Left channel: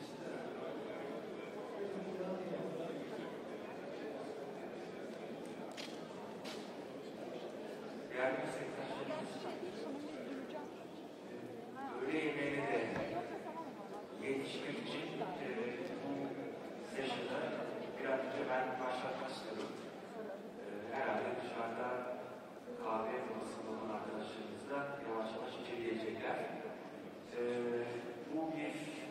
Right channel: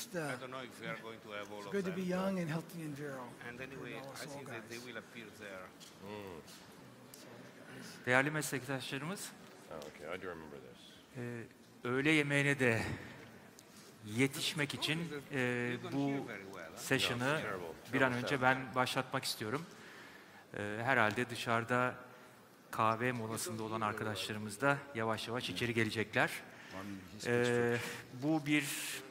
It's good to be young and healthy and virile. Değerli meslektaşlarımız, öğle yemeğine de yetişmek için bu session'ı bir an önce ben başlatmak istiyorum. Herhalde dışarıda kahve molasında olan arkadaşlarımız da yavaş yavaş içeri gelecekler. Bu bir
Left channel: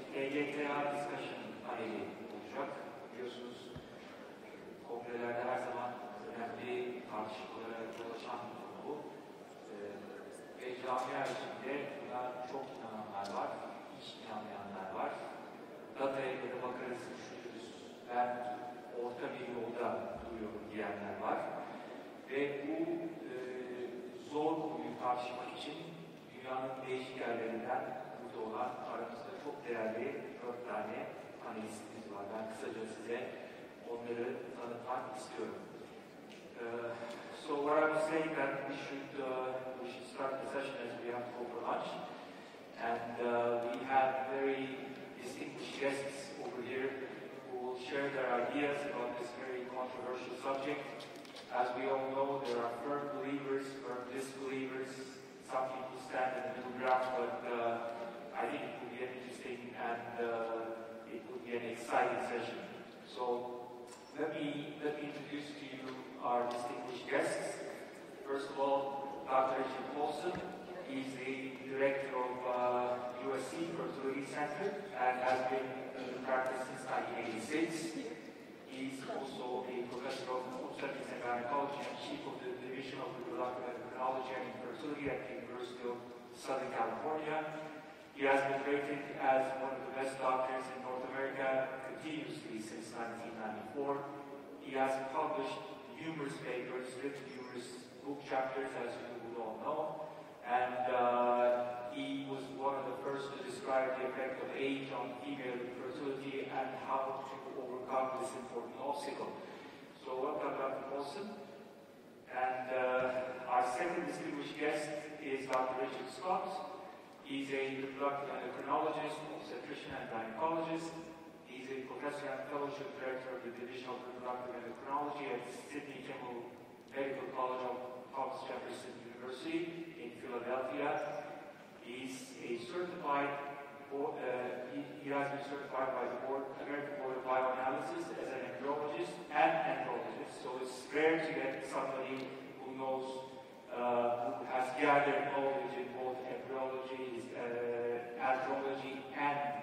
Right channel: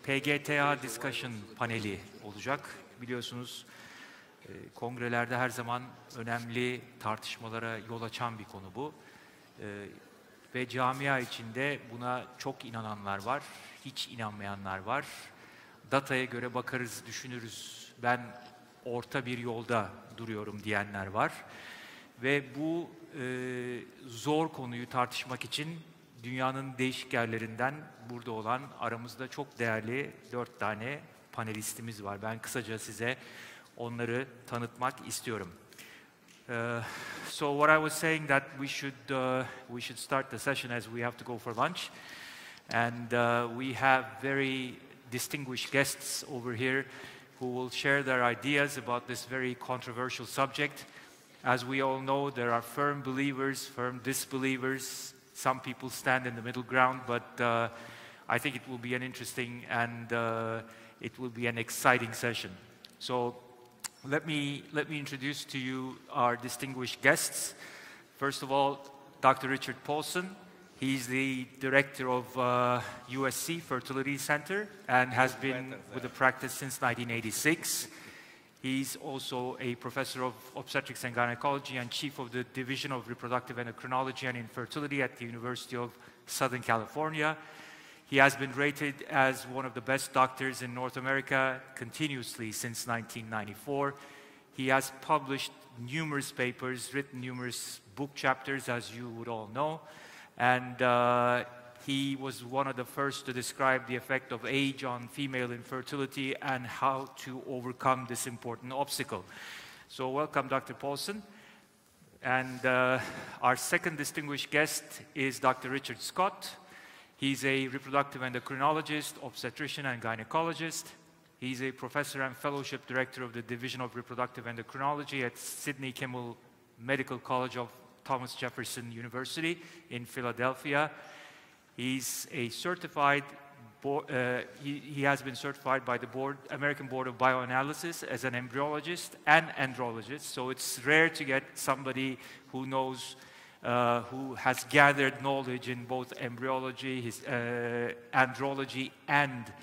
PGTA discussion paneli olacak. Biliyorsunuz kongrelerde her zaman önemli tartışmalara yol açan bir konu bu. Ve camia içinde buna çok inananlar var, hiç inanmayanlar var. Dataya göre bakarız, düşünürüz, ben orta bir yolda duruyorum diyenler var. Ve bu zor konuyu tartışmak için dünyanın değişik yerlerinden burada olan aramızda çok değerli 4 tane panelistimiz var. Ben kısaca size onları tanıtmak istiyorum. So what I was saying that we should start the session as we have to go for lunch, and we have very distinguished guests over here who will share their ideas about this very controversial subject. As we all know, there are firm believers, firm disbelievers. Some people stand in the middle ground, but I think it will be an interesting and it will be an exciting session. So let me introduce to you our distinguished guests. First of all, Dr. Richard Paulson. He's the director of USC Fertility Center and has been with the practice since 1986. He's also a professor of obstetrics and gynecology and chief of the Division of Reproductive Endocrinology and Infertility at the University of Southern California. He has been rated as one of the best doctors in North America continuously since 1994. He has published numerous papers, written numerous book chapters, as you would all know, and he was one of the first to describe the effect of age on female infertility and how to overcome this important obstacle. So welcome, Dr. Paulson. And our second distinguished guest is Dr. Richard Scott. He's a reproductive endocrinologist, obstetrician, and gynecologist. He's a professor and fellowship director of the Division of Reproductive Endocrinology at Sidney Kimmel Medical College of Thomas Jefferson University in Philadelphia. He's a certified, he has been certified by the American Board of Bioanalysis as an embryologist and andrologist, so it's rare to get somebody who knows, who has gathered knowledge in both embryology, andrology, and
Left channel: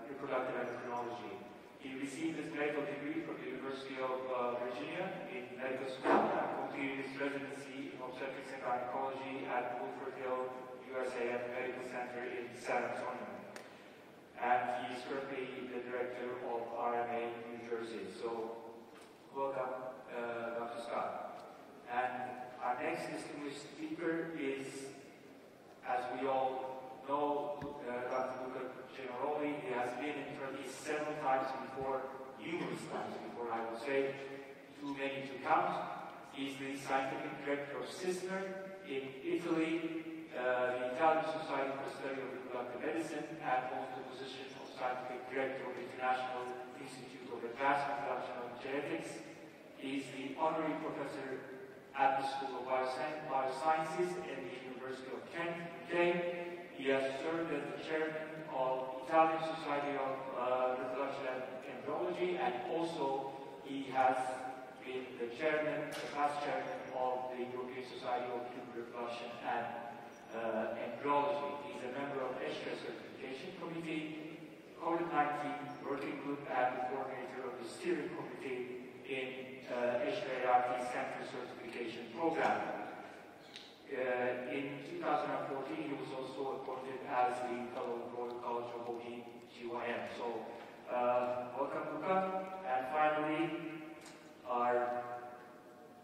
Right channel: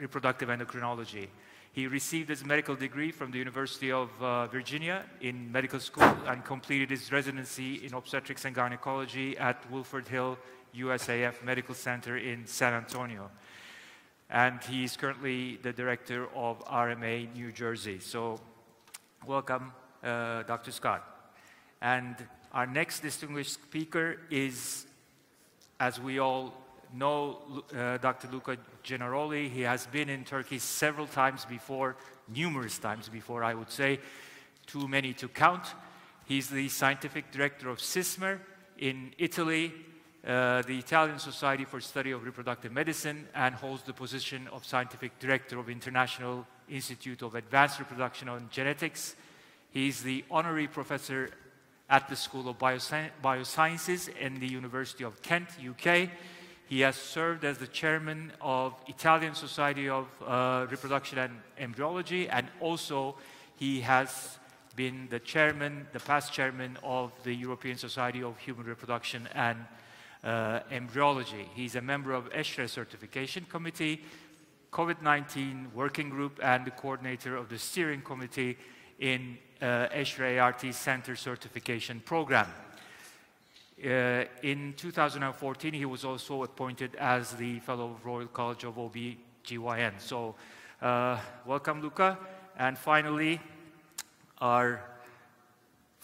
reproductive endocrinology. He received his medical degree from the University of Virginia in medical school and completed his residency in obstetrics and gynecology at Wilford Hill USAF Medical Center in San Antonio. And he's currently the director of RMA New Jersey. So welcome, Dr. Scott. And our next distinguished speaker is, as we all know, Dr. Luca Gianaroli. He has been in Turkey several times before, numerous times before, I would say, too many to count. He's the scientific director of CISMER in Italy, the Italian Society for Study of Reproductive Medicine, and holds the position of scientific director of International Institute of Advanced Reproduction and Genetics. He's the honorary professor at the School of Biosciences in the University of Kent, UK. He has served as the chairman of Italian Society of Reproduction and Embryology, and also he has been the chairman, the past chairman of the European Society of Human Reproduction and Embryology. He's a member of ESHRE Certification Committee, COVID-19 Working Group, and the coordinator of the steering committee in ESHRE ART Center Certification Program. In 2014, he was also appointed as the Fellow of Royal College of OB/GYN. So, welcome, Luca. And finally, our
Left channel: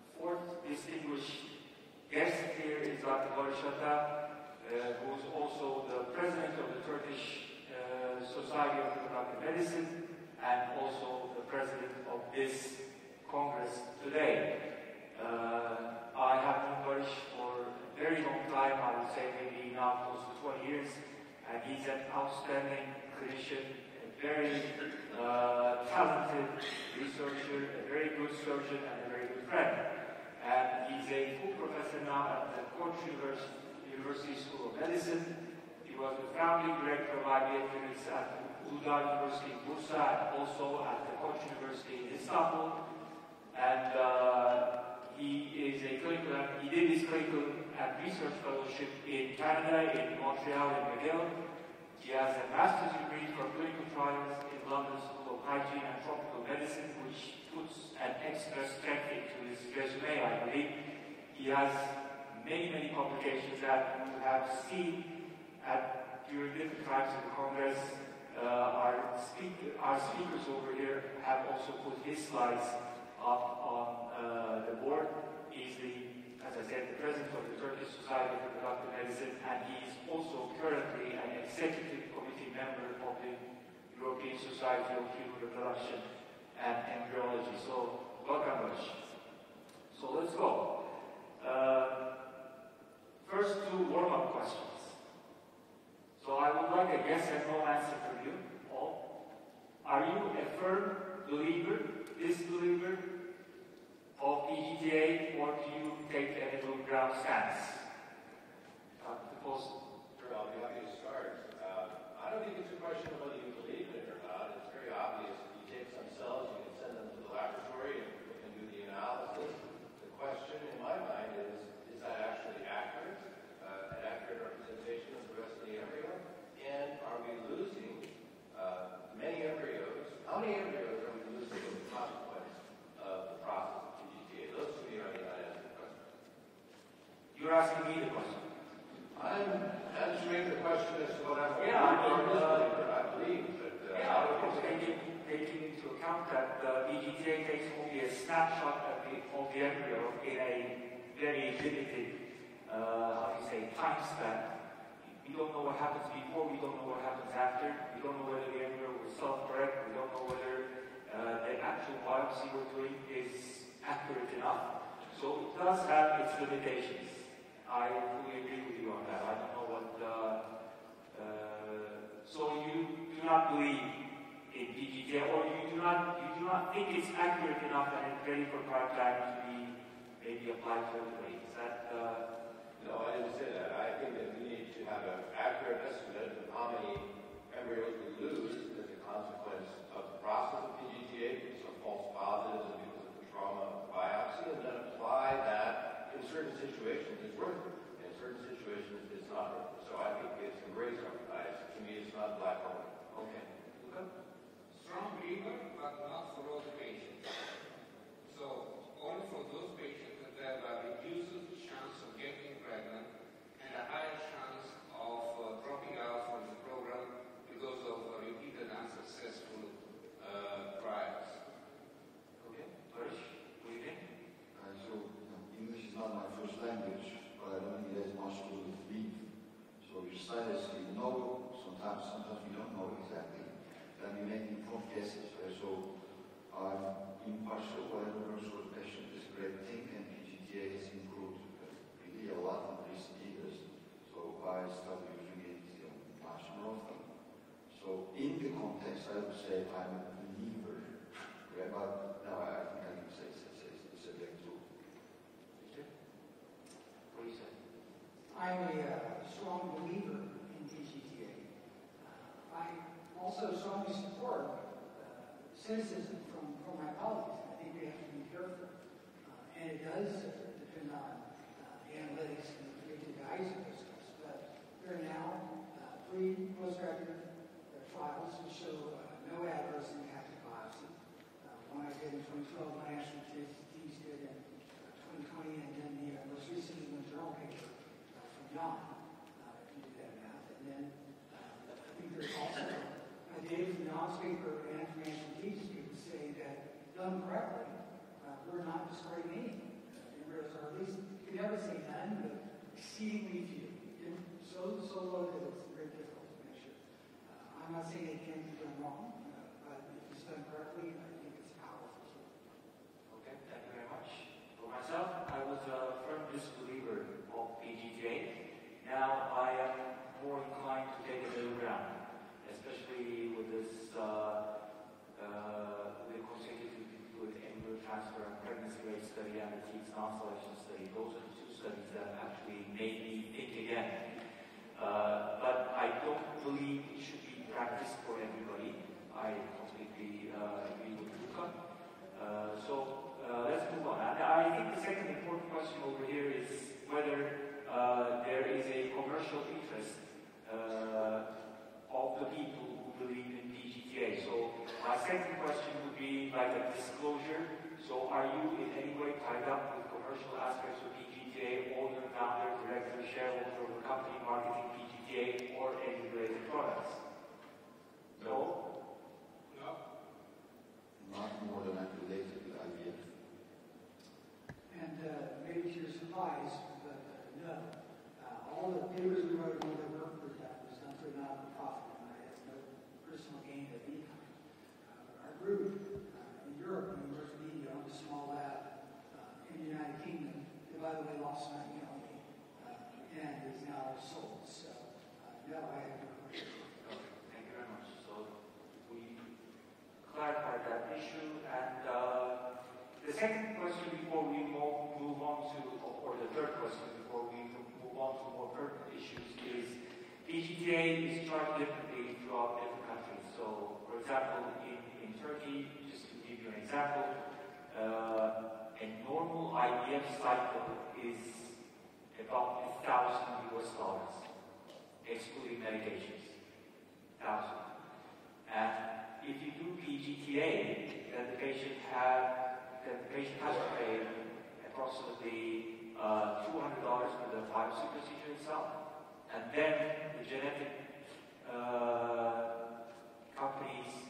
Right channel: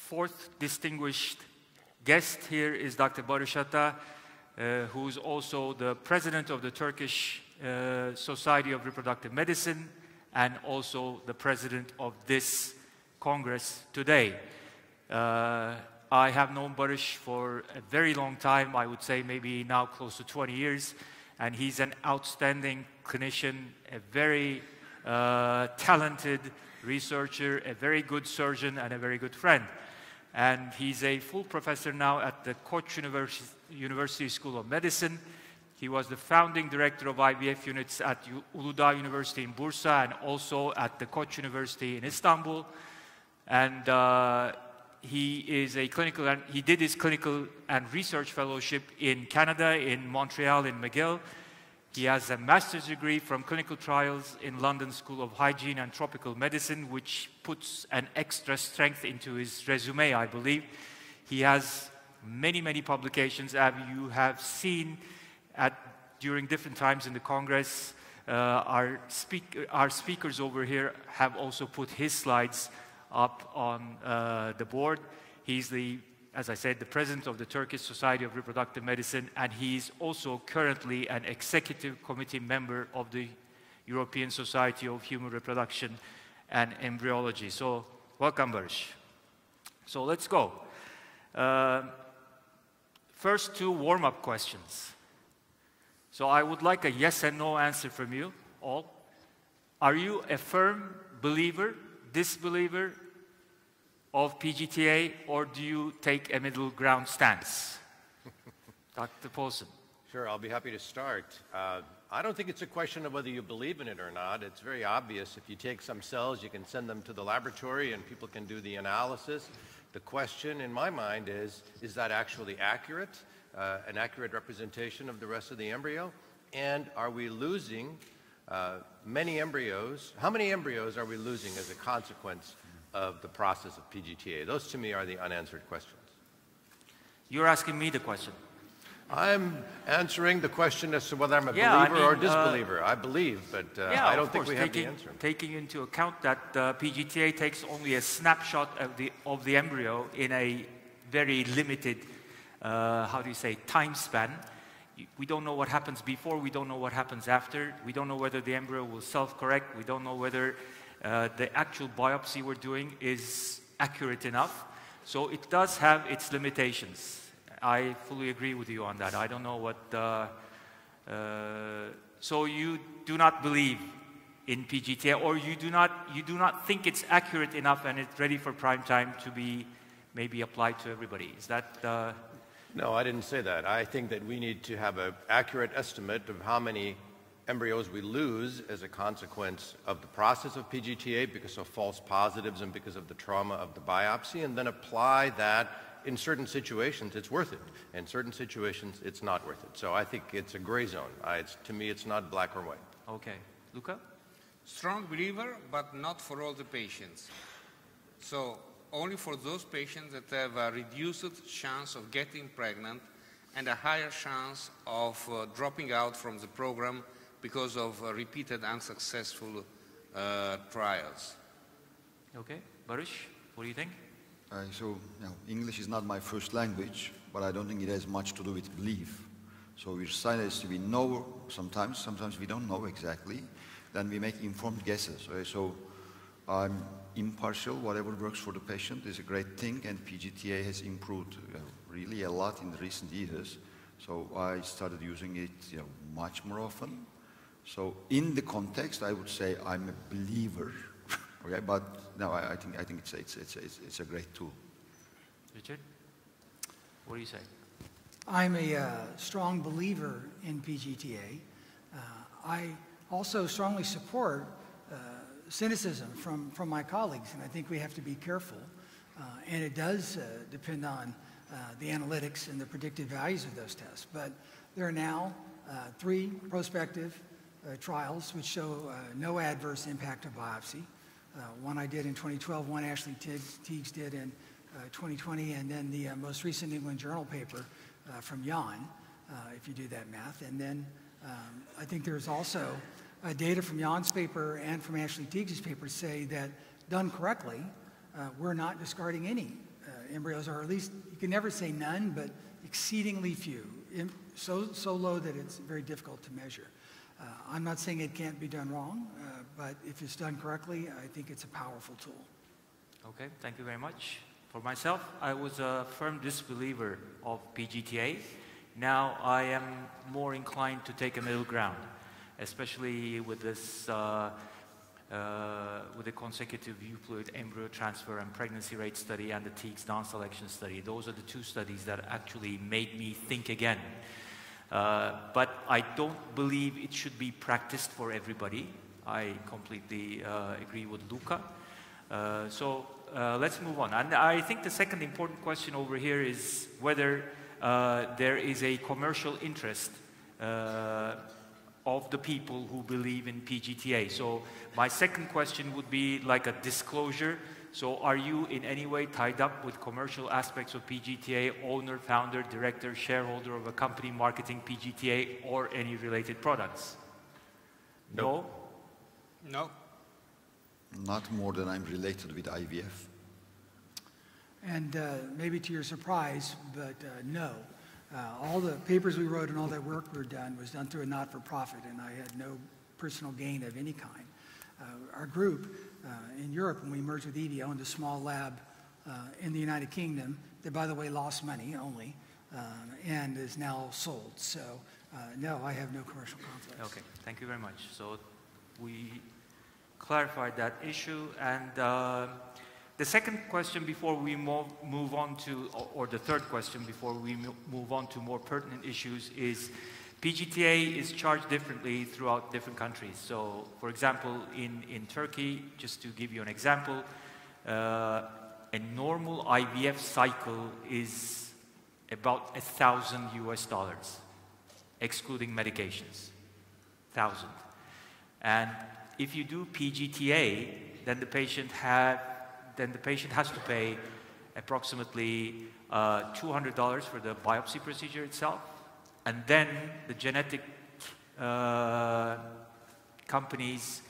fourth distinguished guest here is Dr. Barış Ata, who is also the president of the Turkish Society of Reproductive Medicine and also the president of this Congress today. I have known Barış for a very long time, I would say maybe now close to 20 years, and he's an outstanding clinician, a very talented researcher, a very good surgeon, and a very good friend. And he's a full professor now at the Koç University School of Medicine. He was the founding director of IVF units at Uludağ University in Bursa and also at the Koç University in Istanbul. And he is a clinical, and he did his clinical and research fellowship in Canada, in Montreal, in McGill. He has a master's degree from clinical trials in London School of Hygiene and Tropical Medicine, which puts an extra strength into his resume, I believe. He has many, many publications, and you have seen during different times in the Congress, our speakers over here have also put his slides up on the board. He's as I said, the president of the Turkish Society of Reproductive Medicine, and he's also currently an executive committee member of the European Society of Human Reproduction and Embryology. So, welcome, Barış. So, let's go. First two warm-up questions. So, I would like a yes and no answer from you all. Are you a firm believer, disbeliever of PGTA, or do you take a middle ground stance? Dr. Paulson. Sure, I'll be happy to start. I don't think it's a question of whether you believe in it or not. It's very obvious. If you take some cells, you can send them to the laboratory and people can do the analysis. The question in my mind is that actually accurate? An accurate representation of the rest of the embryo? And are we losing many embryos? How many embryos are we losing as a consequence of the process of PGTA? Those to me are the unanswered questions. You're asking me the question. I'm answering the question as to whether I'm a believer or disbeliever. I believe, but I don't think we have the answer. Taking into account that PGTA takes only a snapshot of the embryo in a very limited, how do you say, time span. We don't know what happens before, we don't know what happens after, we don't know whether the embryo will self-correct, we don't know whether the actual biopsy we're doing is accurate enough. So it does have its limitations. I fully agree with you on that. I don't know what... so you do not believe in PGTA, or you do not think it's accurate enough and it's ready for prime time to be maybe applied to everybody. Is that... No, I didn't say that. I think that we need to have an accurate estimate of how many embryos we lose as a consequence of the process of PGTA because of false positives and because of the trauma of the biopsy, and then apply that. In certain situations it's worth it, in certain situations it's not worth it. So I think it's a gray zone. To me it's not black or white. Okay. Luca? Strong believer, but not for all the patients. So only for those patients that have a reduced chance of getting pregnant and a higher chance of dropping out from the program because of repeated unsuccessful trials. Okay. Barış, what do you think? English is not my first language, but I don't think it has much to do with belief. So we decide as we know sometimes we don't know exactly, then we make informed guesses. Right? So I'm impartial, whatever works for the patient is a great thing, and PGTA has improved really a lot in recent years. So I started using it much more often. So in the context, I would say I'm a believer, okay? But no, I think it's a great tool. Richard, what do you say? I'm a strong believer in PGTA. I also strongly support cynicism from my colleagues, and I think we have to be careful. And it does depend on the analytics and the predictive values of those tests. But there are now 3 prospective trials which show no adverse impact of biopsy. One I did in 2012, one Ashley Teagues did in 2020, and then the most recent New England Journal paper from Jan, if you do that math. And then I think there's also data from Jan's paper and from Ashley Teagues' paper say that done correctly, we're not discarding any embryos, or at least you can never say none, but exceedingly few, so low that it's very difficult to measure. I'm not saying it can't be done wrong, but if it's done correctly, I think it's a powerful tool. Okay, thank you very much. For myself, I was a firm disbeliever of PGTA Now I am more inclined to take a middle ground, especially with this, with the consecutive euploid embryo transfer and pregnancy rate study and the TEEX down-selection study. Those are the two studies that actually made me think again. But I don't believe it should be practiced for everybody. I completely agree with Luca. So let's move on. And I think the second important question over here is whether there is a commercial interest of the people who believe in PGTA. So my second question would be like a disclosure. So are you in any way tied up with commercial aspects of PGTA, owner, founder, director, shareholder of a company marketing PGTA or any related products? No? No. Not more than I'm related with IVF. And maybe to your surprise, but no. All the papers we wrote and all that work we done was done through a not-for-profit, and I had no personal gain of any kind. Our group in Europe, when we merged with EVI, owned a small lab in the United Kingdom that, by the way, lost money only, and is now sold. So, no, I have no commercial conflicts. Okay, thank you very much. So we clarified that issue, and the second question before we move on to, or the third question before we move on to more pertinent issues is PGTA is charged differently throughout different countries. So, for example, in Turkey, just to give you an example, a normal IVF cycle is about $1,000 US, excluding medications, 1,000. And if you do PGTA, then the patient has to pay approximately $200 for the biopsy procedure itself, and then the genetic companies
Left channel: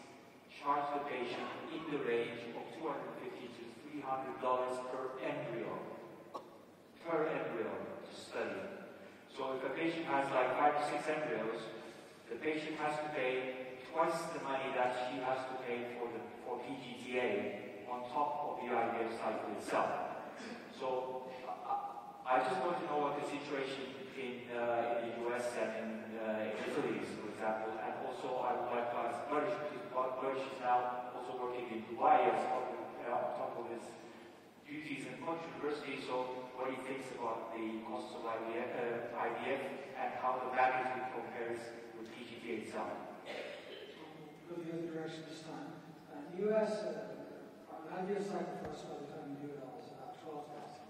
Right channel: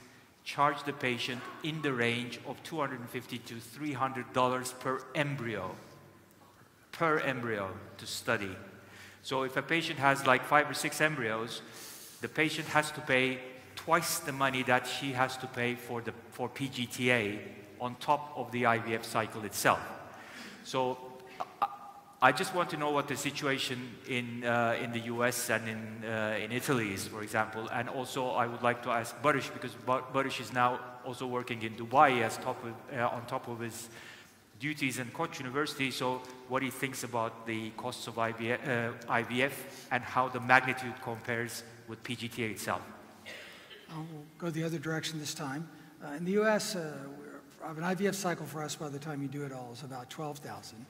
charge the patient in the range of $250 to $300 per embryo to study. So if a patient has like 5 or 6 embryos, the patient has to pay twice the money that she has to pay for PGTA on top of the IVF cycle itself. So I just want to know what the situation in the US and in Italy is, for example. And also I would like to ask Barış, because Barış is now also working in Dubai on top of his duties in Koç University, so what he thinks about the costs of IVF and how the magnitude compares with PGTA itself. I'll go the other direction this time. In the US, an IVF cycle for us by the time you do it all is about 12,000.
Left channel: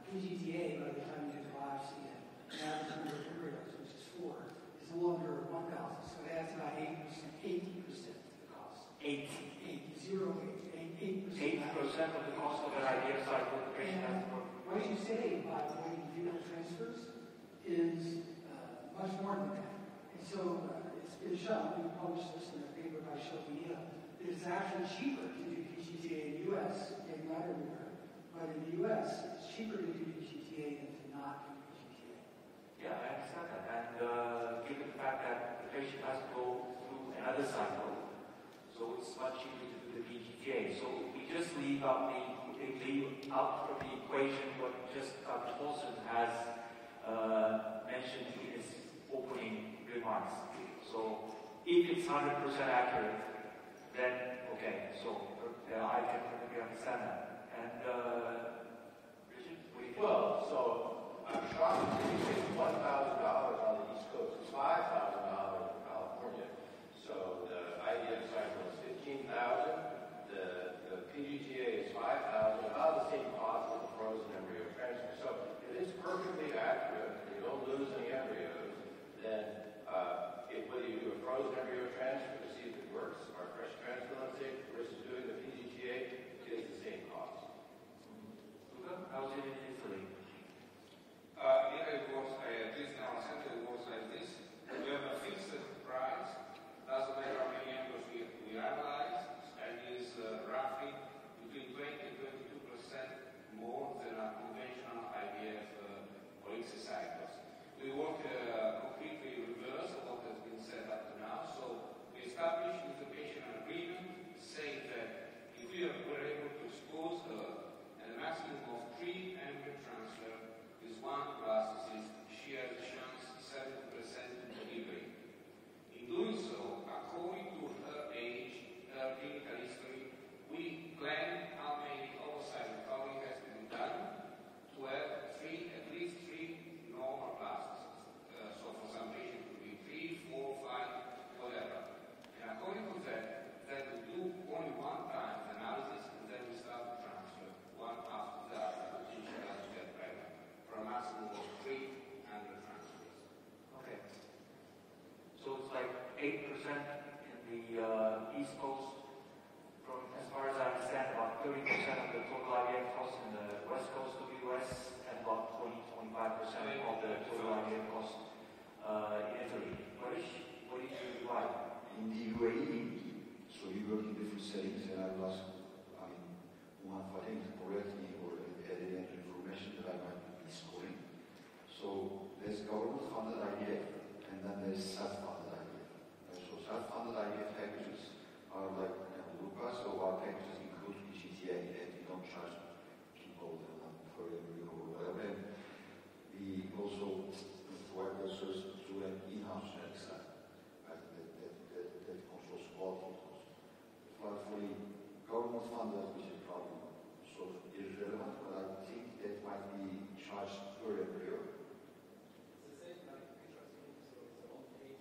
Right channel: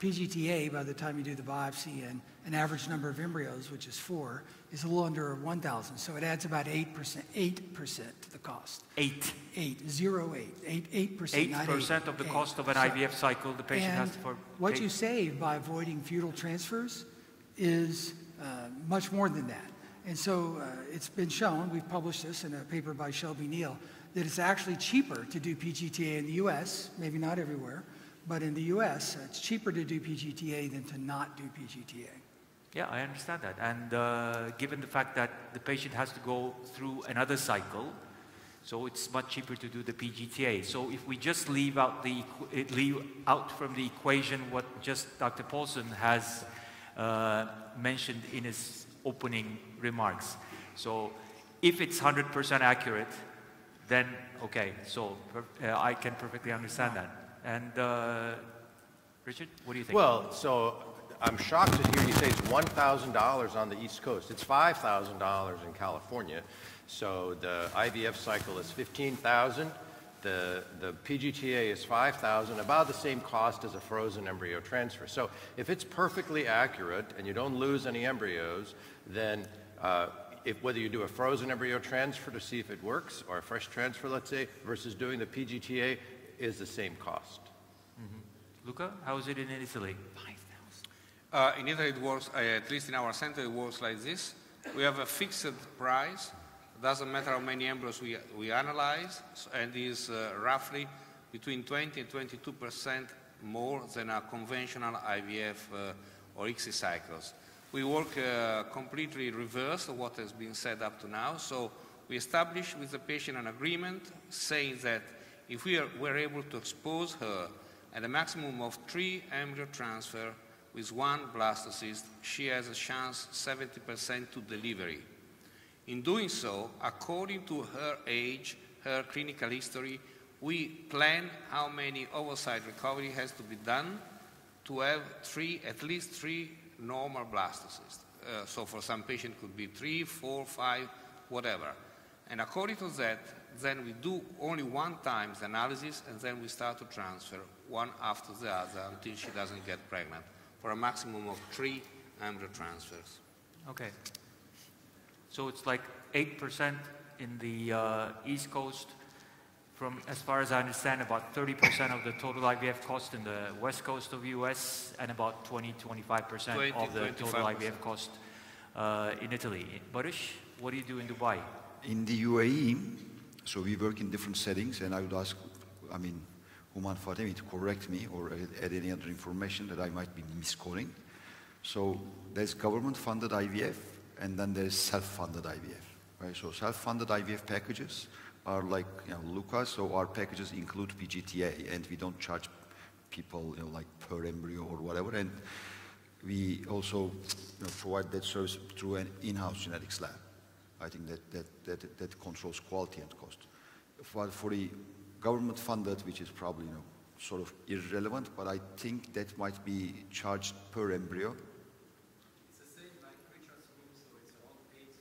PGTA, by the time you do the biopsy and an average number of embryos, which is 4, is a little under 1,000. So it adds about 8% to the cost. 8%, not 8% of the cost of an IVF cycle the patient has to pay. What you save by avoiding fetal transfers is much more than that. And so it's been shown, we've published this in a paper by Shelby Neal, that it's actually cheaper to do PGTA in the US, maybe not everywhere, but in the US, it's cheaper to do PGTA than to not do PGTA. Yeah, I understand that. And given the fact that the patient has to go through another cycle, so it's much cheaper to do the PGTA. So if we just leave out from the equation what just Dr. Paulson has mentioned in his opening remarks. So if it's 100% accurate, then okay, so I can perfectly understand that. And Richard, what do you think? Well, so I'm shocked to hear you say it's $1,000 on the East Coast. It's $5,000 in California. So the IVF cycle is $15,000. The PGTA is $5,000, about the same cost as a frozen embryo transfer. So if it's perfectly accurate and you don't lose any embryos, then whether you do a frozen embryo transfer to see if it works, or a fresh transfer, let's say, versus doing the PGTA, is the same cost. Mm-hmm. Luca, how is it in Italy? In Italy it works, at least in our center, it works like this. We have a fixed price. Doesn't matter how many embryos we analyze, and is roughly between 20 and 22% more than a conventional IVF or ICSI cycles. We work completely reverse of what has been said up to now. So we establish with the patient an agreement saying that if were able to expose her at a maximum of 3 embryo transfer, with one blastocyst, she has a chance 70% to delivery. In doing so, according to her age, her clinical history, we plan how many oocyte recovery has to be done to have at least three normal blastocysts. So for some patient it could be 3, 4, 5, whatever. And according to that, then we do only one time the analysis, and then we start to transfer one after the other until she doesn't get pregnant, for a maximum of 3 embryo transfers. Okay. So it's like 8% in the East Coast. From, as far as I understand, about 30% of the total IVF cost in the West Coast of US, and about 20-25% of the total IVF cost in Italy. Barış, what do you do in Dubai? In the UAE, so we work in different settings, and I would ask, Urman Fatemi to correct me or add any other information that I might be misquoting. So there's government-funded IVF, and then there's self-funded IVF. Right? So self-funded IVF packages are like Luca, so our packages include PGTA, and we don't charge people like per embryo or whatever, and we also provide that service through an in-house genetics lab. I think that controls quality and cost. For the government-funded, which is probably sort of irrelevant, but I think that might be charged per embryo. It's the same like Richard scheme, so it's about 8 to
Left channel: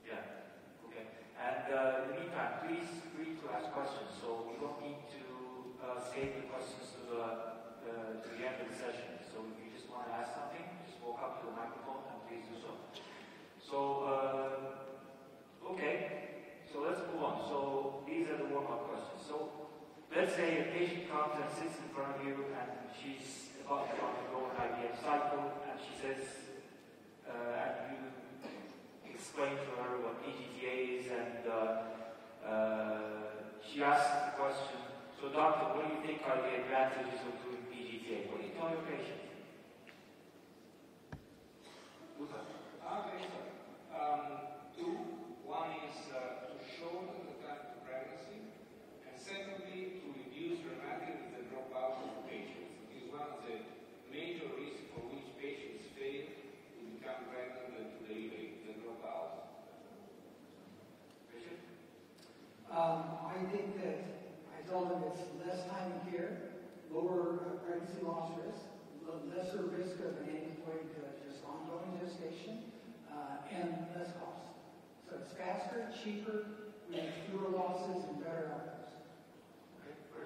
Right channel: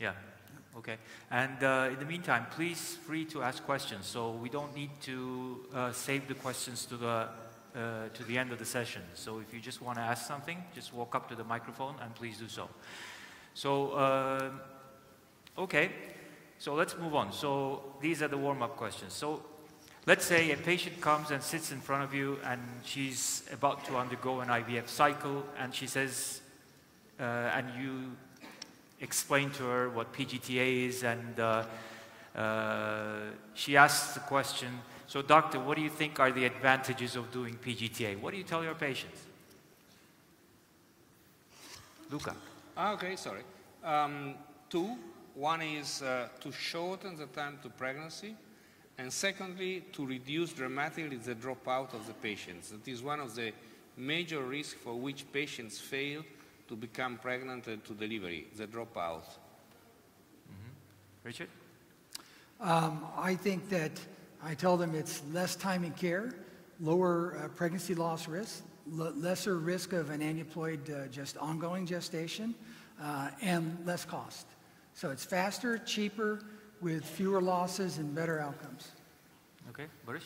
10%. Yeah. Okay, and in the meantime, please free to ask questions. So we don't need to save the questions to the end of the session. So if you just want to ask something, just walk up to the microphone and please do so. So okay, so let's move on. So these are the warm-up questions. So let's say a patient comes and sits in front of you, and she's about to undergo an IVF cycle, and she says, and you explain to her what PGTA is, and she asks the question, so doctor, what do you think are the advantages of doing PGTA? What do you tell your patients? Luca. Okay, sorry. 2. One is to shorten the time to pregnancy, and secondly, to reduce dramatically the dropout of the patients. It is one of the major risks for which patients fail to become pregnant and to delivery, the dropout. Richard? I think that I tell them it's less time in care, lower pregnancy loss risk, lesser risk of an aneuploid just ongoing gestation, and less cost. So it's faster, cheaper, with fewer losses and better outcomes. Okay, Barış?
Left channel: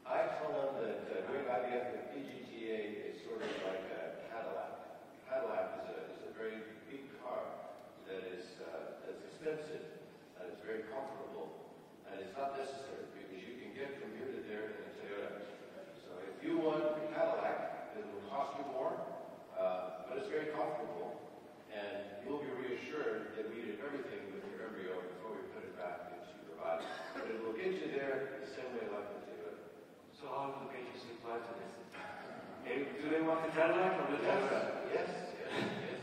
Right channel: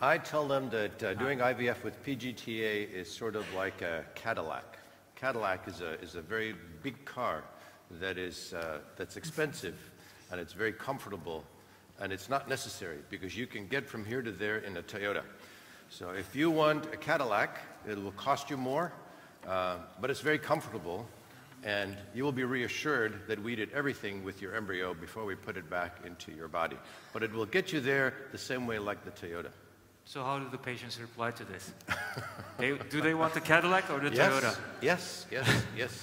I tell them that doing IVF with PGTA is sort of like a Cadillac. Cadillac is a very big car that is that's expensive, and it's very comfortable, and it's not necessary because you can get from here to there in a Toyota. So if you want a Cadillac, it will cost you more, but it's very comfortable, and you will be reassured that we did everything with your embryo before we put it back into your body. But it will get you there the same way like the Toyota. So how do the patients reply to this? Do they want the Cadillac or the Toyota? Yes.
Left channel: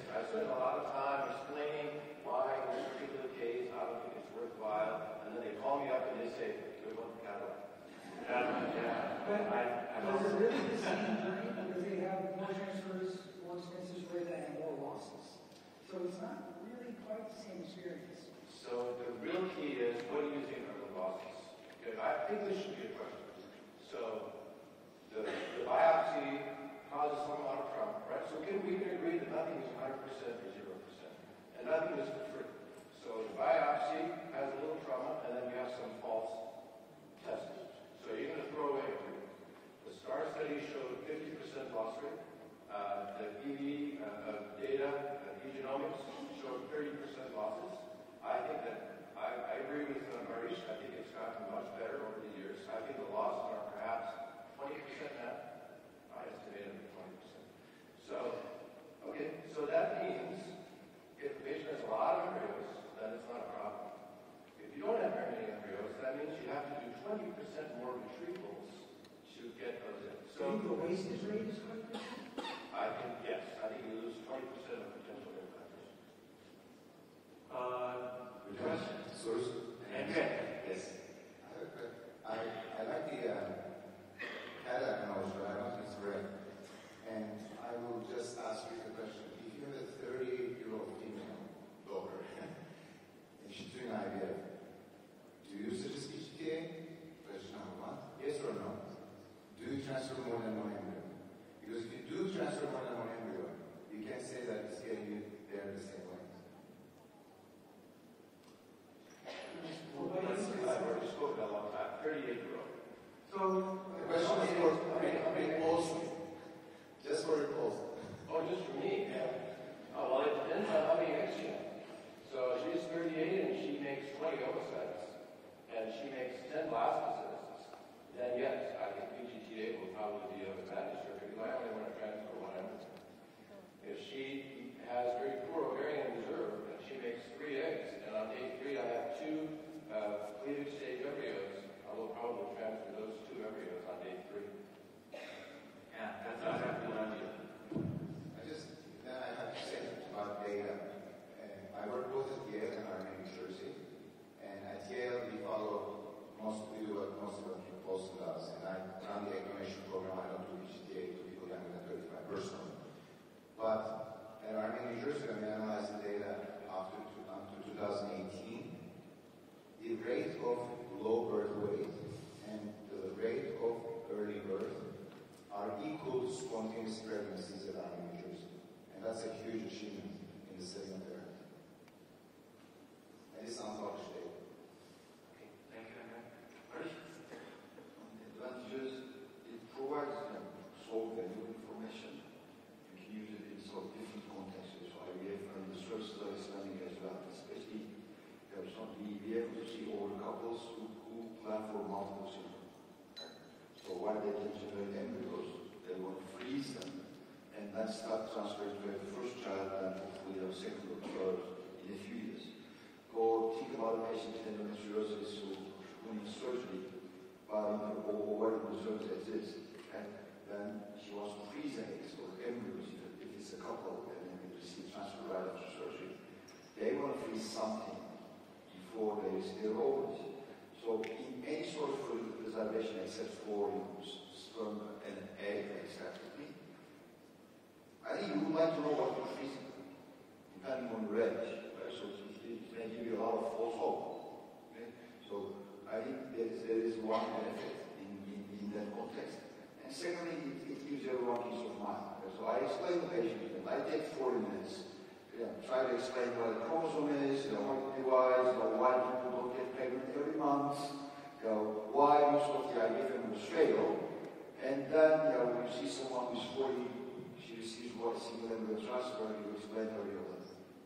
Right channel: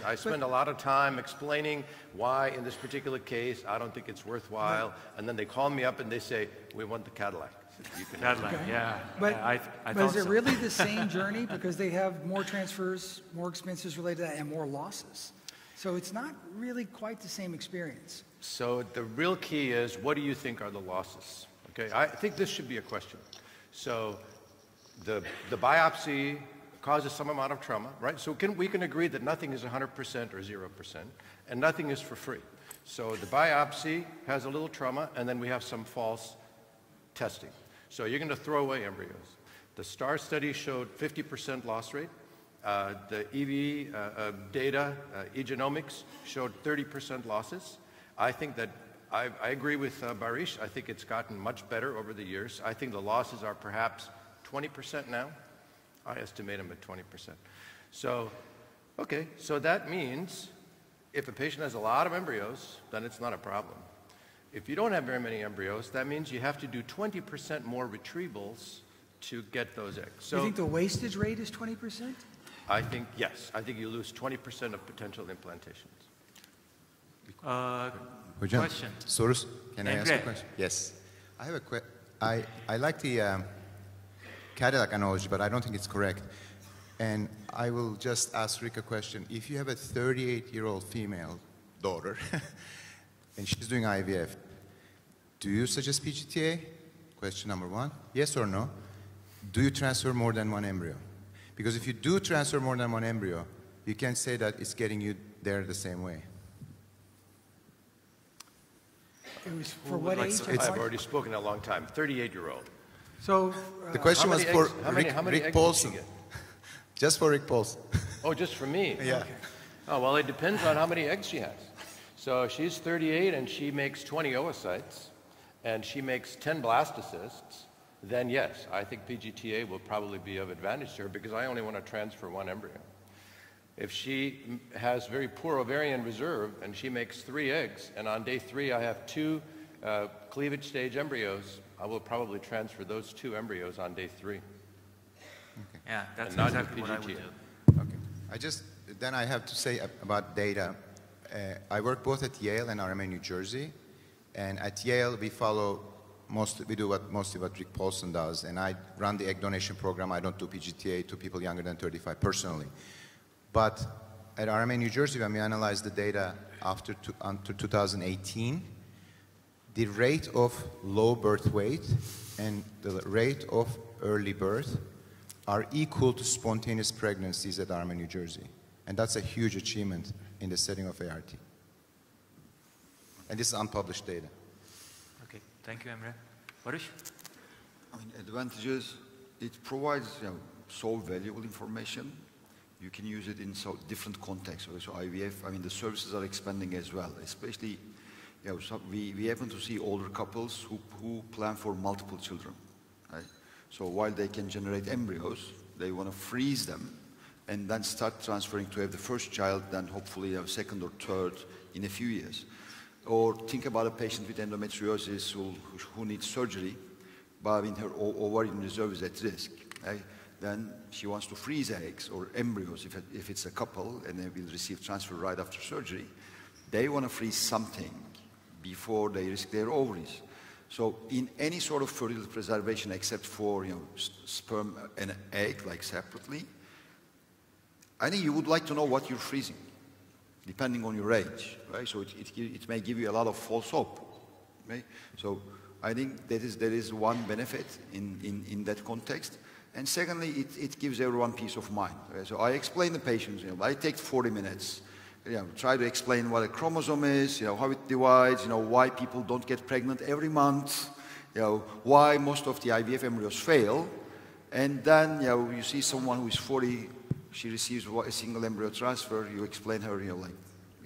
I spend a lot of time explaining why in this particular case I don't think it's worthwhile, and then they call me up and they say, we want the Cadillac. Cadillac, yeah. But, I but is it really the same journey? Because they have more transfers, more expenses related to that, and more losses. So it's not really quite the same experience. So the real key is, what do you think are the losses? Okay, I think this should be a question. So the biopsy causes some amount of trauma, right? So we can agree that nothing is 100% or 0%, and nothing is for free. So the biopsy has a little trauma, and then we have some false testing. So you're going to throw away embryos. The STAR study showed 50% loss rate. The EV data, eGenomics, showed 30% losses. I think that I agree with Barış. I think it's gotten much better over the years. I think the losses are perhaps 20% now. I estimate them at 20%. So, okay, so that means if a patient has a lot of embryos, then it's not a problem. If you don't have very many embryos, that means you have to do 20% more retrievals to get those eggs. So you think the wastage rate is 20%? I think, yes. I think you lose 20% of potential implantations. Hocam, Question. Sorusu. Can I ask a Emre. question? Yes. I have a question. I like the Cadillac analogy, but I don't think it's correct. And I will just ask Rick a question. If you have a 38-year-old female daughter and she's doing IVF, do you suggest PGTA? Question number one. Yes or no? Do you transfer more than one embryo? Because if you do transfer more than one embryo, you can't say that it's getting you there the same way. It was for what age? I've already spoken a long time. 38-year-old. So The question was for Rick eggs Paulson. does she get? Just for Rick Paulson. Oh, just for me? Yeah. Oh, well, it depends on how many eggs she has. So she's 38 and she makes 20 oocytes and she makes 10 blastocysts, then yes, I think PGTA will probably be of advantage to her because I only want to transfer one embryo. If she has very poor ovarian reserve and she makes 3 eggs and on day 3 I have 2 cleavage stage embryos, I will probably transfer those 2 embryos on day 3. Yeah, that's And not exactly what I would PGTA. do. Then I have to say about data. I work both at Yale and RMA New Jersey. And at Yale, we do mostly what Rick Paulson does. And I run the egg donation program. I don't do PGTA to people younger than 35 personally. But at RMA New Jersey, when we analyzed the data after 2018, the rate of low birth weight and the rate of early birth are equal to spontaneous pregnancies at RMA New Jersey. And that's a huge achievement in the setting of ART. And this is unpublished data. Okay, thank you, Emre. Barış? I mean, advantages, it provides so valuable information. You can use it in so different contexts. So IVF, I mean, the services are expanding as well, especially, we happen to see older couples who plan for multiple children. Right? So while they can generate embryos, they want to freeze them and then start transferring to have the first child, then hopefully a second or third in a few years. Or think about a patient with endometriosis who needs surgery, but when her ovarian reserve is at risk. Right? Then she wants to freeze eggs or embryos if it's a couple and they will receive transfer right after surgery. They want to freeze something before they risk their ovaries. So in any sort of fertility preservation except for sperm and egg, like separately, I think you would like to know what you're freezing, depending on your age, right? So it may give you a lot of false hope, right? So I think that is one benefit in that context. And secondly, it gives everyone peace of mind. Right? So I explain the patient, I take 40 minutes, try to explain what a chromosome is, how it divides, why people don't get pregnant every month, why most of the IVF embryos fail. And then, you see someone who is 40, she receives a single embryo transfer, you explain her, like,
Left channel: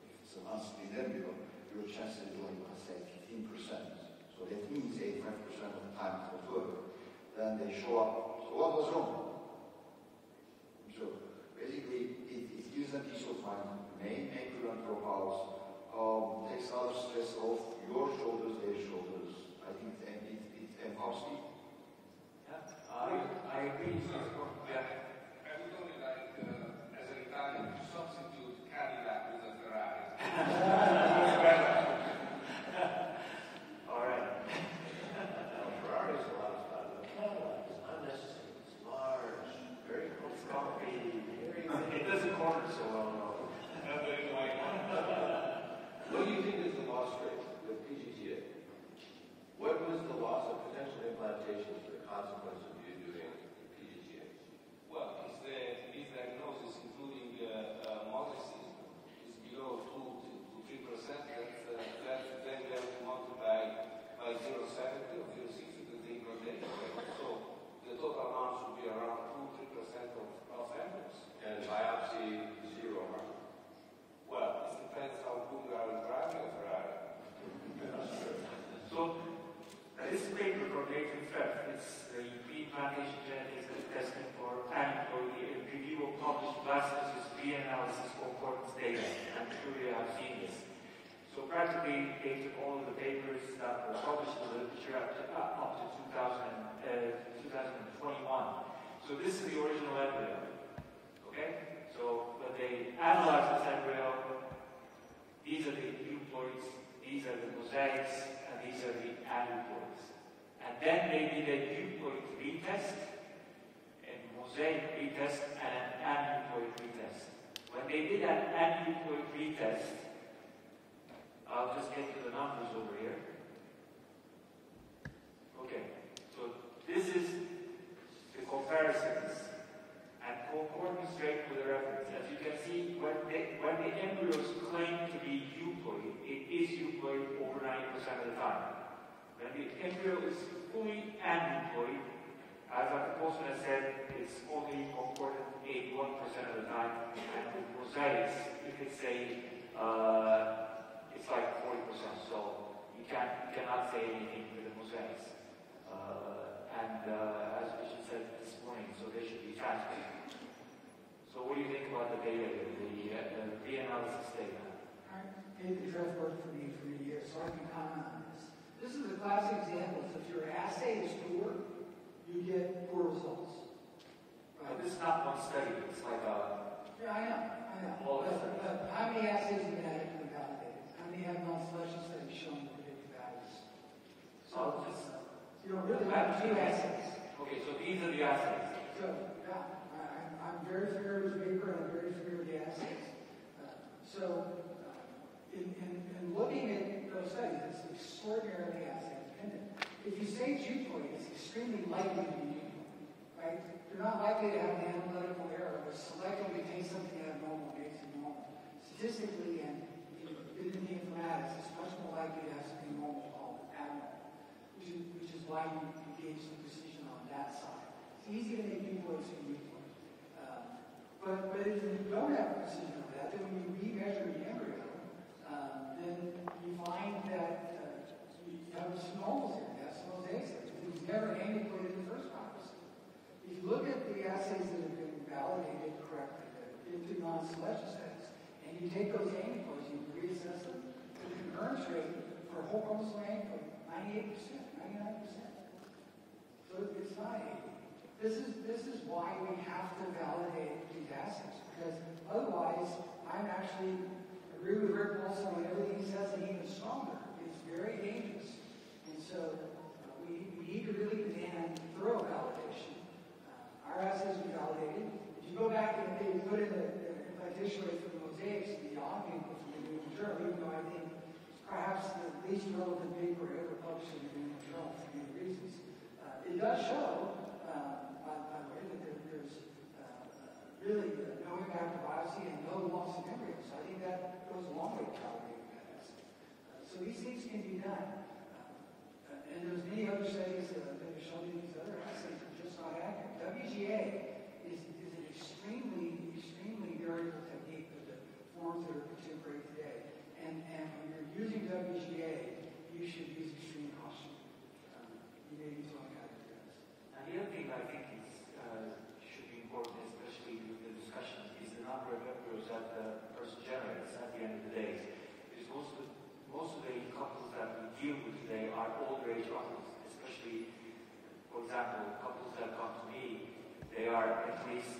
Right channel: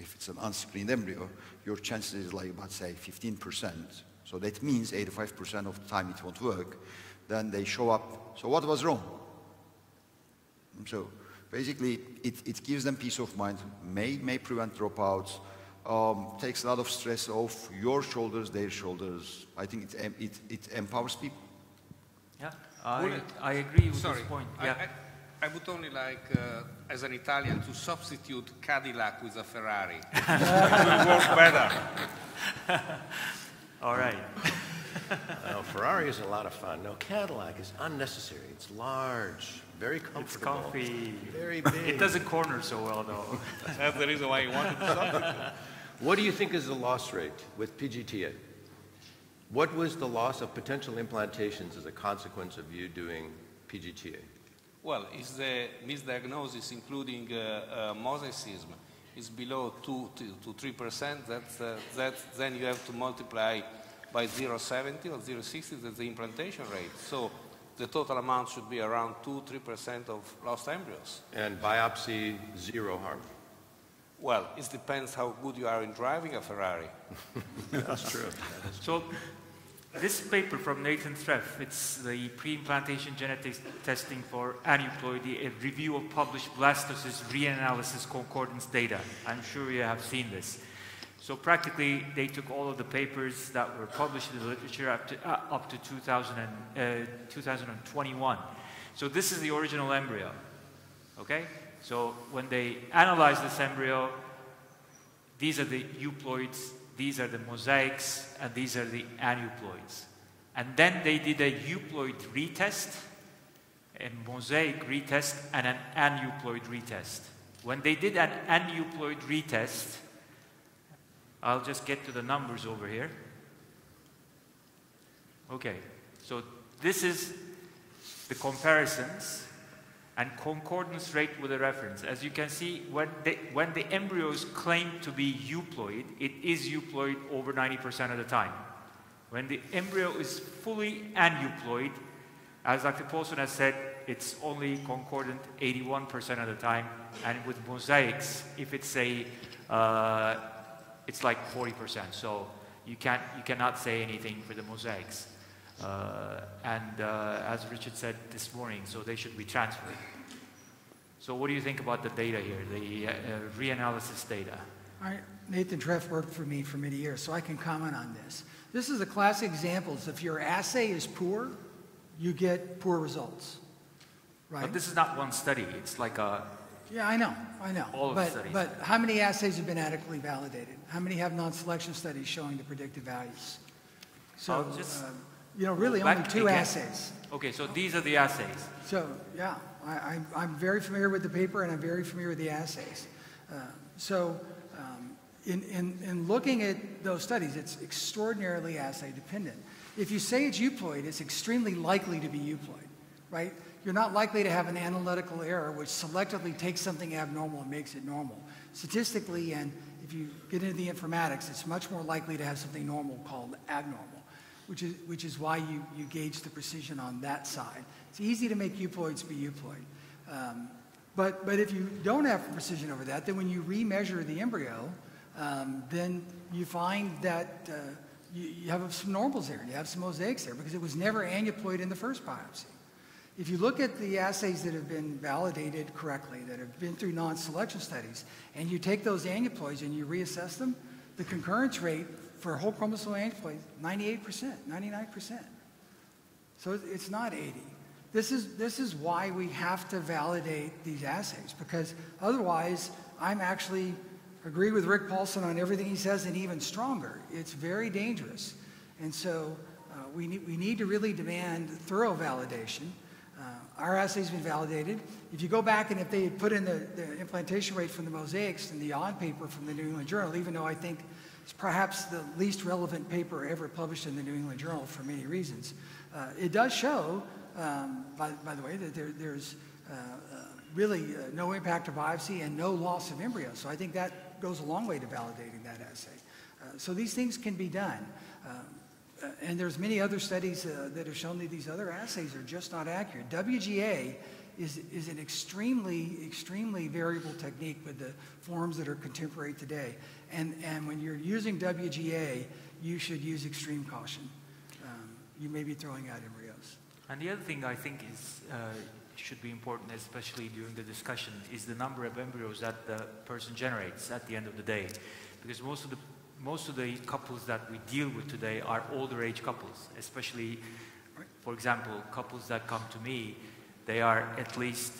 if it's an unscreened embryo, your chances is like about, say, 15%. So that means 85% of the time it won't work. Then they show up. So what was wrong? So basically, it gives them peace of mind, may prevent dropouts, takes a lot of stress off your shoulders, their shoulders. I think it empowers people. Yeah, I agree with this point. Yeah. I would only like, as an Italian, to substitute Cadillac with a Ferrari. It will work better. All right. No, Ferrari is a lot of fun. No, Cadillac is unnecessary. It's large, very comfortable. It's comfy. Very big. It doesn't corner so well, though. That's the reason why you want it. What do you think is the loss rate with PGTA? What was the loss of potential implantations as a consequence of you doing PGTA? Well, is the misdiagnosis, including mosaicism, is below 2 to 3%, then you have to multiply by 0.70 or 0.60, that's the implantation rate. So the total amount should be around 2-3% of lost embryos. And biopsy, zero harm. Well, it depends how good you are in driving a Ferrari. That's true. So this paper from Nathan Treff, it's the pre-implantation genetic testing for aneuploidy, a review of published blastocyst reanalysis concordance data. I'm sure you have seen this. So practically, they took all of the papers that were published in the literature up to 2021. So this is the original embryo, okay? So when they analyzed this embryo, these are the euploids, these are the mosaics, and these are the aneuploids. And then they did a euploid retest, a mosaic retest and an aneuploid retest. When they did an aneuploid retest, I'll just get to the numbers over here. Okay, so this is the comparisons and concordance rate with the reference. As you can see, when the embryo is claimed to be euploid, it is euploid over 90% of the time. When the embryo is fully aneuploid, as Dr. Paulson has said, it's only concordant 81% of the time, and with mosaics, if it's it's like 40%. So you cannot say anything for the mosaics. As Richard said this morning, so they should be transferred. So what do you think about the data here, the reanalysis data? Nathan Treff worked for me for many years, so I can comment on this. This is a classic example. If your assay is poor, you get poor results, right? But this is not one study. It's like a... Yeah, I know. All of the studies. But how many assays have been adequately validated? How many have non-selection studies showing the predictive values? So, really only 2 assays. Okay, so these are the assays. So, yeah, I'm very familiar with the paper and I'm very familiar with the assays. In looking at those studies, it's extraordinarily assay dependent. If you say it's euploid, it's extremely likely to be euploid, right? You're not likely to have an analytical error which selectively takes something abnormal and makes it normal. Statistically, and if you get into the informatics, it's much more likely to have something normal called abnormal, which is why you gauge the precision on that side. It's easy to make euploids be euploid. But if you don't have precision over that, then when you remeasure the embryo, then you find that you have some normals there, you have some mosaics there, because it was never aneuploid in the first biopsy. If you look at the assays that have been validated correctly, that have been through non-selection studies, and you take those aneuploids and you reassess them, the concurrence rate for whole chromosome aneuploid, 98%, 99%. So it's not 80. This is why we have to validate these assays, because otherwise I'm actually agree with Rick Paulson on everything he says, and even stronger. It's very dangerous. And so we need to really demand thorough validation. Our assay's been validated. If you go back and if they put in the implantation rate from the mosaics in the on paper from the New England Journal, even though I think it's perhaps the least relevant paper ever published in the New England Journal for many reasons, it does show, by the way, that there's really no impact of biopsy and no loss of embryo. So I think that goes a long way to validating that assay. So these things can be done. And there's many other studies that have shown that these other assays are just not accurate. WGA is an extremely, extremely variable technique with the forms that are contemporary today. And when you're using WGA, you should use extreme caution. You may be throwing out embryos. And the other thing I think is should be important, especially during the discussion, is the number of embryos that the person generates at the end of the day. Because most of the couples that we deal with today are older age couples, especially, for example, couples that come to me, they are at least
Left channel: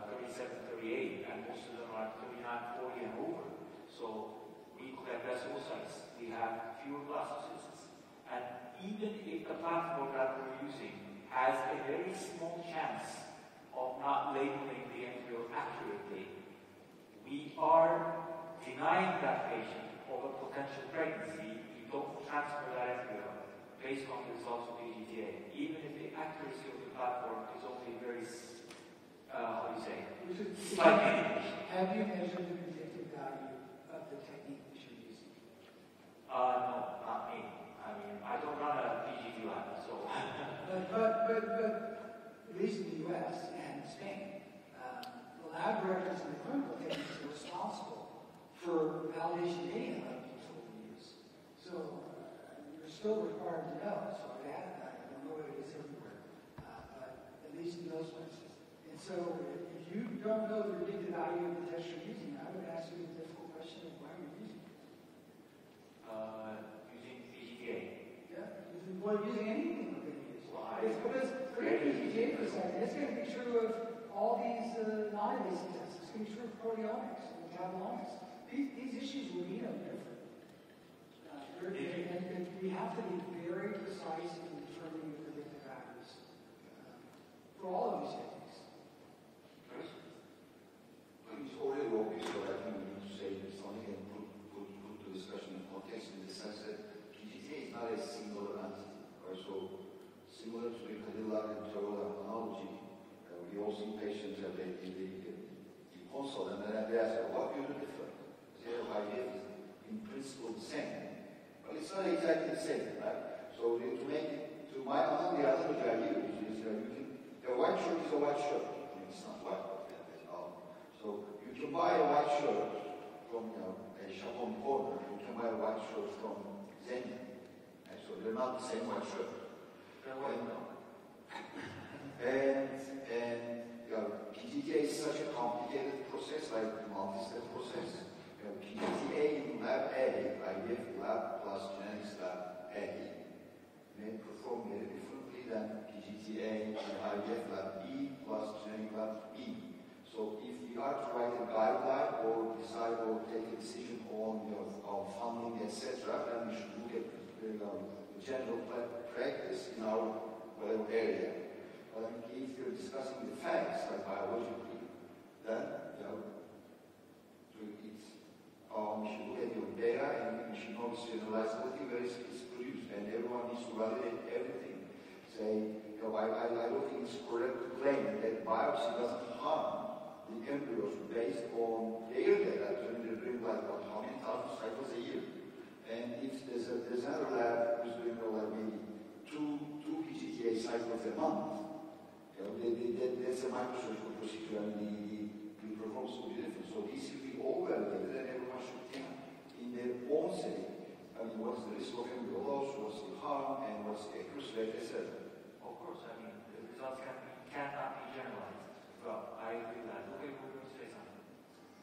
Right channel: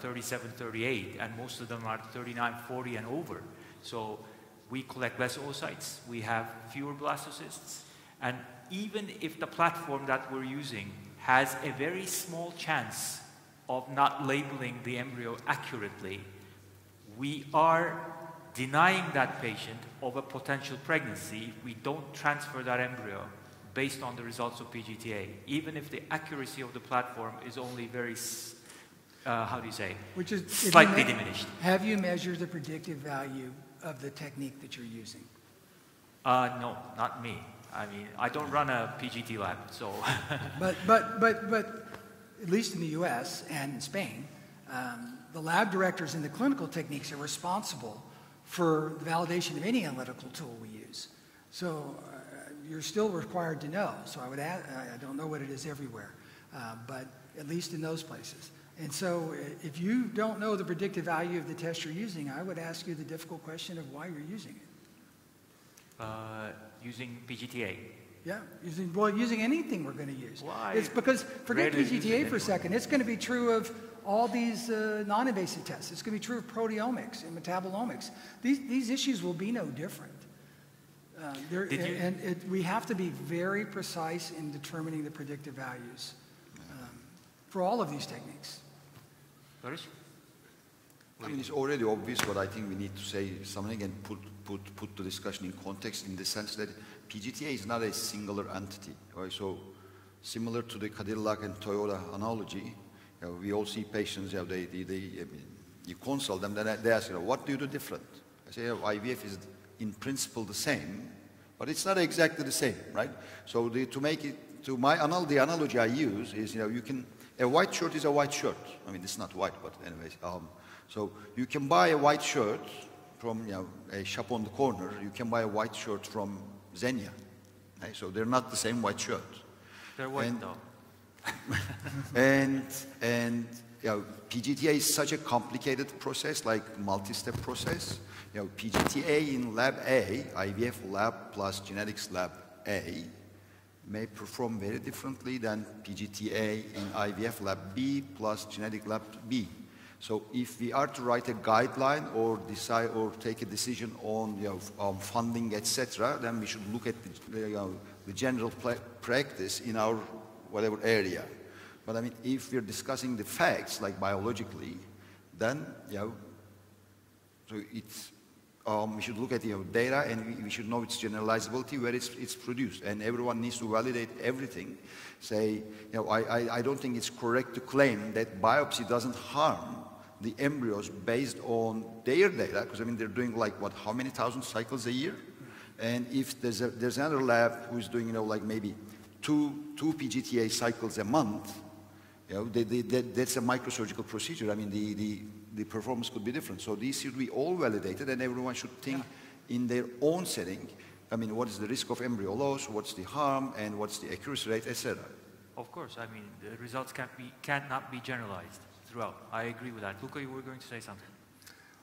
37, 38, and most of them are 39, 40 and over. So we collect less oocytes, we have fewer blastocysts, and even if the platform that we're using has a very small chance of not labeling the embryo accurately, we are denying that patient of a potential pregnancy. We don't transfer that embryo based on the results of PGTA, even if the accuracy of the platform is only very, slightly diminished. Have you measured the predictive value of the technique that you're using? No, not me. I mean, I don't run a PGT lab, so. But at least in the US and in Spain, the lab directors in the clinical techniques are responsible for the validation of any analytical tool we use. So you're still required to know. So I would add, I don't know what it is everywhere, but at least in those places. And so if you don't know the predictive value of the test you're using, I would ask you the difficult question of why you're using it. Using PGTA. Yeah, using anything we're going to use. Why? It's because, forget PGTA for a second, it's going to be true of all these non-invasive tests. It's going to be true of proteomics and metabolomics. These issues will be no different. We have to be very precise in determining the predictive values for all of these techniques. Barış? I mean, it's already obvious, but I think we need to say something and put the discussion in context in the sense that PGTA is not a singular entity. Right? So, similar to the Cadillac and Toyota analogy, we all see patients, you consult them, then they ask, what do you do different? I say, IVF is in principle the same, but it's not exactly the same, right? So to make it, the analogy I use is, a white shirt is a white shirt. I mean, it's not white, but anyways. So you can buy a white shirt from a shop on the corner. You can buy a white shirt from Xenia. Right? So they're not the same white shirt. They're white though. and PGTA is such a complicated process, like multi-step process. PGTA in lab A, IVF lab plus genetics lab A, may perform very differently than PGTA in IVF lab B plus genetic lab B. So if we are to write a guideline or decide or take a decision on funding, etc., then we should look at the general practice in our whatever area. But I mean, if we're discussing the facts, like biologically, then so it's we should look at data, and we should know its generalizability, where it's produced, and everyone needs to validate everything. Say, I don't think it's correct to claim that biopsy doesn't harm the embryos based on their data, because I mean they're doing like what, how many thousand cycles a year, and if there's another lab who's doing like maybe two PGTA cycles a month, that's a microsurgical procedure. I mean the performance could be different. So these should be all validated, and everyone should think in their own setting. I mean, what is the risk of embryo loss? What's the harm, and what's the accuracy rate, etc. Of course, I mean the results cannot be generalized throughout. I agree with that. Luca, you were going to say something.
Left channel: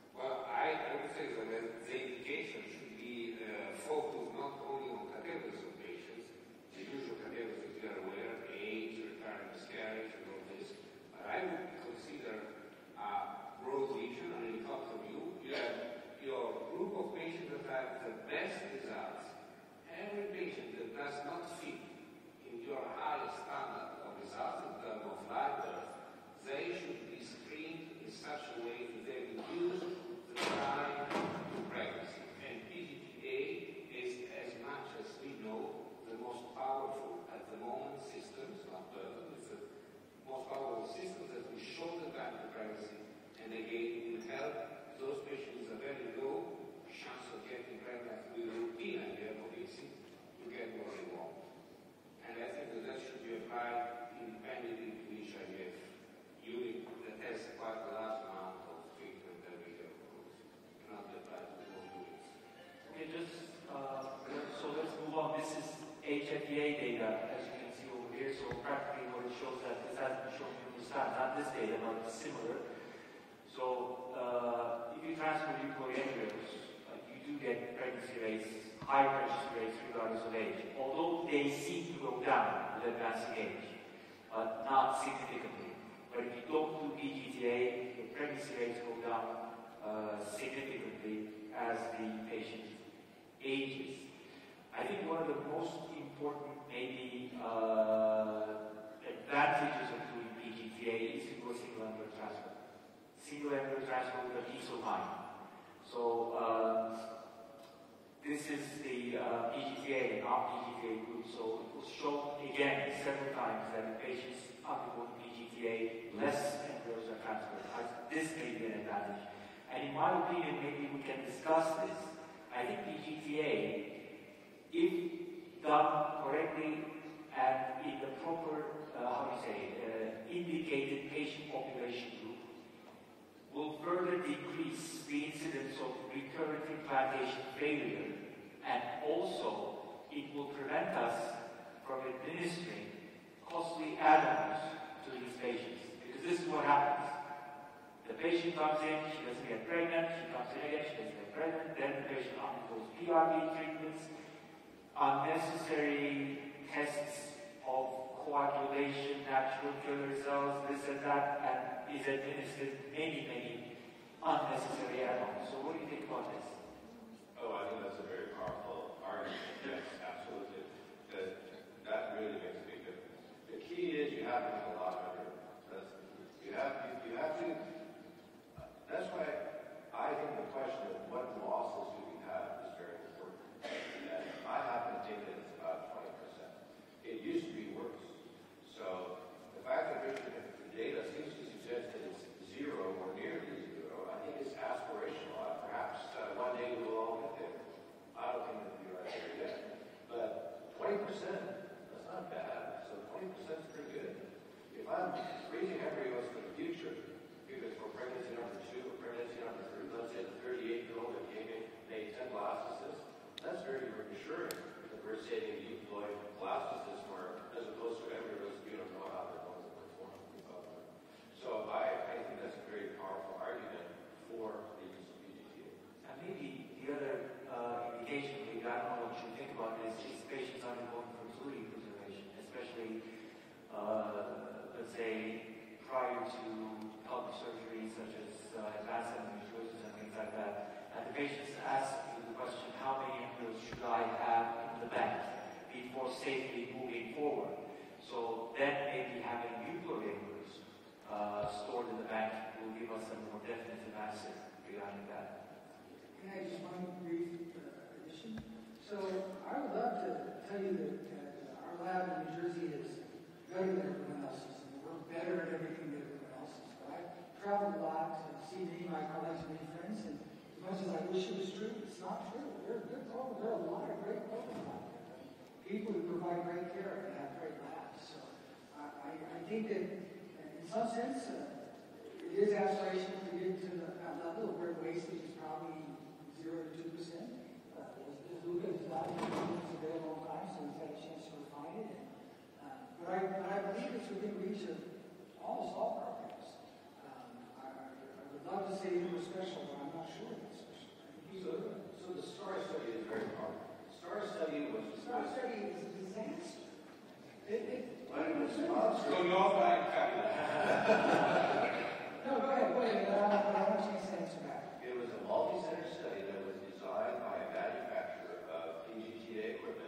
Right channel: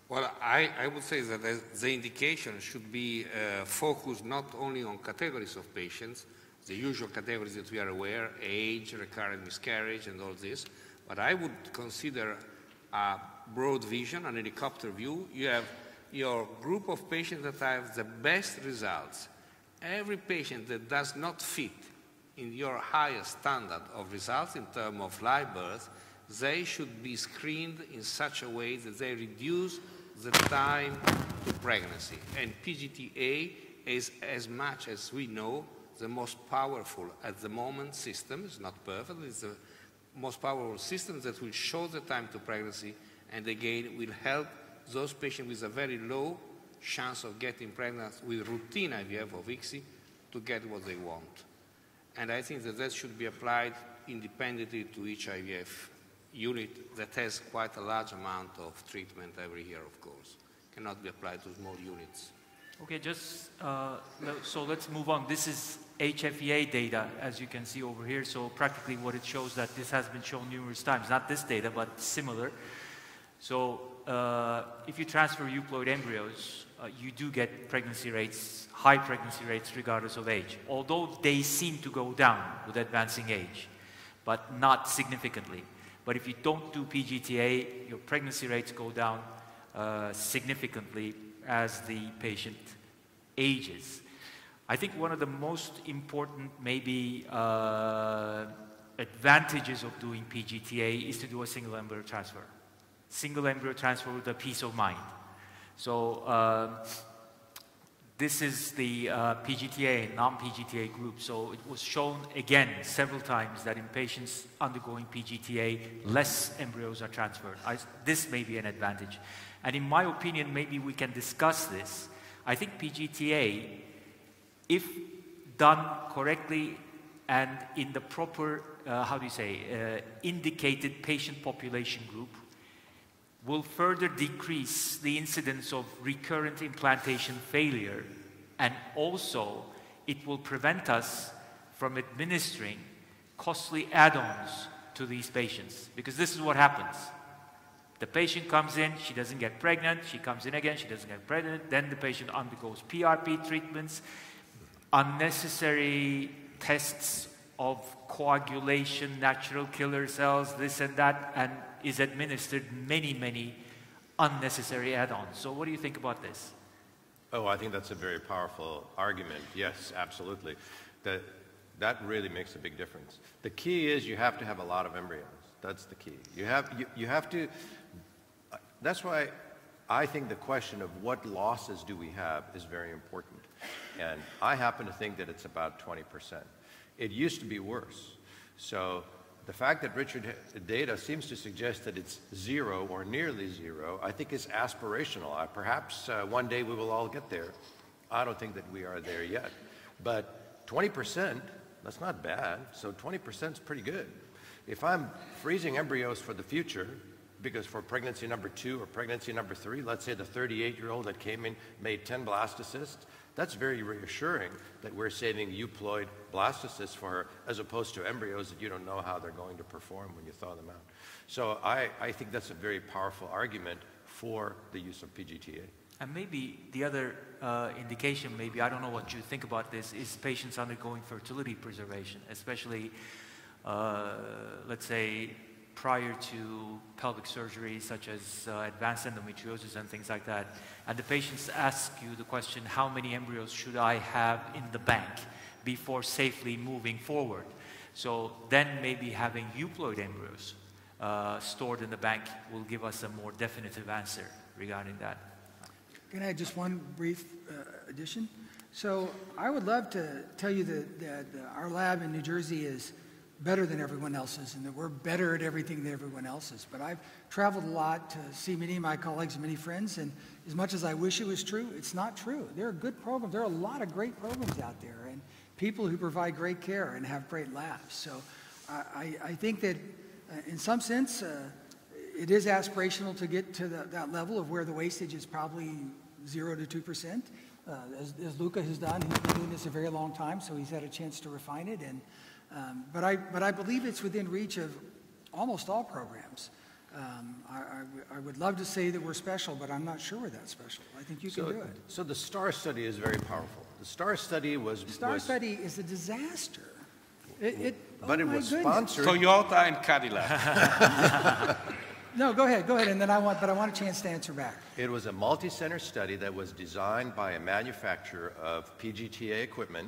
Well, I would say that the indication should be focused not only on categories of patients, the usual categories that we are aware, age, recurrent miscarriage, and all this, but I would consider a broad vision, an helicopter view. You have your group of patients that have the best results. Every patient that does not fit in your highest standard of results in terms of live birth, they should be screened in such a way that they reduce the time to pregnancy. And PGTA is, as much as we know, the most powerful at the moment system. It's not perfect, it's the most powerful system that will show the time to pregnancy, and again will help those patients with a very low chance of getting pregnant with routine IVF or ICSI to get what they want. And I think that should be applied independently to each IVF unit that has quite a large amount of treatment every year, of course. Cannot be applied to small units. Okay, so let's move on. This is HFEA data, as you can see over here. So practically what it shows, that this has been shown numerous times, not this data, but similar. So if you transfer euploid embryos, you do get high pregnancy rates regardless of age, although they seem to go down with advancing age, but not significantly. But if you don't do PGTA, your pregnancy rates go down significantly as the patient ages. I think one of the most important maybe advantages of doing PGTA is to do a single embryo transfer. Single embryo transfer with a peace of mind. So this is the PGTA, non-PGTA group. So it was shown again several times that in patients undergoing PGTA, less embryos are transferred. This may be an advantage. And in my opinion, maybe we can discuss this. I think PGTA, if done correctly and in the proper, indicated patient population group, will further decrease the incidence of recurrent implantation failure, and also it will prevent us from administering costly add-ons to these patients, because this is what happens. The patient comes in, she doesn't get pregnant, she comes in again, she doesn't get pregnant, then the patient undergoes PRP treatments, unnecessary tests of coagulation, natural killer cells, this and that, and is administered many unnecessary add-ons. So what do you think about this? Oh, I think that's a very powerful argument. Yes, absolutely. That really makes a big difference. The key is you have to have a lot of embryos. That's the key. You have to, that's why I think the question of what losses do we have is very important. And I happen to think that it's about 20%. It used to be worse. So the fact that Richard data seems to suggest that it's zero or nearly zero, I think is aspirational. Perhaps one day we will all get there. I don't think that we are there yet. But 20%, that's not bad. So 20% is pretty good. If I'm freezing embryos for the future, because for pregnancy number 2 or pregnancy number 3, let's say the 38-year-old that came in made 10 blastocysts, that's very reassuring that we're saving euploid blastocysts for her, as opposed to embryos that you don't know how they're going to perform when you thaw them out. So I think that's a very powerful argument for the use of PGTA. And maybe the other indication, maybe, I don't know what you think about this, is patients undergoing fertility preservation, especially, let's say, prior to pelvic surgery, such as advanced endometriosis and things like that. And the patients ask you the question, how many embryos should I have in the bank before safely moving forward? So then maybe having euploid embryos stored in the bank will give us a more definitive answer regarding that. Can I add just one brief addition? So I would love to tell you that our lab in New Jersey is better than everyone else's, and that we're better at everything than everyone else is. But I've traveled a lot to see many of my colleagues and many friends, and as much as I wish it was true, it's not true. There are good programs. There are a lot of great programs out there, and people who provide great care and have great labs. So I think that in some sense, it is aspirational to get to that level of where the wastage is probably 0 to 2%. As Luca has done, he's been doing this a very long time, so he's had a chance to refine it. And but I believe it's within reach of almost all programs. I would love to say that we're special, but I'm not sure we're that special. I think you can do it. So the STAR study is very powerful. The STAR study was... The STAR study is a disaster. But it was sponsored... Toyota and Cadillac. No, go ahead, and then I want a chance to answer back. It was a multi-center study that was designed by a manufacturer of PGTA equipment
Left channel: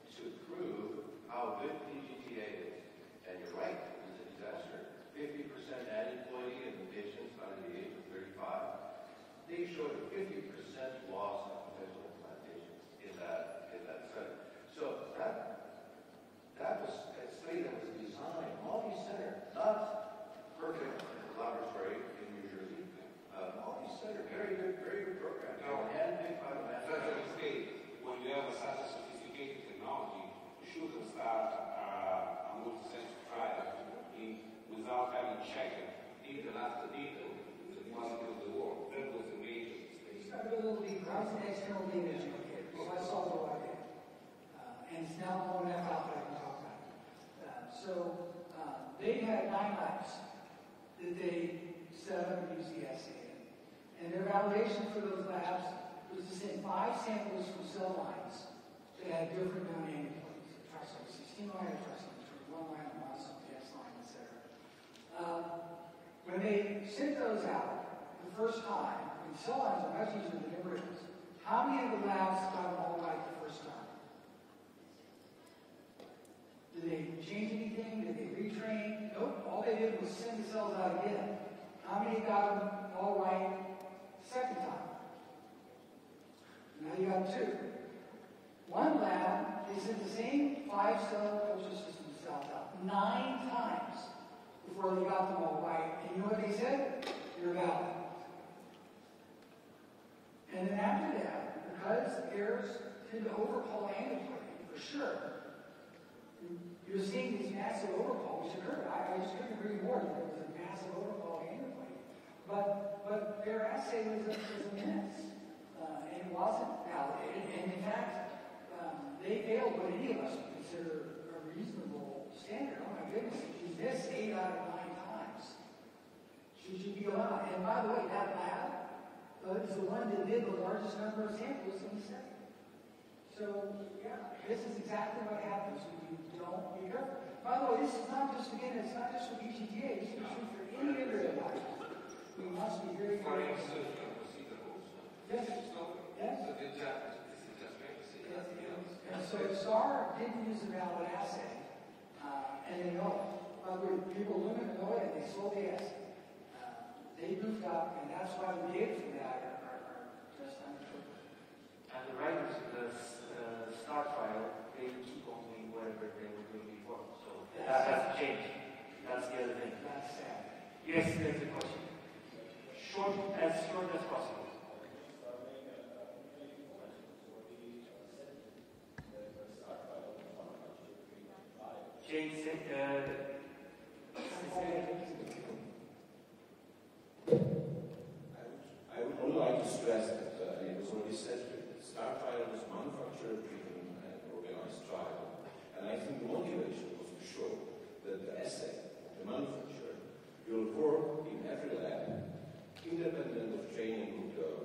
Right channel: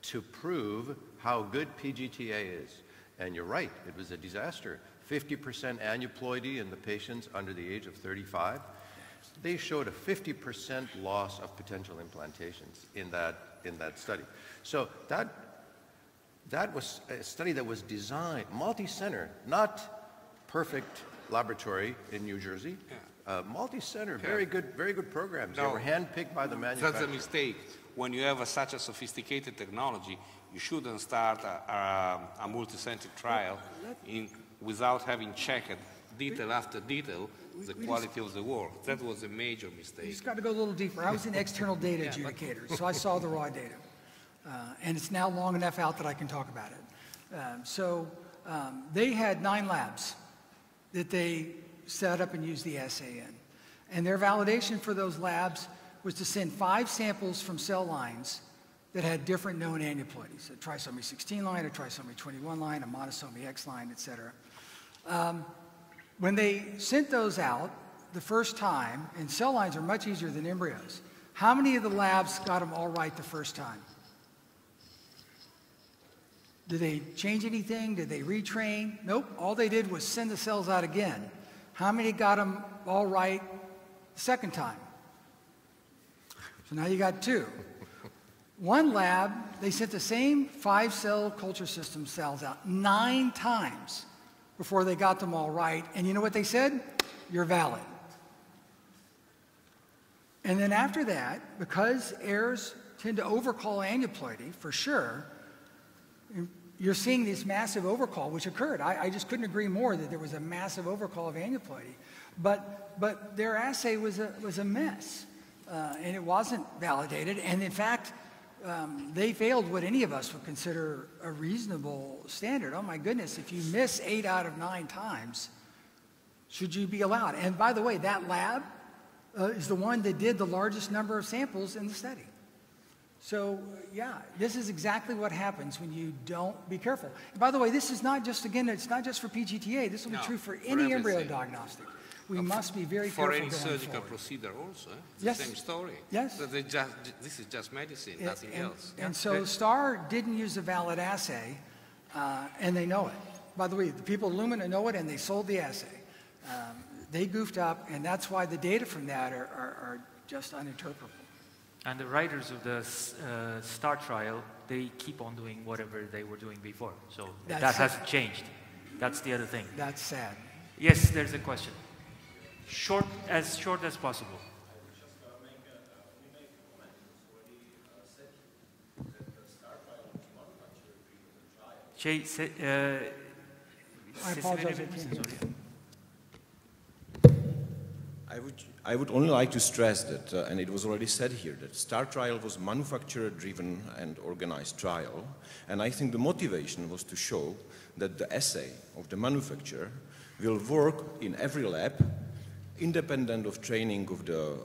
to prove how good PGTA is. And you're right, it was a disaster. 50% aneuploidy in the patients under the age of 35. They showed a 50% loss of potential implantations in that study. So that was a study that was designed, multi-center, not perfect laboratory in New Jersey. Multi-center, very good programs. They were handpicked by the manufacturer. That's a mistake. When you have such a sophisticated technology, you shouldn't start a multi-center trial without having checked detail after detail the quality of the work. That was a major mistake. You just got to go a little deeper. I was an external data adjudicator, so I saw the raw data. And it's now long enough out that I can talk about it. They had 9 labs that they set up and used the assay in. And their validation for those labs was to send 5 samples from cell lines that had different known aneuploidies, a trisomy 16 line, a trisomy 21 line, a monosomy X line, etc. When they sent those out the first time, and cell lines are much easier than embryos, how many of the labs got them all right the first time? Did they change anything? Did they retrain? Nope. All they did was send the cells out again. How many got them all right the second time? So now you got 2. One lab, they sent the same 5-cell culture system cells out 9 times before they got them all right. And you know what they said? You're valid. And then after that, because errors tend to overcall aneuploidy, for sure, you're seeing this massive overcall, which occurred. I just couldn't agree more that there was a massive overcall of aneuploidy. But their assay was a mess, and it wasn't validated. And in fact, they failed what any of us would consider a reasonable standard. Oh my goodness, if you miss 8 out of 9 times, should you be allowed? And by the way, that lab is the one that did the largest number of samples in the study. So yeah, this is exactly what happens when you don't be careful. And by the way, this is not just, again, it's not just for PGTA. This will be true for any embryo diagnostic. We must be very careful. For any surgical procedure also. Yes. Same story. Yes. This is just medicine, nothing else. And so STAR didn't use a valid assay, and they know it. by the way, the people at Lumina know it, and they sold the assay. They goofed up, and that's why the data from that are just uninterpretable. And the writers of the STAR trial, they keep on doing whatever they were doing before. So that hasn't changed. That's the other thing. That's sad. Yes, there's a question. Short as possible. I apologize. I would only like to stress that, and it was already said here, that STAR trial was manufacturer-driven and organized trial, and I think the motivation was to show that the assay of the manufacturer will work in every lab, independent of training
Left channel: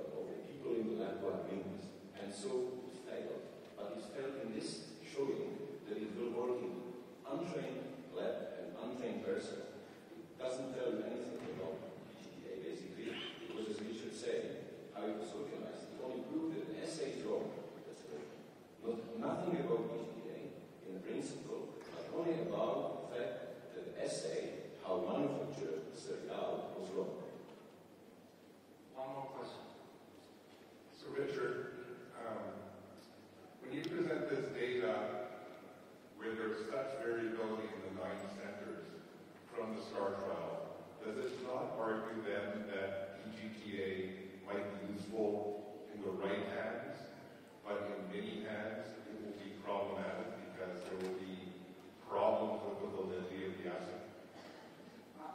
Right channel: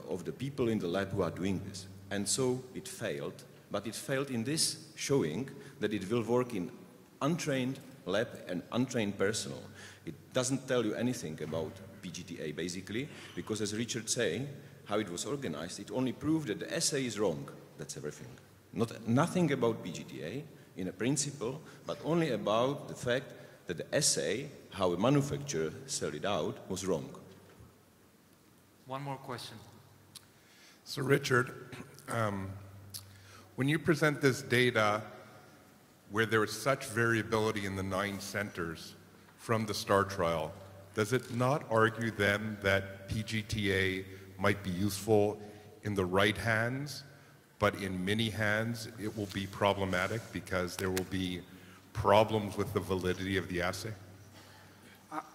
of the people in the lab who are doing this. And so it failed, but it failed in this showing that it will work in untrained lab and untrained personnel. It doesn't tell you anything about PGTA basically, because as Richard said, how it was organized, it only proved that the assay is wrong. That's everything. Nothing about PGTA in a principle, but only about the fact that the assay, how a manufacturer sold it out, was wrong. One more question. So Richard, when you present this data where there is such variability in the 9 centers from the STAR trial, does it not argue then that PGTA might be useful in the right hands, but in many hands it will be problematic because there will be problems with the validity of the assay?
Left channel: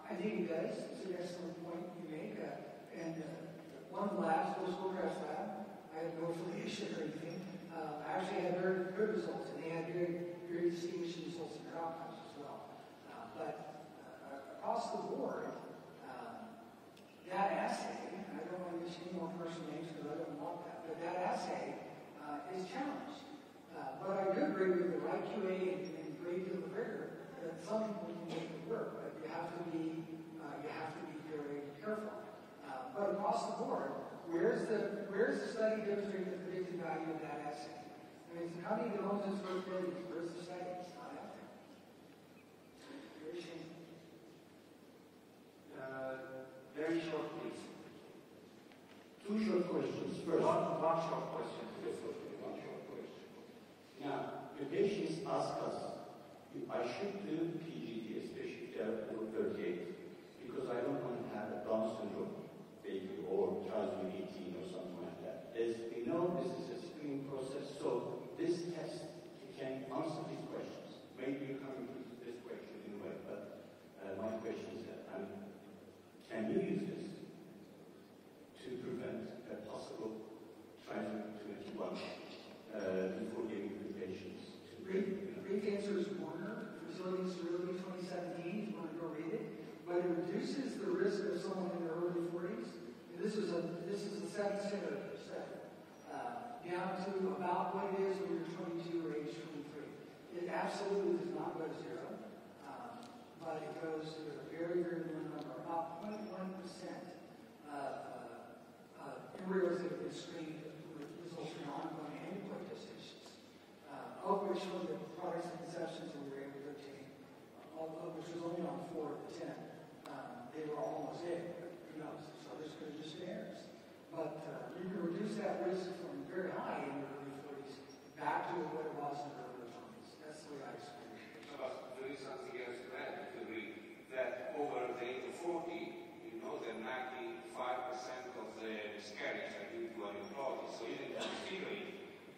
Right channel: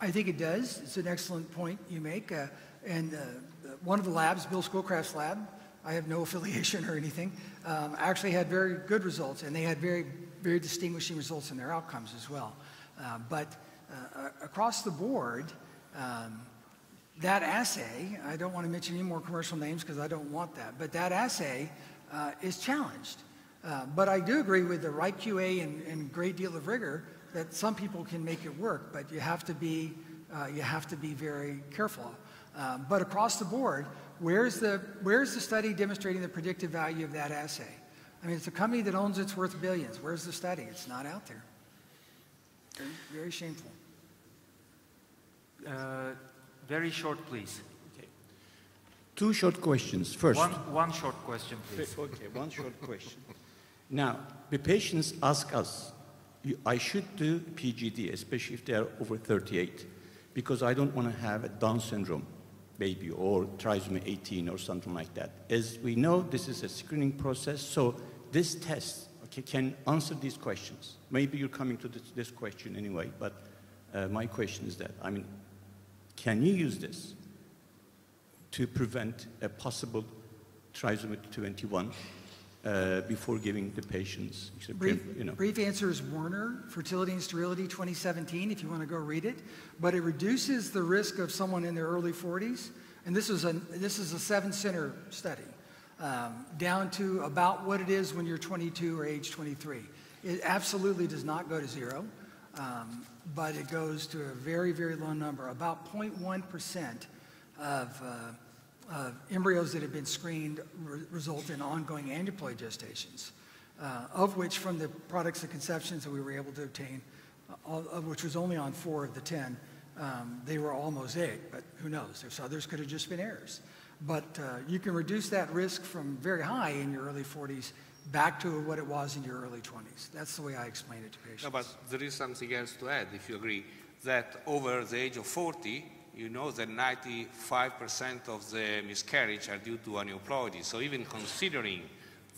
I think it does. It's an excellent point you make. And one of the labs, Bill Schoolcraft's lab, I have no affiliation or anything, actually had very good results, and they had very, very distinguishing results in their outcomes as well. But across the board, that assay, I don't want to mention any more commercial names because I don't want that, but that assay is challenged. But I do agree with the right QA and great deal of rigor that some people can make it work, but you have to be very careful. But across the board, where's the study demonstrating the predictive value of that assay? I mean, it's a company that owns it's worth billions. Where's the study? It's not out there. Very, very shameful. Very short, please. Okay. 2 short questions. First. One short question, please. Okay, one short question. Now, the patients ask us, I should do PGD, especially if they are over 38, because I don't want to have a Down syndrome baby or trisomy 18 or something like that. As we know, this is a screening process, so this test can answer these questions. Maybe you're coming to this question anyway, but my question is that, I mean, can you use this to prevent a possible trisomy 21 before giving the patients? Brief answer is Warner, Fertility and Sterility 2017, if you want to go read it. But it reduces the risk of someone in their early 40s, and this is a 7-center study, down to about what it is when you're 22 or age 23. It absolutely does not go to 0, but it goes to a very, very low number. About 0.1% of embryos that have been screened result in ongoing aneuploid gestations, of which from the products of conceptions that we were able to obtain, which was only on 4 of the 10, they were all mosaic, but who knows? There's others could have just been errors. But you can reduce that risk from very high in your early 40s back to what it was in your early 20s. That's the way I explain it to patients. No, but there is something else to add, if you agree, that over the age of 40, you know that 95% of the miscarriage are due to aneuploidy. So even considering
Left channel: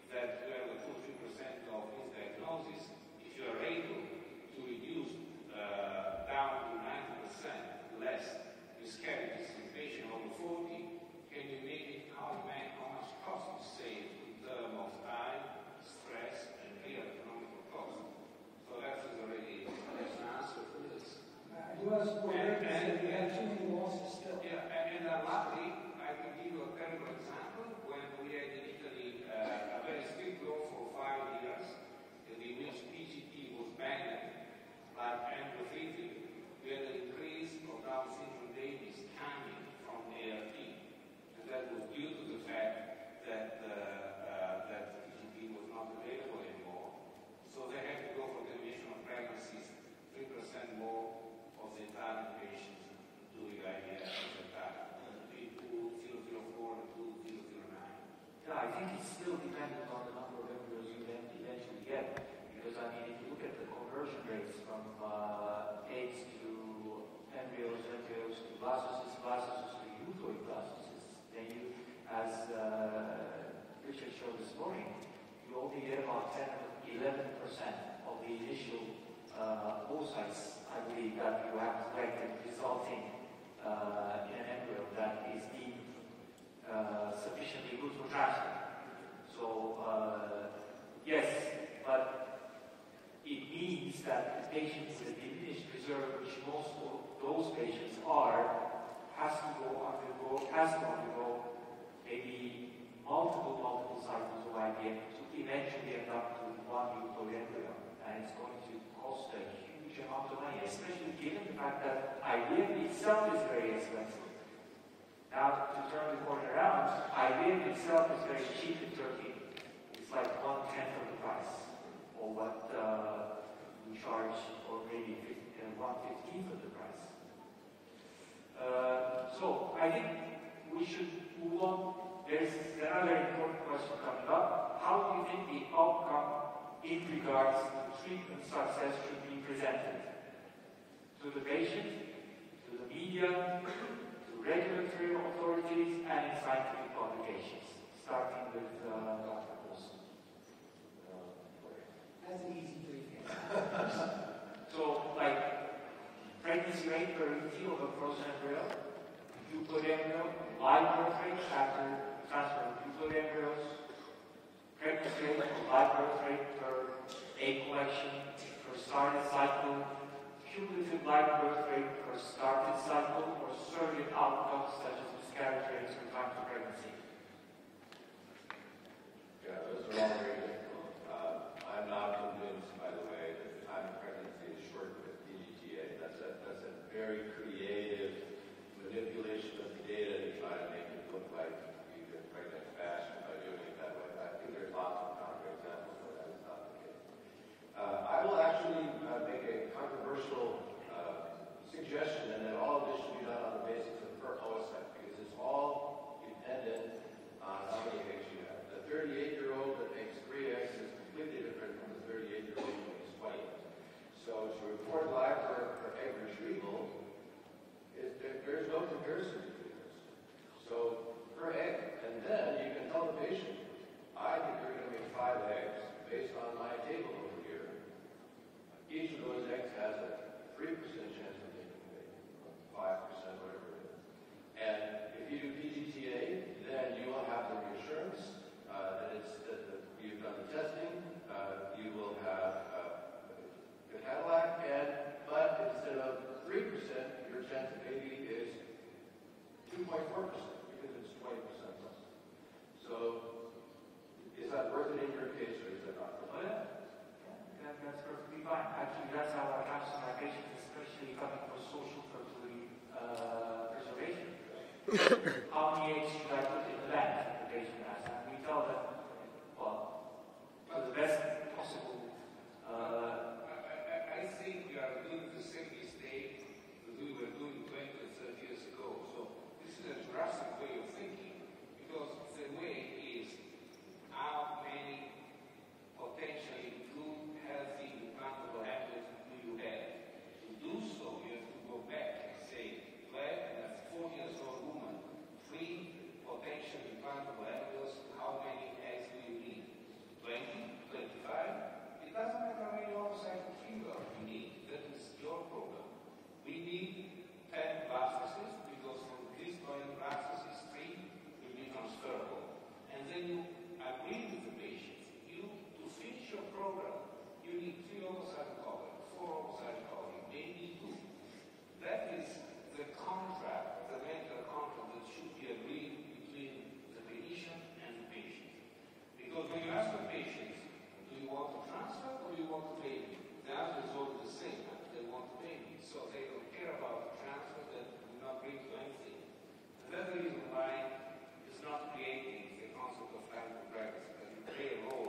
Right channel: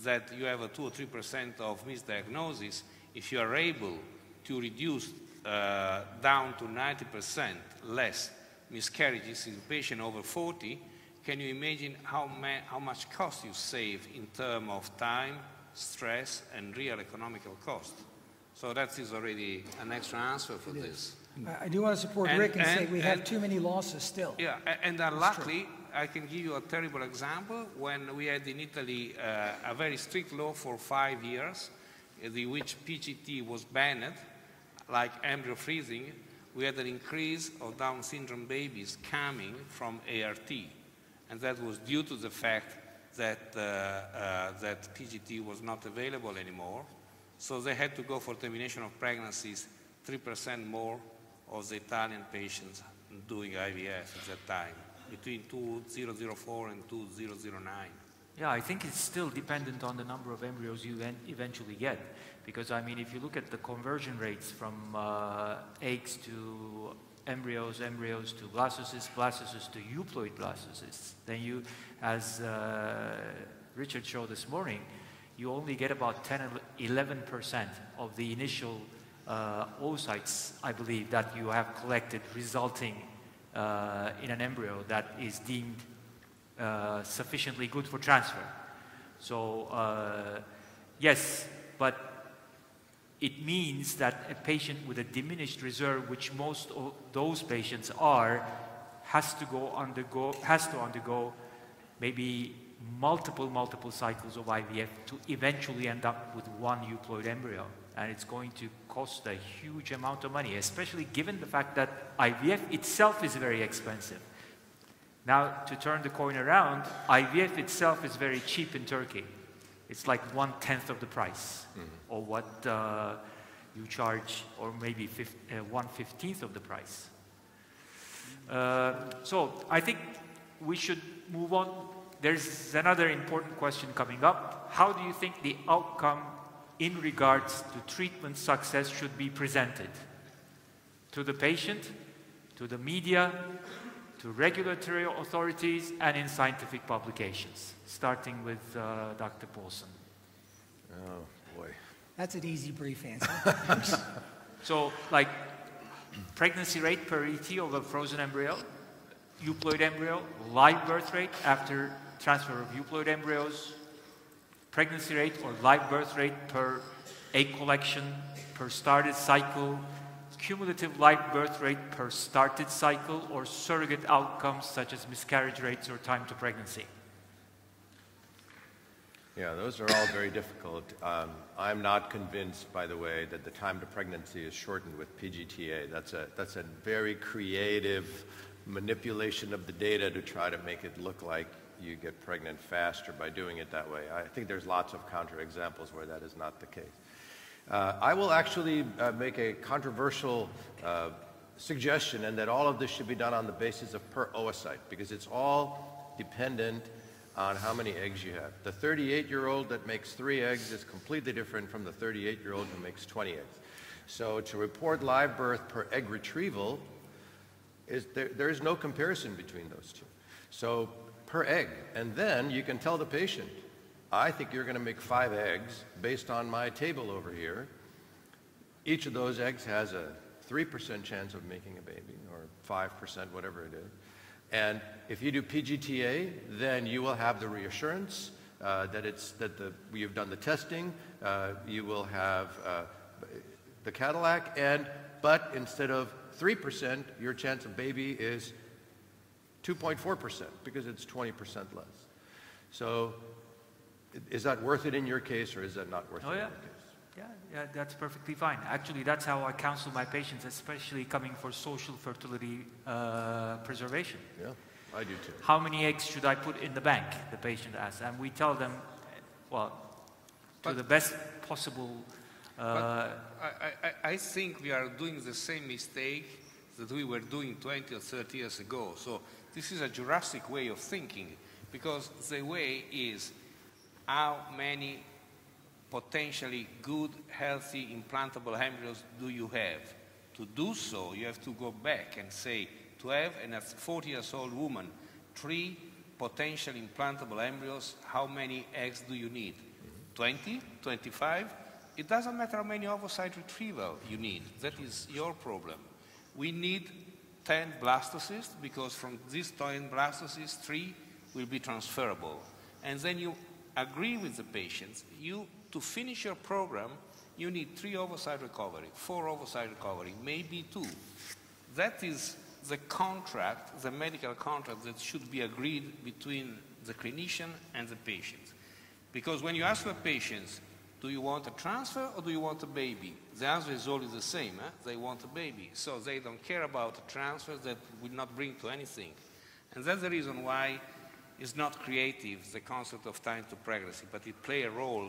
that you have a 2 or 3% of misdiagnosis, if you are able to reduce down to 90% less miscarriages in patients over 40, can you imagine how much cost you save in terms of time, stress, and real economical cost? So that is already an extra answer for this. I do want to support Rick and say we have too many losses still. Yeah, and unluckily, I can give you a terrible example. When we had in Italy a very strict law for 5 years, in which PGT was banned, like embryo freezing, we had an increase of Down syndrome babies coming from ART. And that was due to the fact that, that PGT was not available anymore. So they had to go for termination of pregnancies 3% more of the Italian patients doing IVF at that time, between 2004 and 2009. Yeah, I think it's still dependent on the number of embryos you eventually get. Because, I mean, if you look at the conversion rates from eggs to embryos, embryos to blastocysts, blastocysts to euploid blastocysts, then you, as Richard showed this morning, you only get about 10 or 11% of the initial oocytes, I believe, that you have collected, resulting in an embryo that is deemed sufficiently good for transfer. So, yes, but it means that a patient with a diminished reserve, which most of those patients are, has to undergo maybe multiple cycles of IVF to eventually end up with one euploid embryo. And it's going to cost a huge amount of money, especially given the fact that IVF itself is very expensive. Now, to turn the coin around, IVF itself is very cheap in Turkey. It's like 1/10 of the price, or what you charge, or maybe 1/15 of the price. So I think we should move on. There's another important question coming up. How do you think the outcome in regards to treatment success should be presented? To the patient, to the media, to regulatory authorities, and in scientific publications, starting with Dr. Paulson. Oh, boy. That's an easy, brief answer. So, like, pregnancy rate per ET of a frozen embryo, euploid embryo, live birth rate after transfer of euploid embryos, pregnancy rate or live birth rate per egg collection, per started cycle, cumulative live birth rate per started cycle, or surrogate outcomes such as miscarriage rates or time to pregnancy. Yeah, those are all very difficult. I'm not convinced, by the way, that the time to pregnancy is shortened with PGTA. That's a very creative manipulation of the data to try to make it look like you get pregnant faster by doing it that way. I think there's lots of counterexamples where that is not the case. I will actually make a controversial suggestion, and that all of this should be done on the basis of per oocyte, because it's all dependent on how many eggs you have. The 38-year-old that makes 3 eggs is completely different from the 38-year-old who makes 20 eggs. So to report live birth per egg retrieval, there is no comparison between those two. So per egg, and then you can tell the patient, I think you're going to make 5 eggs based on my table over here. Each of those eggs has a 3% chance of making a baby, or 5%, whatever it is. And if you do PGTA, then you will have the reassurance that you've done the testing. You will have the Cadillac, but instead of 3%, your chance of baby is 2.4% because it's 20% less. So, is that worth it in your case, or is that not worth it? Oh yeah. Yeah, that's perfectly fine. Actually, that's how I counsel my patients, especially coming for social fertility preservation. Yeah. How many eggs should I put in the bank, the patient asks. And we tell them, well, to the best possible... I think we are doing the same mistake that we were doing 20 or 30 years ago. So this is a Jurassic way of thinking, because the way is how many potentially good, healthy, implantable embryos do you have? To do so, you have to go back and say, to have a 40-year-old woman, 3 potential implantable embryos, how many eggs do you need? 20? 25? It doesn't matter how many oocyte retrieval you need. That is your problem. We need 10 blastocysts, because from these 10 blastocysts, 3 will be transferable. And then you agree with the patients. To finish your program, you need 3 oocyte recovery, 4 oocyte recovery, maybe 2. That is the contract, the medical contract that should be agreed between the clinician and the patient. Because when you ask the patients, do you want a transfer or do you want a baby? The answer is always the same. They want a baby. So they don't care about a transfer that would not bring to anything. And that's the reason why it's not creative, the concept of time to pregnancy, but it plays a role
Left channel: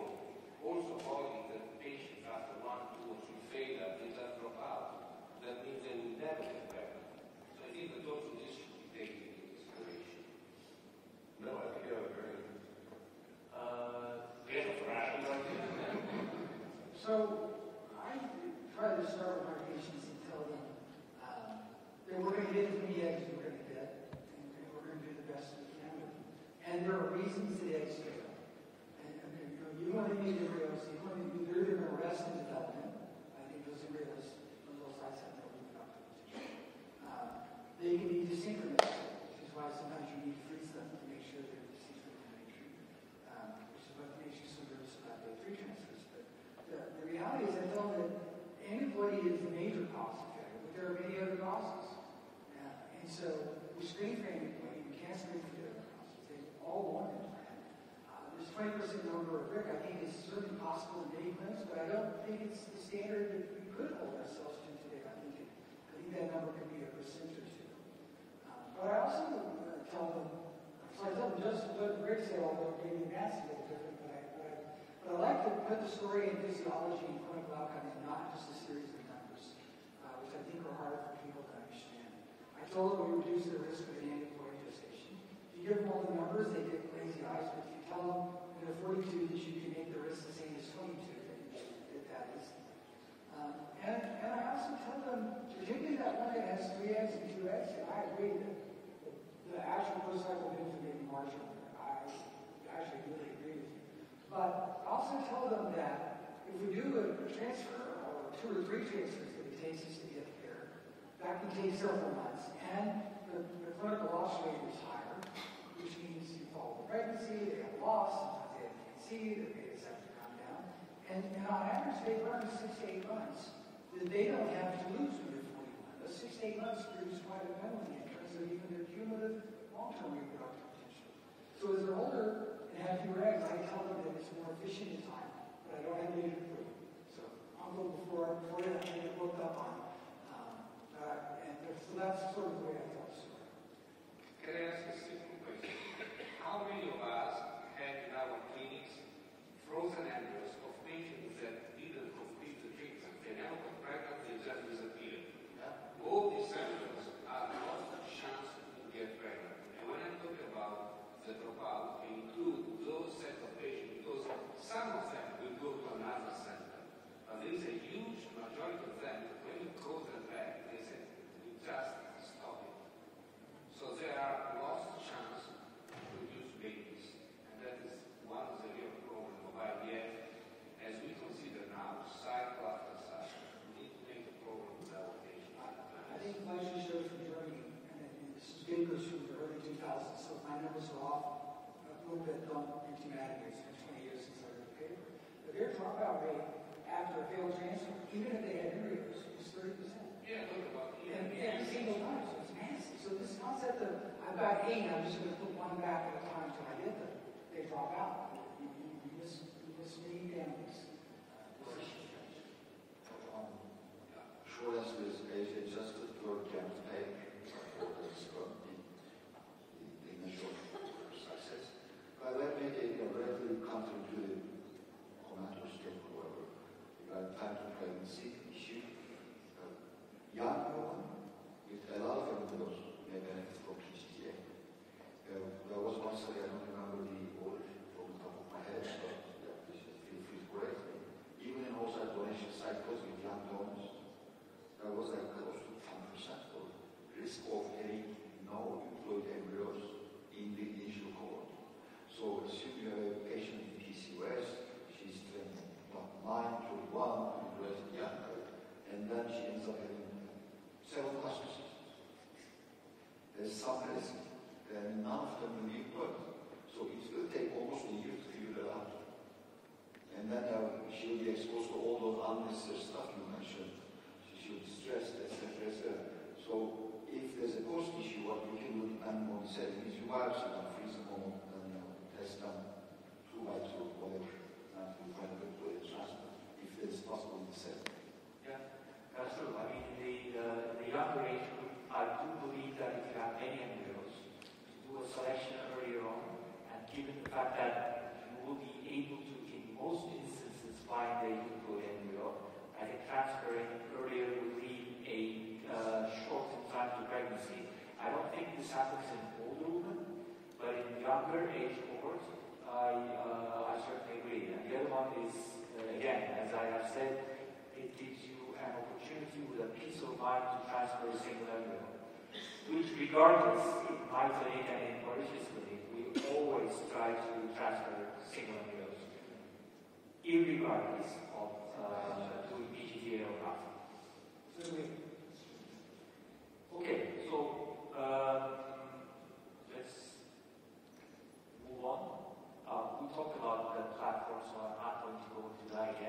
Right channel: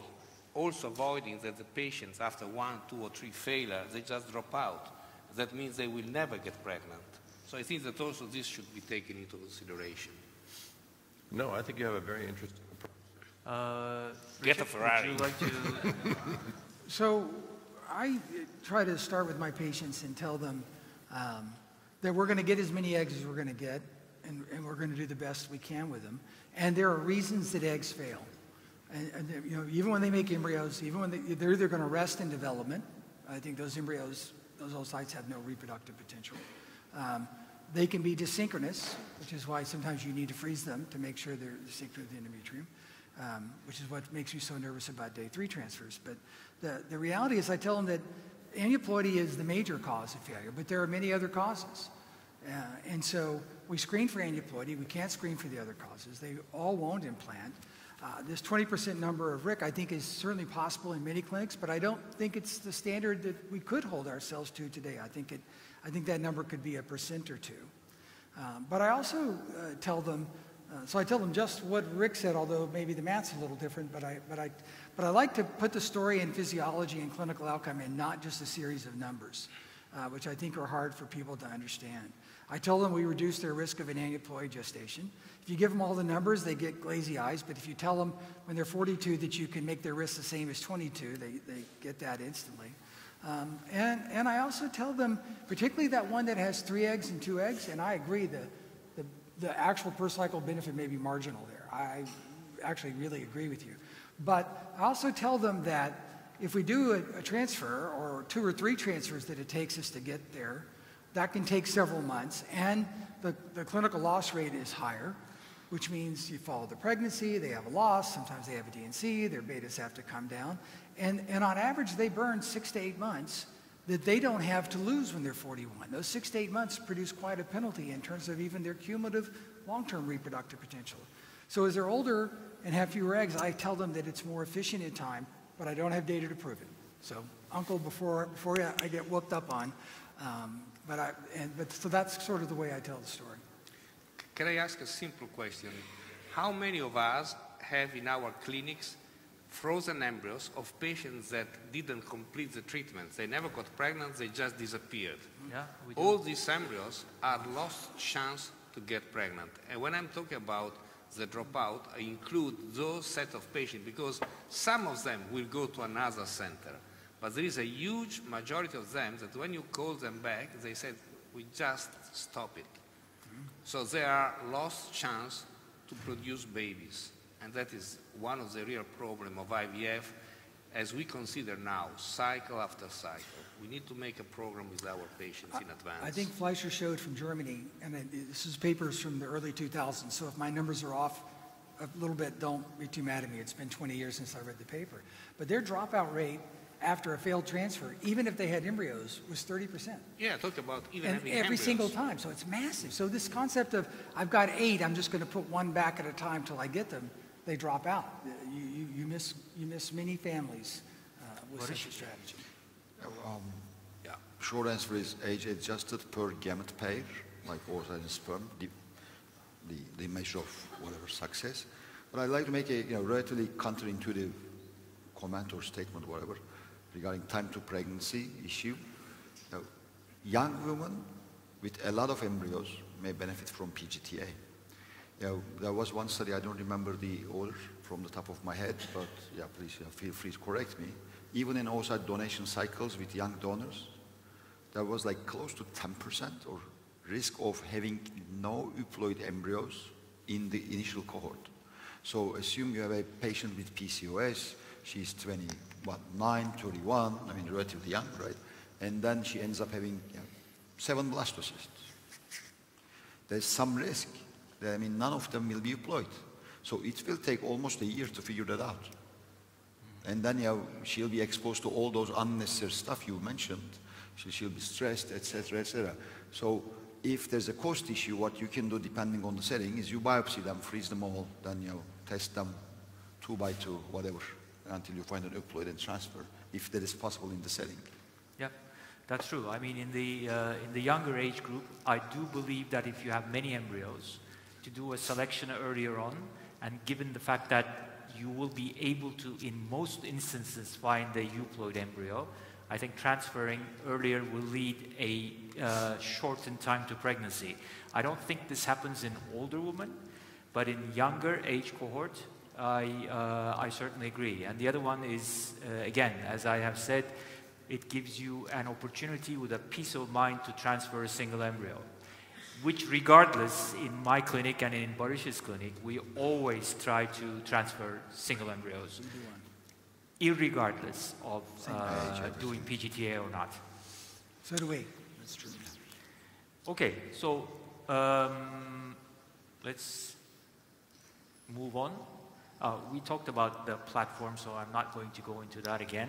also avoiding that the patients, after 1, 2, or 3 failures, they just drop out. That means they will never get pregnant. So I think that also this should be taken into consideration. No, I think you have a very interesting Get a Ferrari. Would you like to? So I try to start with my patients and tell them that we're going to get as many eggs as we're going to get, and we're going to do the best we can with them. And there are reasons that eggs fail. And you know, even when they make embryos, even when they're either going to rest in development, I think those embryos, those oocytes have no reproductive potential. They can be dysynchronous, which is why sometimes you need to freeze them to make sure they're synchronous with the endometrium, which is what makes me so nervous about day 3 transfers. But the reality is I tell them that aneuploidy is the major cause of failure, but there are many other causes. And so we screen for aneuploidy. We can't screen for the other causes. They all won't implant. This 20% number of RIC, I think, is certainly possible in many clinics, but I don't think it's the standard that we could hold ourselves to today. I think that number could be 1% or 2%. But I also tell them, so I tell them just what Rick said, although maybe the math's a little different, but I like to put the story in physiology and clinical outcome and not just a series of numbers, which I think are hard for people to understand. I tell them we reduce their risk of an aneuploid gestation. If you give them all the numbers, they get glazy eyes, but if you tell them when they're 42 that you can make their risk the same as 22, they get that instantly. And I also tell them, particularly that one that has 3 eggs and 2 eggs, and I agree that the actual per cycle benefit may be marginal there. I actually really agree with you. But I also tell them that if we do a transfer, or 2 or 3 transfers that it takes us to get there, that can take several months, and the clinical loss rate is higher, which means you follow the pregnancy, they have a loss, sometimes they have a DNC, their betas have to come down, and on average they burn 6 to 8 months that they don't have to lose when they're 41. Those 6 to 8 months produce quite a penalty in terms of even their cumulative long-term reproductive potential. So as they're older and have fewer eggs, I tell them that it's more efficient in time, but I don't have data to prove it. So, Uncle, before I get whooped up on, so that's sort of the way I tell the story. Can I ask a simple question? How many of us have in our clinics frozen embryos of patients that didn't complete the treatment? They never got pregnant, they just disappeared. Yeah, all these embryos are lost chance to get pregnant. And when I'm talking about the dropout, I include those set of patients because some of them will go to another center. But there is a huge majority of them that when you call them back, they said, we just stop it. So there are lost chance to produce babies. And that is one of the real problem of IVF as we consider now, cycle after cycle. We need to make a program with our patients in advance. I think Fleischer showed from Germany, and this is papers from the early 2000s, so if my numbers are off a little bit, don't be too mad at me. It's been 20 years since I read the paper. But their dropout rate after a failed transfer, even if they had embryos, was 30%. Yeah, talk about even and having every embryos. single time, so it's massive. So this concept of, I've got 8, I'm just going to put 1 back at a time till I get them, they drop out. You miss many families with such a strategy. Short answer is age-adjusted per gamete pair, like oocyte and sperm, the measure of whatever success. But I'd like to make a relatively counterintuitive comment or statement, whatever, regarding time to pregnancy issue. Young women with a lot of embryos may benefit from PGTA. There was one study, I don't remember the order from the top of my head, but yeah, please feel free to correct me. Even in oocyte donation cycles with young donors, there was like close to 10% or risk of having no euploid embryos in the initial cohort. So assume you have a patient with PCOS, she's 29, 31, I mean relatively young, right? And then she ends up having 7 blastocysts. There's some risk. I mean, none of them will be euploid. So it will take almost a year to figure that out. And then she'll be exposed to all those unnecessary stuff you mentioned. She'll be stressed, etc., etc. So if there's a cost issue, what you can do depending on the setting is you biopsy them, freeze them all, then test them 2 by 2, whatever, until you find an euploid and transfer, if that is possible in the setting. Yeah, that's true. I mean, in the younger age group, I do believe that if you have many embryos, to do a selection earlier on, and given the fact that you will be able to, in most instances, find a euploid embryo. I think transferring earlier will lead a shortened time to pregnancy. I don't think this happens in older women, but in younger age cohort, I certainly agree. And the other one is, again, as I have said, it gives you an opportunity with a peace of mind to transfer a single embryo, which regardless, in my clinic and in Barış's clinic, we always try to transfer single embryos, irregardless of doing PGTA or not. So do we. That's true. Okay, so let's move on. We talked about the platform, so I'm not going to go into that again.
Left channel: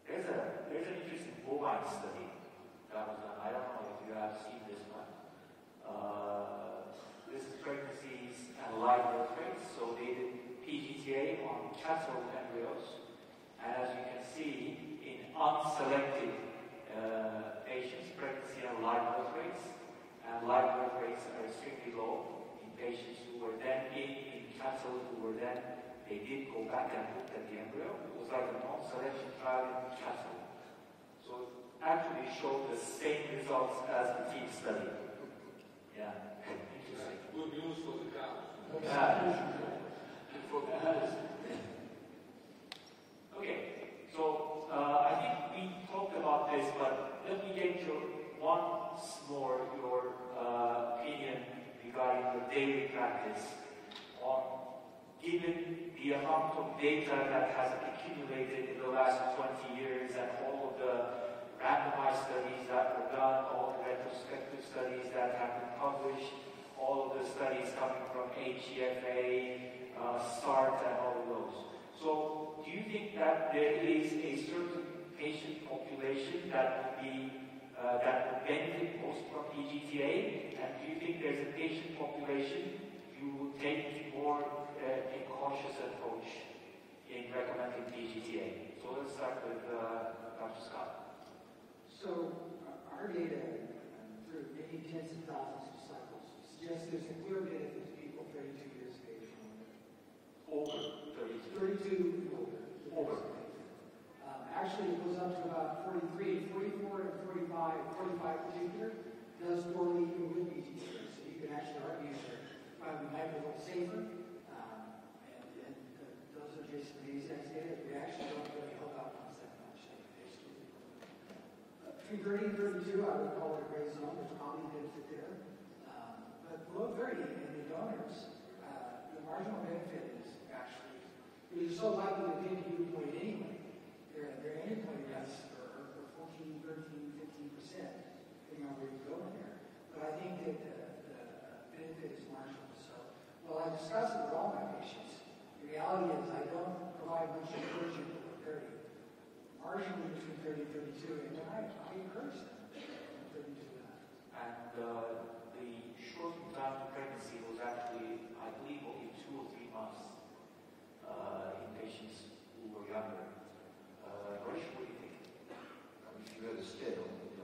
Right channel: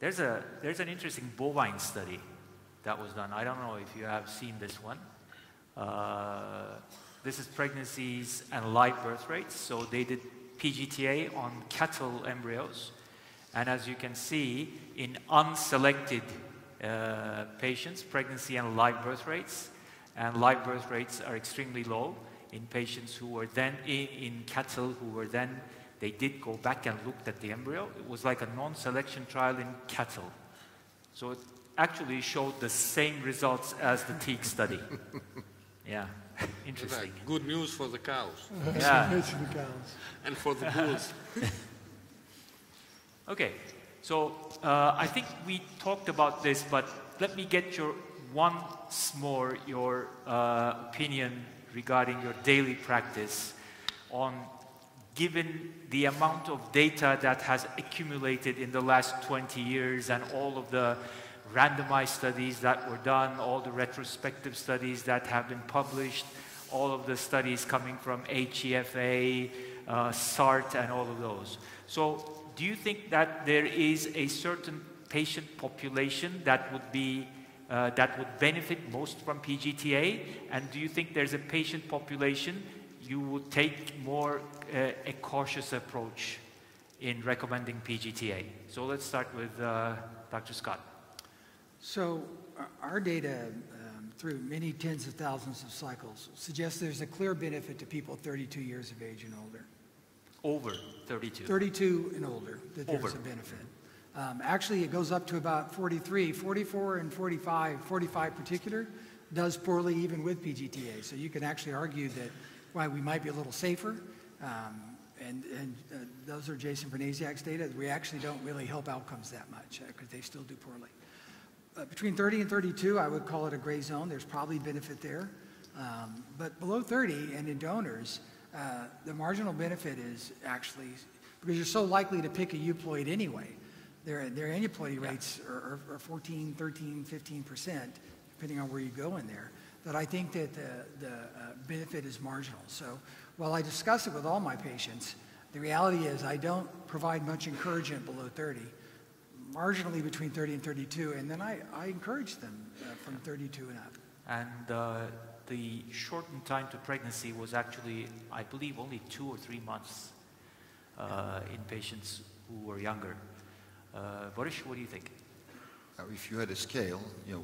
There's an interesting bovine study that was done. I don't know if you have seen this one. This is pregnancies and live birth rates. So they did PGTA on cattle embryos. And as you can see, in unselected patients, pregnancy and live birth rates. And live birth rates are extremely low in patients who were then in cattle who were then, they did go back and looked at the embryo. It was like a non-selection trial in cattle. So it actually showed the same results as the TEAG study. Yeah, interesting. Good news for the cows. Yeah. And for the bulls. Okay, so I think we talked about this, but let me get your once more your opinion regarding your daily practice on, given the amount of data that has accumulated in the last 20 years and all of the randomized studies that were done, all the retrospective studies that have been published, all of the studies coming from HEFA, SART, and all of those. So do you think that there is a certain patient population that would be that would benefit most from PGTA? And do you think there's a patient population you would take more a cautious approach in recommending PGTA? So let's start with Dr. Scott. So our data through many tens of thousands of cycles suggests there's a clear benefit to people 32 years of age and older. Over 32? 32 and older, that there's a benefit. Actually, it goes up to about 43, 44 and 45, 45 particular, does poorly even with PGTA. So you can actually argue that why we might be a little safer, and those are Jason Vernasiak's data, that we actually don't really help outcomes that much, because they still do poorly. Between 30 and 32, I would call it a gray zone. There's probably benefit there. But below 30 and in donors, the marginal benefit is actually, because you're so likely to pick a euploid anyway, their aneuploidy rates are 14, 13, 15%, depending on where you go in there, that I think that the benefit is marginal. So while I discuss it with all my patients, the reality is I don't provide much encouragement below 30, marginally between 30 and 32, and then I encourage them from 32 and up. And the shortened time to pregnancy was actually, I believe, only 2 or 3 months in patients who were younger. Barış, what do you think? If you had a scale,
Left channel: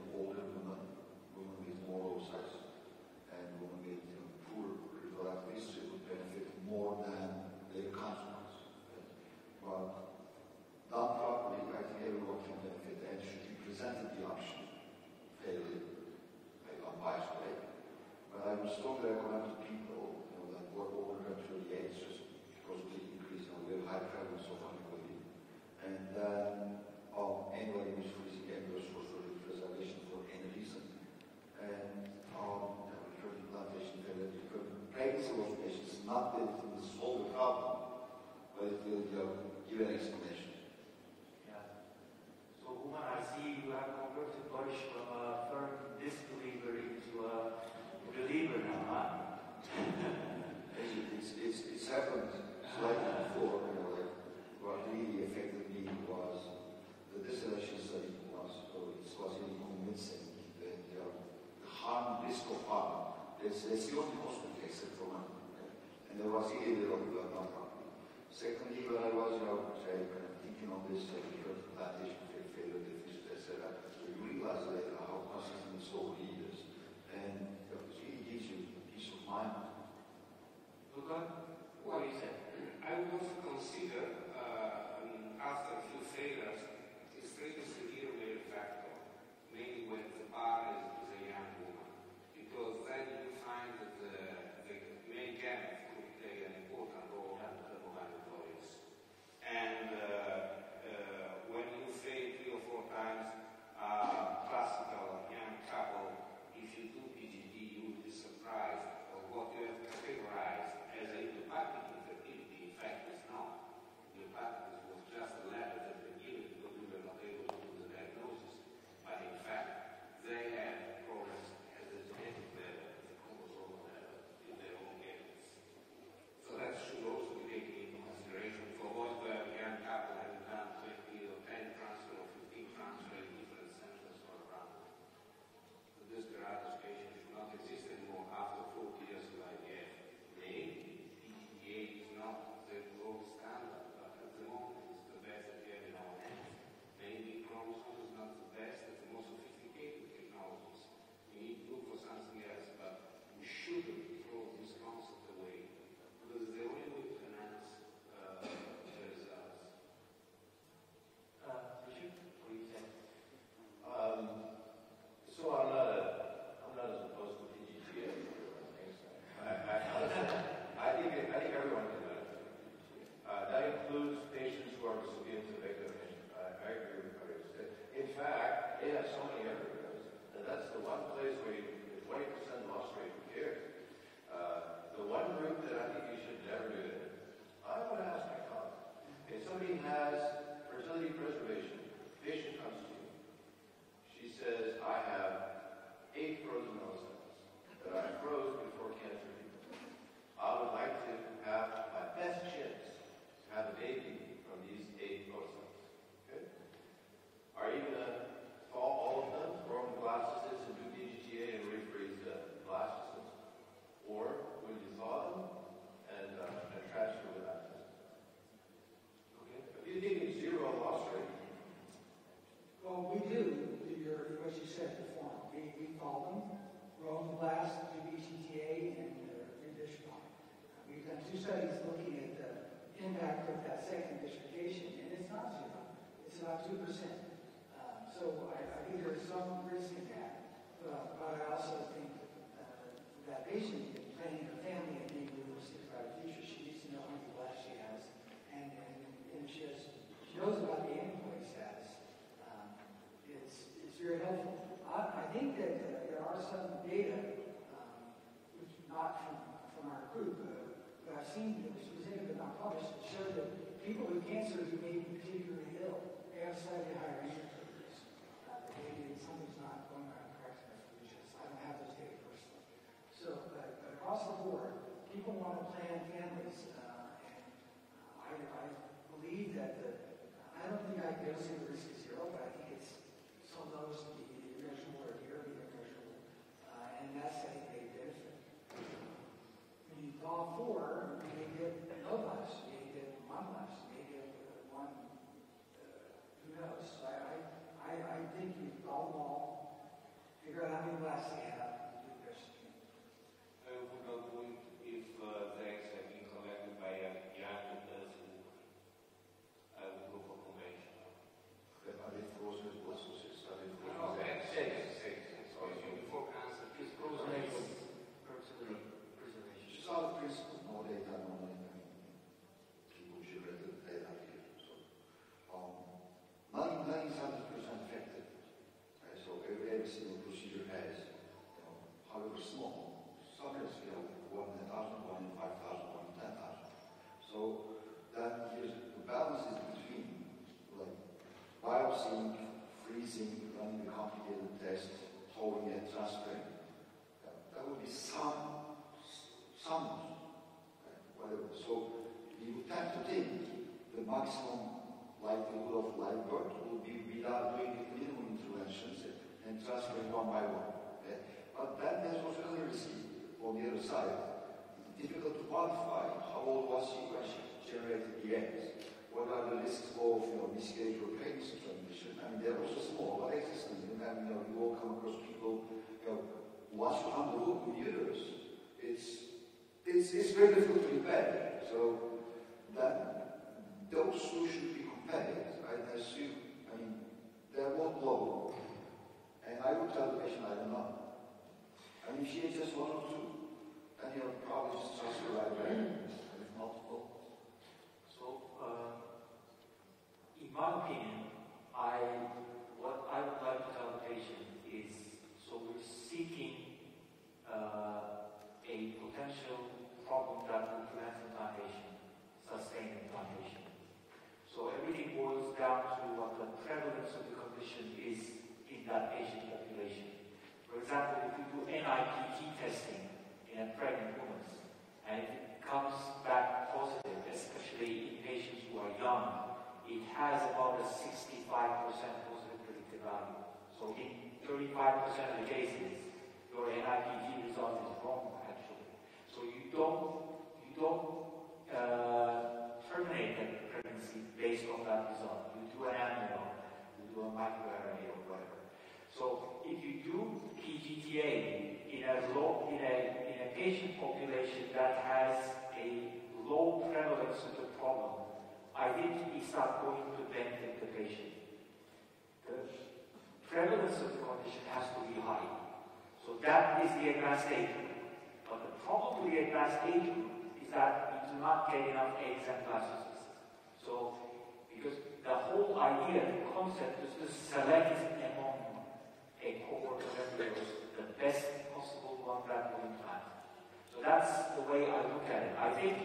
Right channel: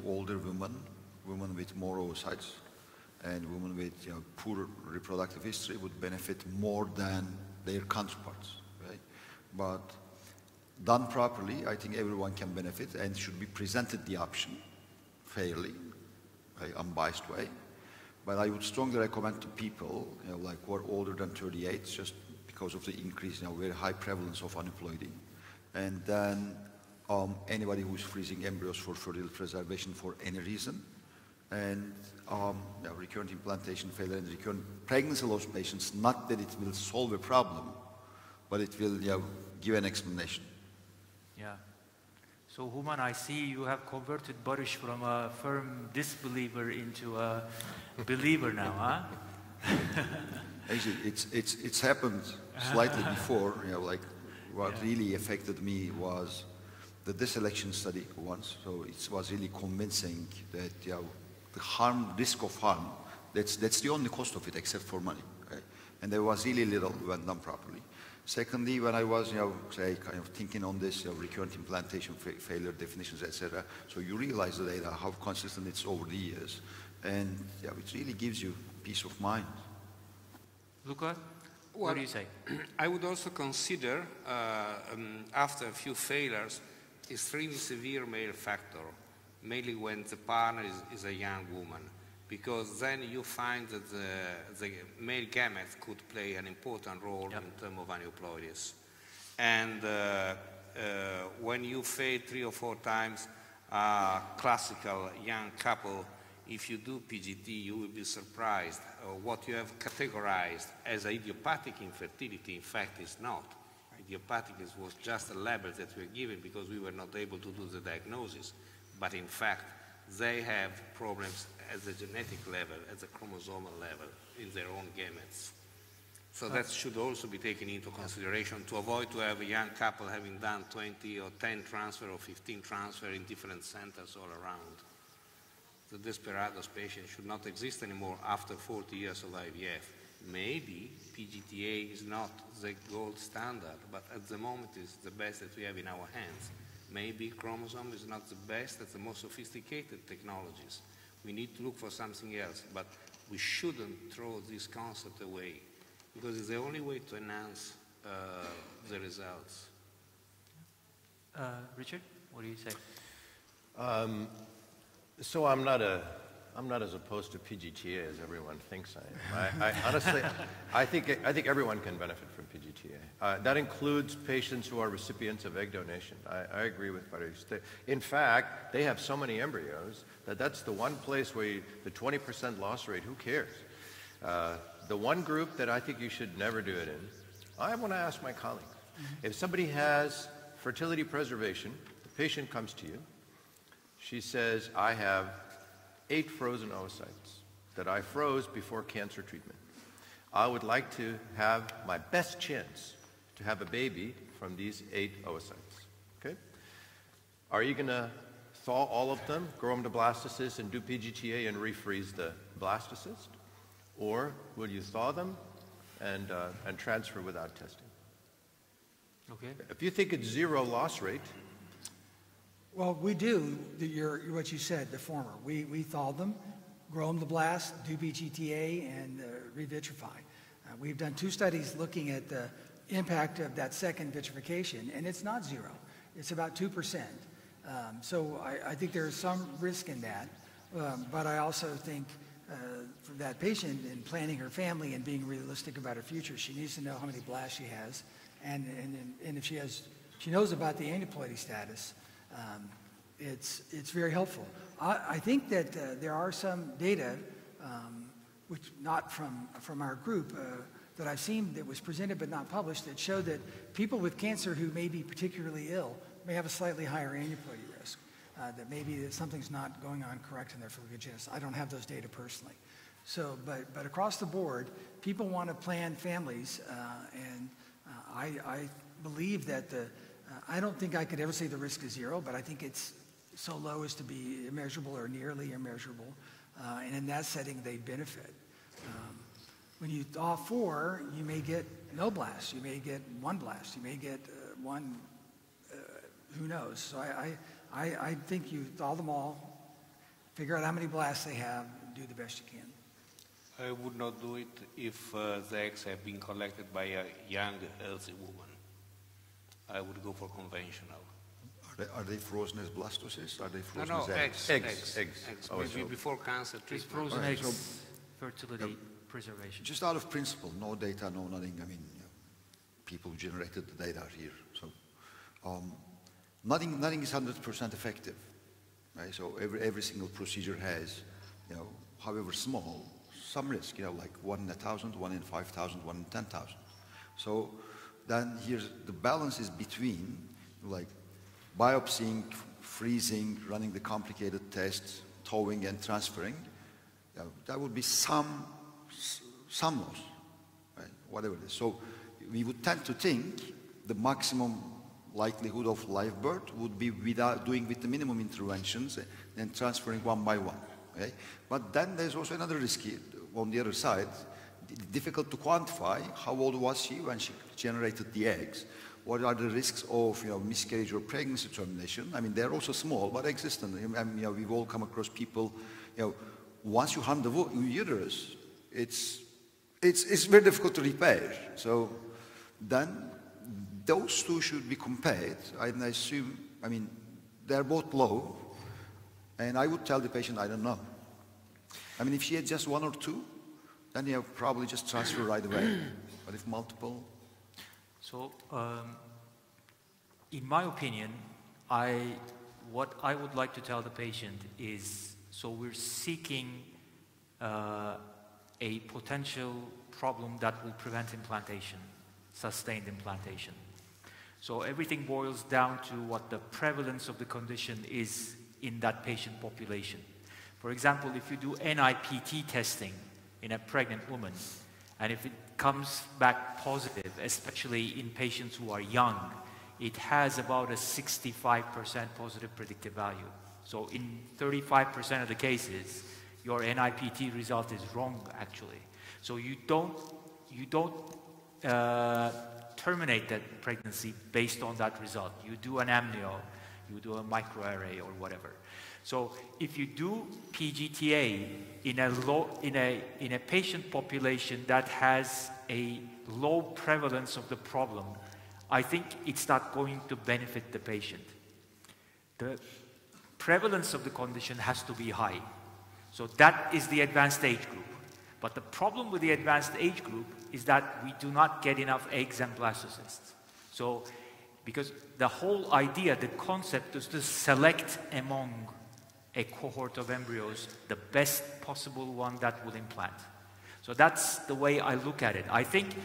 older women with more oocytes, and women with poor reproductive history would benefit more than their counterparts, right? But done properly, I think everyone can benefit and should be presented the option fairly, unbiased way. But I would strongly recommend to people, like who are older than 38, just because of the increase, very high prevalence of aneuploidy. And then anybody who's freezing embryos for fertile preservation for any reason. And recurrent implantation failure and recurrent pregnancy loss patients, not that it will solve a problem, but it will give an explanation. Yeah. So Urman, I see you have converted Barış from a firm disbeliever into a believer now, huh? Actually, it's happened slightly before. What really affected me was the deselection study once. So it was really convincing that the risk of harm, that's the only cost of it except for money. Okay? And there was really little when done properly. Secondly, when I was, thinking on this, recurrent implantation failure definitions, etc. So you realize the data, how consistent it's over the years, and it really gives you peace of mind. Luca? What do you say? I would also consider, after a few failures, extremely severe male factor, mainly when the partner is a young woman, because then you find that the male gametes could play an important role in terms of aneuploidies. And when you fail 3 or 4 times, classical young couple, if you do PGT, you will be surprised. What you have categorized as idiopathic infertility, in fact, is not. Idiopathic was just a label that we were given because we were not able to do the diagnosis. But in fact, they have problems at the genetic level, at the chromosomal level, in their own gametes. So that should also be taken into consideration to avoid to have a young couple having done 20 or 10 transfer or 15 transfer in different centers all around. The desperados patient should not exist anymore after 40 years of IVF. Maybe PGTA is not the gold standard, but at the moment it's the best that we have in our hands. Maybe chromosome is not the best, that's the most sophisticated technologies. We need to look for something else, but we shouldn't throw this concept away because it's the only way to enhance the results. Richard, what do you say? So I'm not as opposed to PGTA as everyone thinks I am. I honestly, I think everyone can benefit from PGTA. That includes patients who are recipients of egg donation. I agree with Barış. In fact, they have so many embryos that's the one place where the 20% loss rate, who cares? The one group that I think you should never do it in, I want to ask my colleagues. If somebody has fertility preservation, the patient comes to you, she says, I have 8 frozen oocytes that I froze before cancer treatment. I would like to have my best chance to have a baby from these 8 oocytes. Okay? Are you going to thaw all of them, grow them to blastocysts, and do PGTA and refreeze the blastocyst? Or will you thaw them and transfer without testing? Okay. If you think it's 0 loss rate, well, we do what you said, the former. We thaw them, grow them to blast, do PGTA, and revitrify. We've done 2 studies looking at the impact of that second vitrification, and it's not 0. It's about 2%. So I think there's some risk in that, but I also think for that patient in planning her family and being realistic about her future, she needs to know how many blasts she has, and if she knows about the aneuploidy status. It's very helpful. I think that there are some data, which not from our group, that I've seen that was presented but not published, that show that people with cancer who may be particularly ill may have a slightly higher aneuploidy risk, that maybe something's not going on correct in their pharmacogenesis. I don't have those data personally. So, but across the board, people want to plan families, and I believe that I don't think I could ever say the risk is 0, but I think it's so low as to be immeasurable or nearly immeasurable, and in that setting they benefit. When you thaw 4, you may get no blast, you may get 1 blast, you may get 1, who knows. So I think you thaw them all, figure out how many blasts they have, do the best you can. I would not do it if the eggs have been collected by a young, healthy woman. I would go for conventional. Are they frozen as blastocysts? Are they frozen No, as eggs. Oh, Maybe before cancer It's treatment. frozen Right, eggs, so- fertility preservation. Just out of principle, no data, no nothing. I mean, people generated the data here. So nothing is 100% effective. Right? So every single procedure has, however small, some risk. Like 1 in 1,000, 1 in 5,000, 1 in 10,000. So then here's the balance is between like biopsying, freezing, running the complicated tests, thawing and transferring. That would be some loss, right? Whatever it is. So we would tend to think the maximum likelihood of live birth would be without doing with the minimum interventions and transferring one by one. Okay? But then there's also another risk here, on the other side. Difficult to quantify how old was she when she generated the eggs. What are the risks of miscarriage or pregnancy termination? I mean, they're also small but existent. We've all come across people. Once you harm the uterus, it's It's very difficult to repair. So then those two should be compared. I assume, I mean, they're both low, and I would tell the patient, I don't know. I mean, if she had just one or two, then you have probably just transfer right away. But if multiple... So, in my opinion, what I would like to tell the patient is, so we're seeking a potential problem that will prevent implantation, sustained implantation. So everything boils down to what the prevalence of the condition is in that patient population. For example, if you do NIPT testing in a pregnant woman, and if it comes back positive, especially in patients who are young, it has about a 65% positive predictive value. So in 35% of the cases, your NIPT result is wrong, actually. So you don't terminate that pregnancy based on that result. You do an amnio, you do a microarray or whatever. So if you do PGTA in a patient population that has a low prevalence of the problem, I think it's not going to benefit the patient. The prevalence of the condition has to be high. So that is the advanced age group. But the problem with the advanced age group is that we do not get enough eggs and blastocysts. So, because the whole idea, the concept is to select among a cohort of embryos the best possible one that will implant. So that's the way I look at it. I think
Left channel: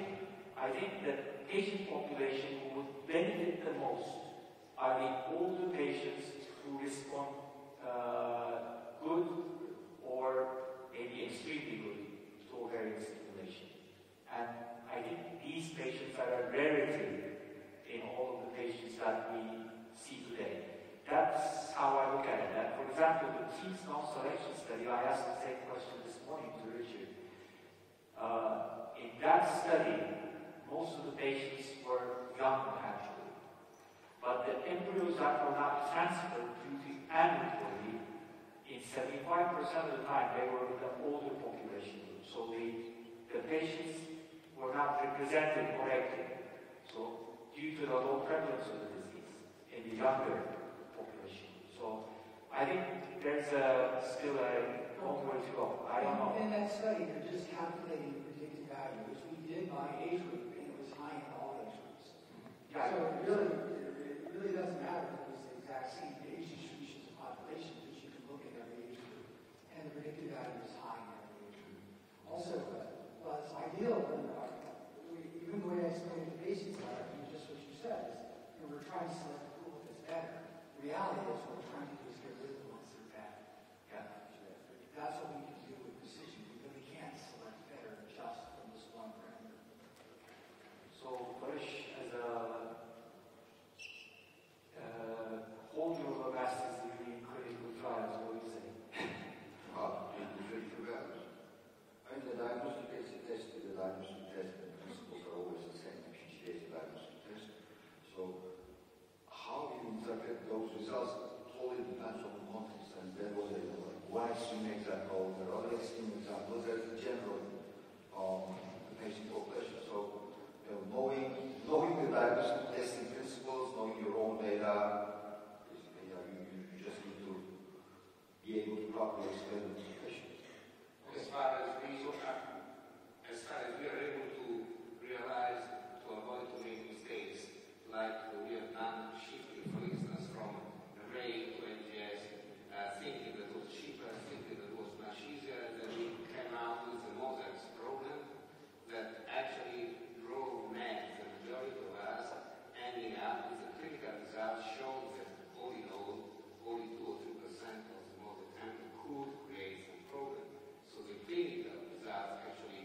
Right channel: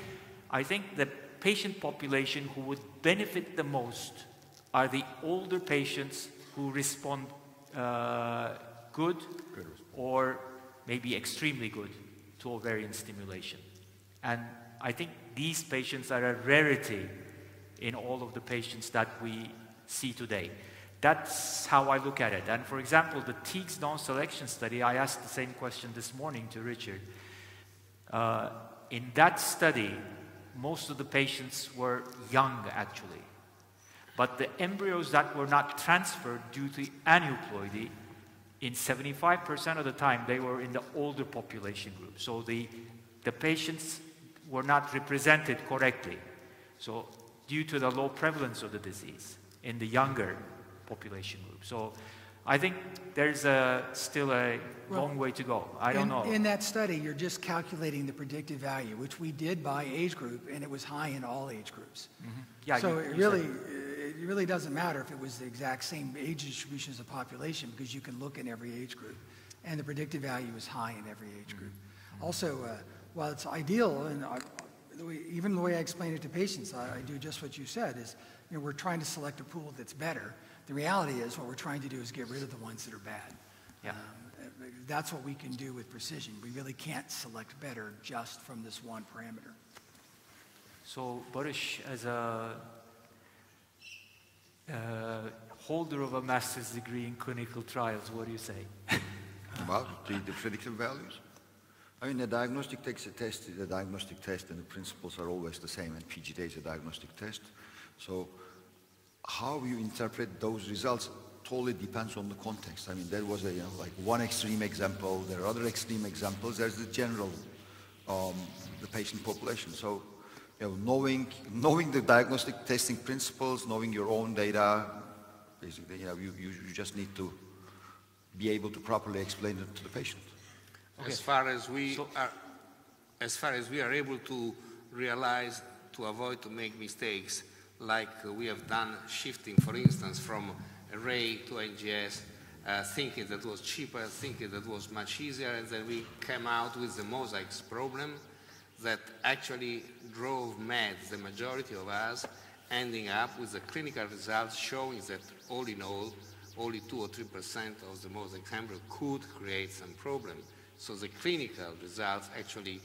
the patient population who would benefit the most are the older patients who respond good or maybe extremely good to ovarian stimulation. And I think these patients are a rarity in all of the patients that we see today. That's how I look at it. And for example, the TEAGS non-selection study, I asked the same question this morning to Richard. In that study, most of the patients were young, actually. But the embryos that were not transferred due to aneuploidy, in 75% of the time, they were in the older population group. So the patients were not represented correctly. So due to the low prevalence of the disease in the younger population group. So I think there's still a long way to go. I don't know. In that study, you're just calculating the predictive value, which we did by age group, and it was high in all age groups. Mm-hmm. Yeah, so it really doesn't matter if it was the exact same age distribution as a population, because you can look in every age group, and the predictive value is high in every age group. Also, while it's ideal, and even the way I explain it to patients, I do just what you said, is we're trying to select a pool that's better. The reality is what we're trying to do is get rid of the ones that are bad. Yeah. That's what we can do with precision. We really can't select better just from this one parameter. So, Barış, as a holder of a master's degree in clinical trials, what do you say? About the predictive values? I mean, the diagnostic test and the principles are always the same, and PGTA is a diagnostic test. So how you interpret those results totally depends on the context. I mean, there was like one extreme example, there are other extreme examples, there's the general, the patient population. So, knowing the diagnostic testing principles, knowing your own data, basically, you just need to be able to properly explain it to the patient. Okay. As far as we are able to realize, to avoid to make mistakes, like we have done shifting, for instance, from array to NGS, thinking that was cheaper, thinking that was much easier, and then we came out with the mosaics problem that actually drove mad the majority of us, ending up with the clinical results showing that all in all, only 2 or 3% of the mosaic embryo could create some problem. So the clinical results actually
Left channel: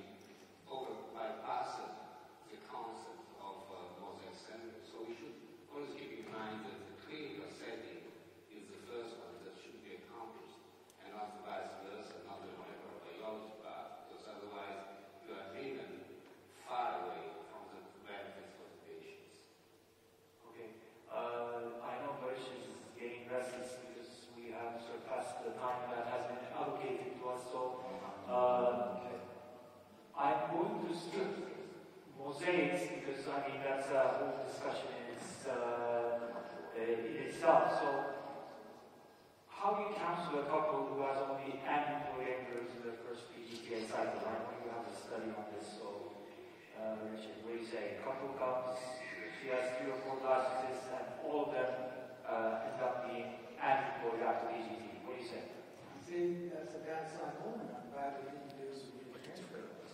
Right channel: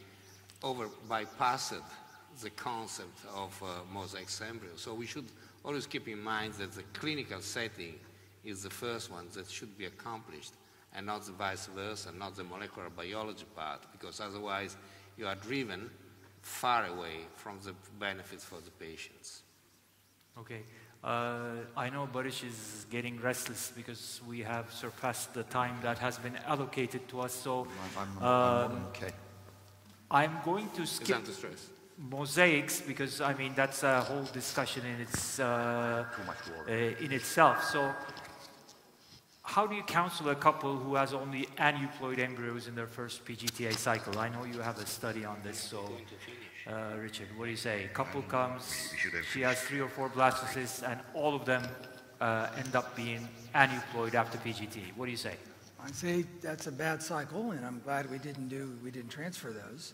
bypassed the concept of mosaic embryo. So we should always keep in mind that the clinical setting is the first one that should be accomplished, and not the vice versa, not the molecular biology part, because otherwise you are driven far away from the benefits for the patients. Okay. I know Barış is getting restless because we have surpassed the time that has been allocated to us. So, okay. I'm going to skip mosaics because I mean that's a whole discussion in itself. So, how do you counsel a couple who has only aneuploid embryos in their first PGTA cycle? I know you have a study on this, so Richard, what do you say? Couple comes, she has 3 or 4 blastocysts, and all of them end up being aneuploid after PGT. What do you say? I'd say that's a bad cycle, and I'm glad we didn't transfer those.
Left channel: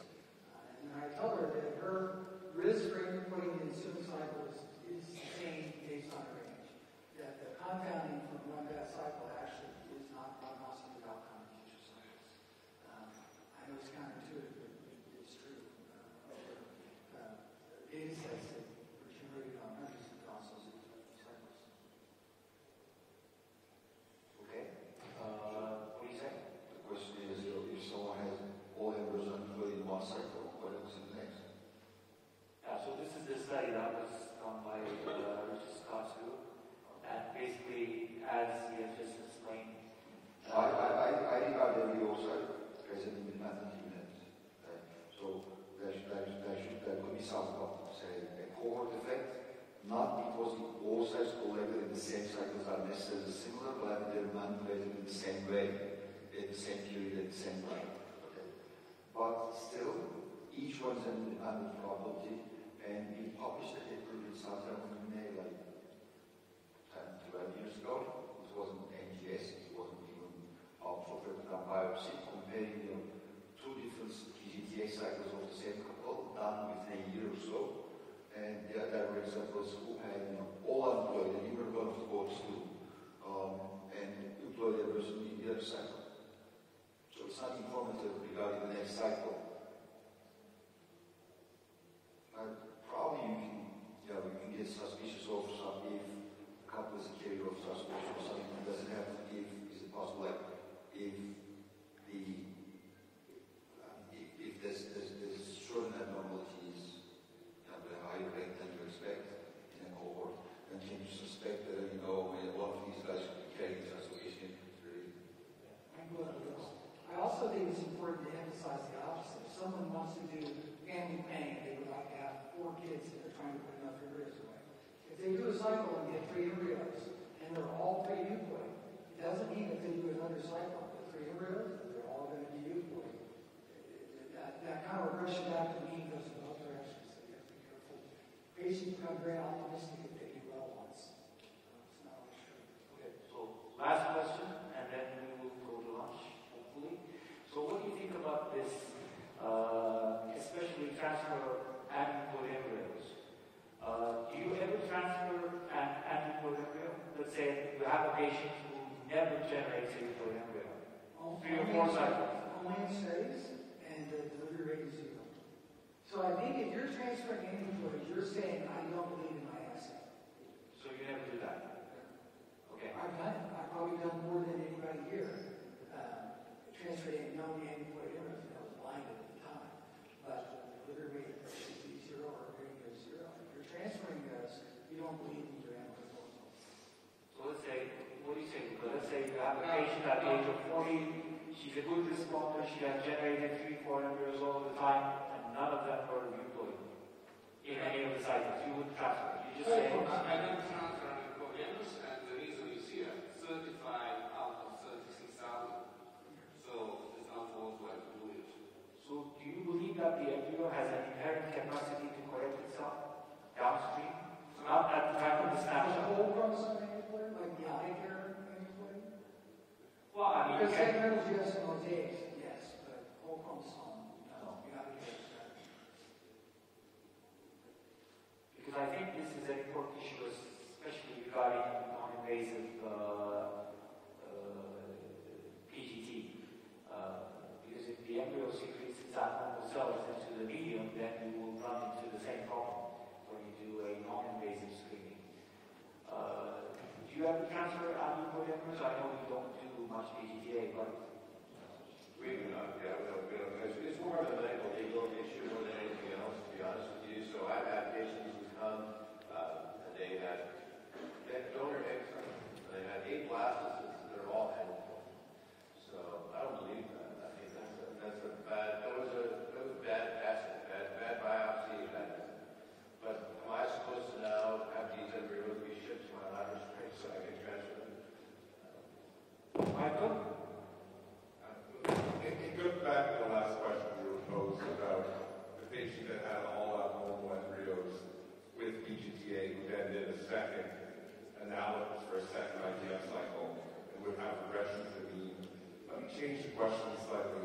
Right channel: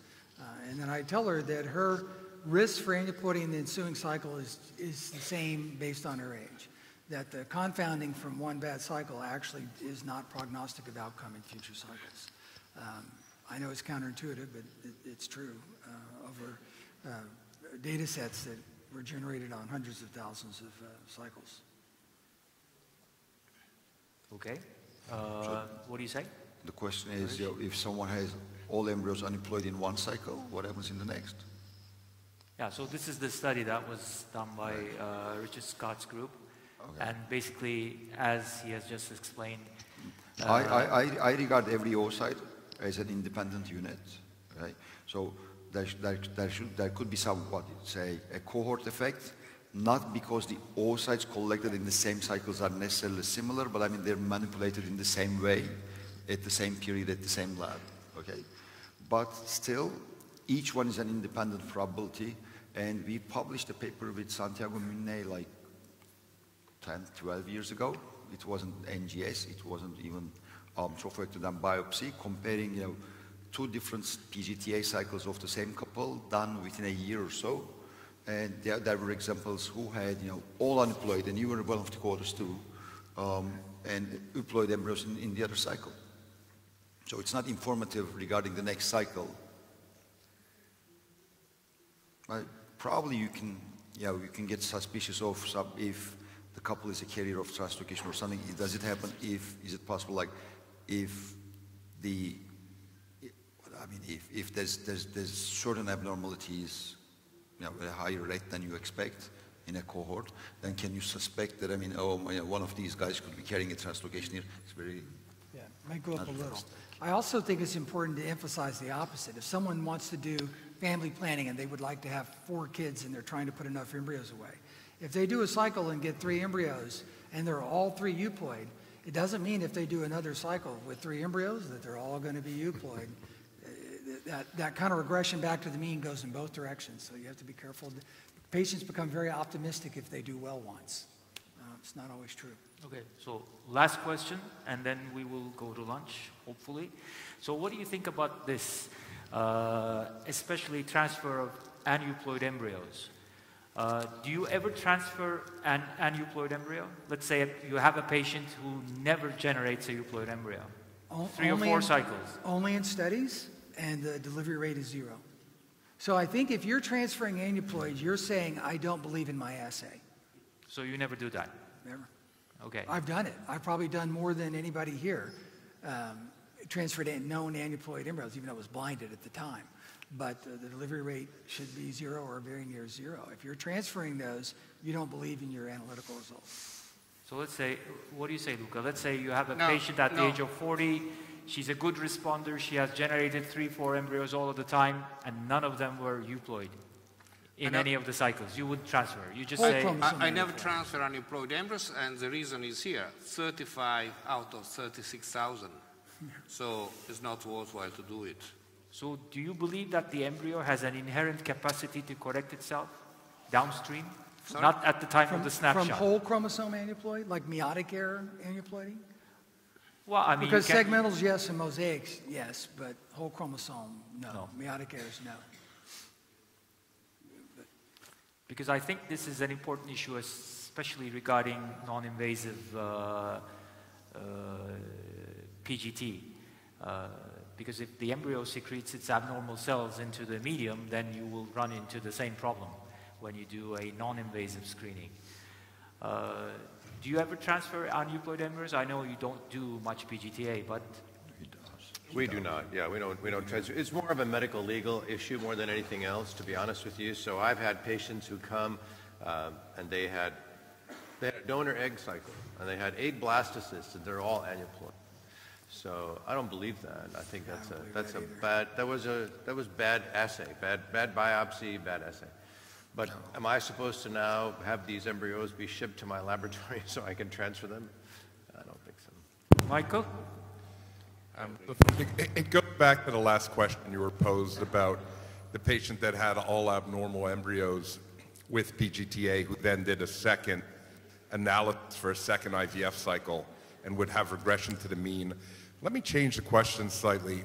And then I tell her that her risk for aneuploidy in the ensuing cycle is the same based on her age. That the confounding from one bad cycle actually is not prognostic of outcome in future cycles. I know it's counterintuitive, but it's true over data sets that were generated on hundreds of thousands of cycles. Okay. What do you say? The question is, if someone has all embryos unemployed in one cycle, what happens in the next? Yeah, so this is the study that was done by Richard Scott's group. Okay. And basically, as he has just explained... I regard every oocyte as an independent unit. Right? So there could be some, say, a cohort effect, not because the oocytes collected in the same cycles are necessarily similar, but I mean they're manipulated in the same way, at the same period, at the same lab. Okay? But still, each one is an independent probability, and we published a paper with Santiago Minne like 10, 12 years ago. It wasn't NGS, it wasn't even trophobectomy biopsy, comparing 2 different PGTA cycles of the same couple done within a year or so. And there were examples who had all unemployed, and you were one of the cohorts too, and employed embryos in the other cycle. So it's not informative regarding the next cycle. Probably you can get suspicious of if the couple is a carrier of translocation or something. Does it happen? Is it possible? Like if there's certain abnormalities, at a higher rate than you expect in a cohort, then can you suspect that one of these guys could be carrying a translocation here? It's very might go up a little. I also think it's important to emphasize the opposite. If someone wants to do family planning and they would like to have 4 kids and they're trying to put enough embryos away, if they do a cycle and get 3 embryos and they're all 3 euploid, it doesn't mean if they do another cycle with 3 embryos that they're all going to be euploid. That kind of regression back to the mean goes in both directions, so you have to be careful. Patients become very optimistic if they do well once. It's not always true. Okay, so last question, and then we will go to lunch, hopefully. So what do you think about this, especially transfer of aneuploid embryos? Do you ever transfer an aneuploid embryo? Let's say you have a patient who never generates a euploid embryo. 3 or 4 cycles. Only in studies, and the delivery rate is 0. So I think if you're transferring aneuploids, you're saying, I don't believe in my assay. So you never do that? Never. Okay. I've done it. I've probably done more than anybody here. Transferred known aneuploid embryos, even though it was blinded at the time. But the delivery rate should be 0 or very near 0. If you're transferring those, you don't believe in your analytical results. So let's say, what do you say, Luca? Let's say you have a patient at the age of 40, she's a good responder, she has generated 3, 4 embryos all of the time, and none of them were euploid in any of the cycles. You wouldn't transfer. You just say... I never transfer aneuploid embryos, and the reason is here. 35 out of 36,000. So it's not worthwhile to do it. So do you believe that the embryo has an inherent capacity to correct itself downstream? Sorry? Not at the time of the snapshot. From whole chromosome aneuploid, like meiotic error aneuploiding? Well, I mean... Because segmentals, yes, and mosaics, yes, but whole chromosome, no. Meiotic errors, no. Because I think this is an important issue, especially regarding non-invasive PGT. Because if the embryo secretes its abnormal cells into the medium, then you will run into the same problem when you do a non-invasive screening. Do you ever transfer aneuploid embryos? I know you don't do much PGTA, but... We do not, we don't transfer. It's more of a medical legal issue more than anything else, to be honest with you. So I've had patients who come and they had a donor egg cycle, and they had 8 blastocysts, and they're all aneuploid. So I don't believe that. I think that was bad assay, bad biopsy, bad assay. But am I supposed to now have these embryos be shipped to my laboratory so I can transfer them? I don't think so. Michael? It goes back to the last question you were posed about the patient that had all abnormal embryos with PGTA who then did a second analysis for a second IVF cycle and would have regression to the mean. Let me change the question slightly.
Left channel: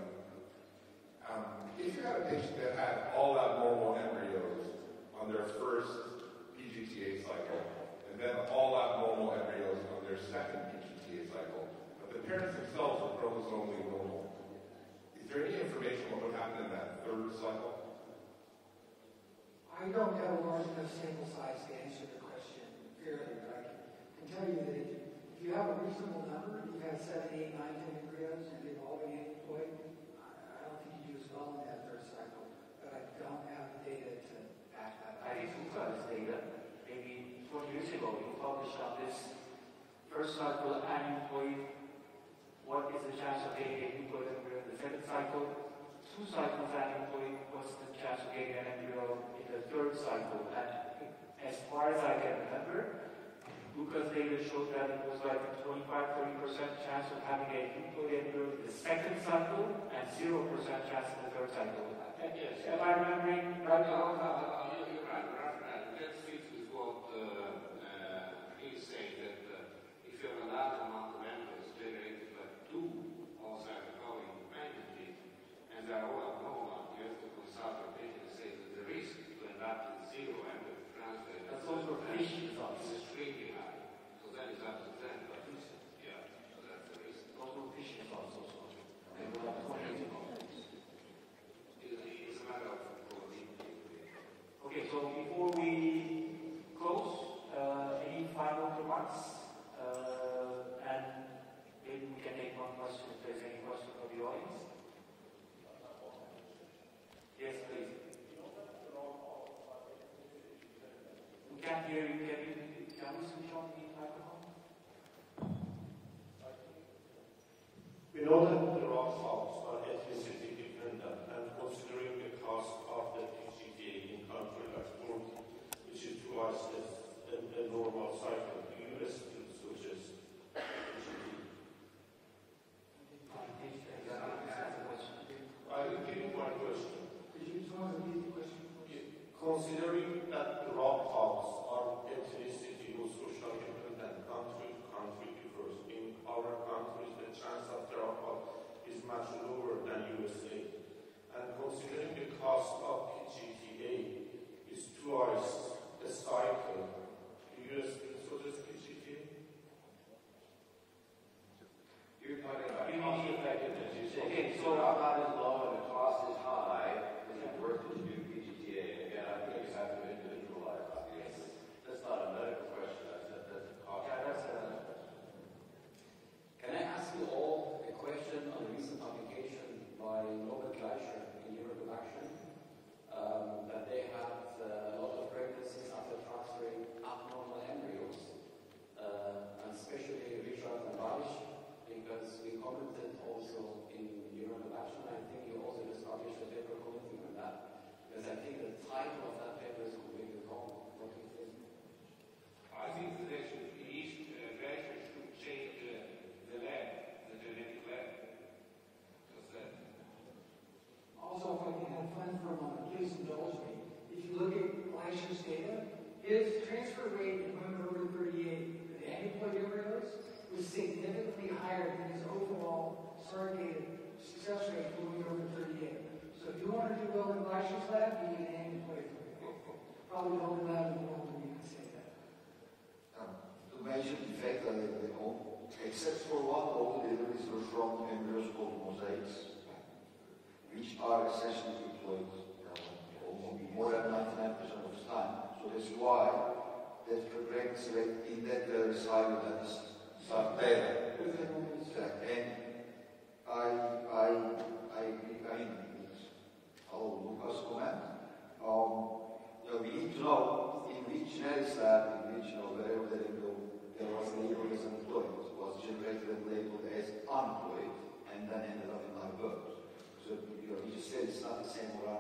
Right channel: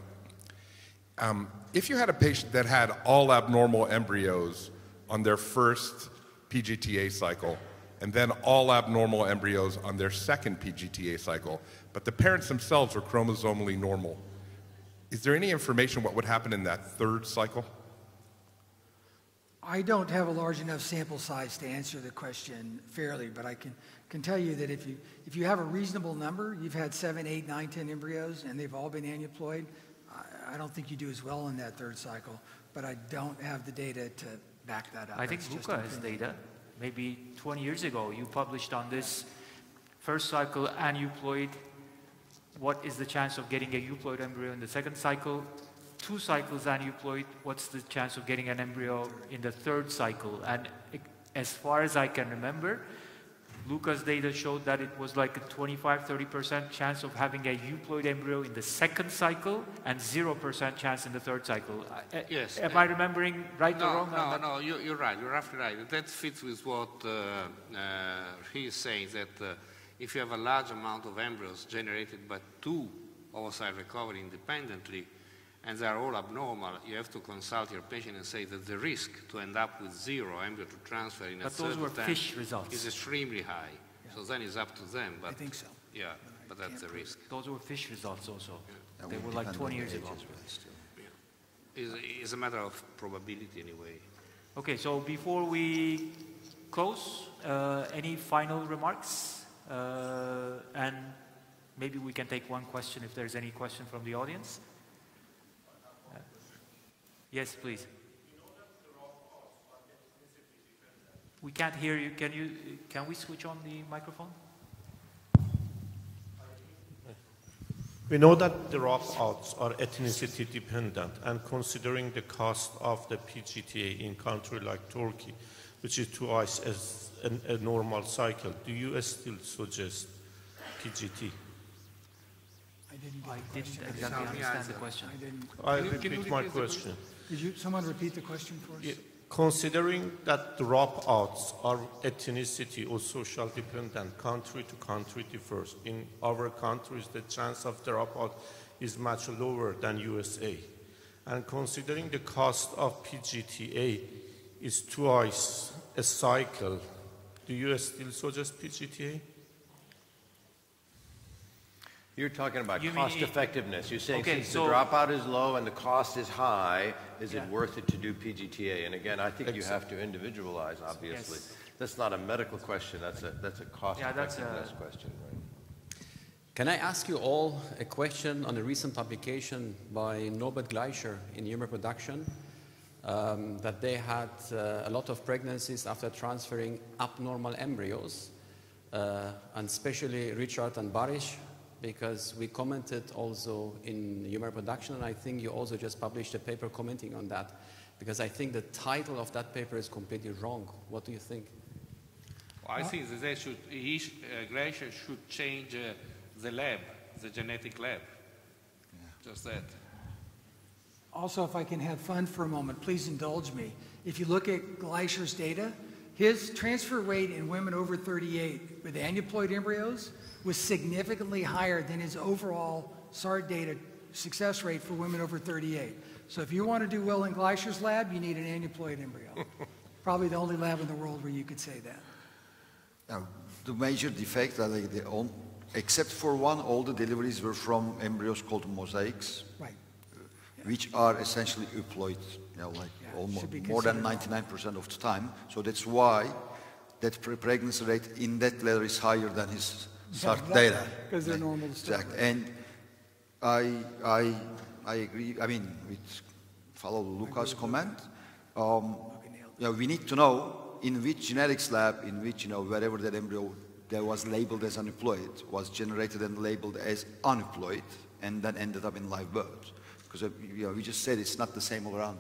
If you had a patient that had all abnormal embryos on their first PGTA cycle and then all abnormal embryos on their second PGTA cycle, but the parents themselves are chromosomally normal, is there any information what would happen in that third cycle? I don't have a large enough sample size to answer the question fairly, but I can tell you that if you have a reasonable number, you've had 7, 8, 9, 10 embryos, and they've all been aneuploid, I don't think you do as well in that third cycle, but I don't have the data to back that up. I think Luca has data. Maybe 20 years ago, you published on this first cycle aneuploid. What is the chance of getting a euploid embryo in the second cycle? 2 cycles aneuploid, what's the chance of getting an embryo in the third cycle? And as far as I can remember, Luca's data showed that it was like a 25-30% chance of having a euploid embryo in the second cycle and 0% chance in the third cycle. Yes. Am I remembering right or wrong? No, you're right. You're absolutely right. That fits with what he is saying, that if you have a large amount of embryos generated by 2 oocyte recovery independently, and they are all abnormal, you have to consult your patient and say that the risk to end up with 0 embryo to transfer in a third fish results is extremely high. So then it's up to them. But I think so. Yeah, but that's the risk. Those were fish results also. They were like 20 years ago. It's a matter of probability anyway. Okay, so before we close, any final remarks? And maybe we can take one question if there's any question from the audience. Yes, please. We can't hear you. Can we switch on the microphone? We know that the dropouts are ethnicity dependent, and considering the cost of the PGTA in country like Turkey, which is twice as a normal cycle, do you still suggest PGT? I didn't exactly understand the question. I repeat my question. Could someone repeat the question for us? Yeah. Considering that dropouts are ethnicity or social dependent, country to country differs. In our countries, the chance of dropout is much lower than USA. And considering the cost of PGTA is twice a cycle, do you still suggest PGTA? You're talking about cost effectiveness. You're saying since the dropout is low and the cost is high, is it worth it to do PGTA? And again, I think you have to individualize, obviously. Yes. That's not a medical question, that's a cost effectiveness question. Can I ask you all a question on a recent publication by Norbert Gleicher in Human Reproduction, that they had a lot of pregnancies after transferring abnormal embryos, and especially Richard and Barış, because we commented also in Human Reproduction, and I think you also just published a paper commenting on that, because I think the title of that paper is completely wrong. What do you think? Well, I think that Gleicher should change the lab, the genetic lab. Just that. Also, if I can have fun for a moment, please indulge me. If you look at Gleicher's data, his transfer weight in women over 38 with aneuploid embryos was significantly higher than his overall SART data success rate for women over 38. So if you want to do well in Gleicher's lab, you need an aneuploid embryo. Probably the only lab in the world where you could say that. Now, the major defect, except for one, all the deliveries were from embryos called mosaics, right, which are essentially euploid, almost more than 99% of the time. So that's why that pregnancy rate in that letter is higher than his SART data. Because they're normal. Exactly. And I agree. I mean, follow Luca's comment. We need to know in which genetics lab, in which wherever that embryo that was labeled as aneuploid was generated and labeled as aneuploid, and then ended up in live birth. Because we just said it's not the same all around.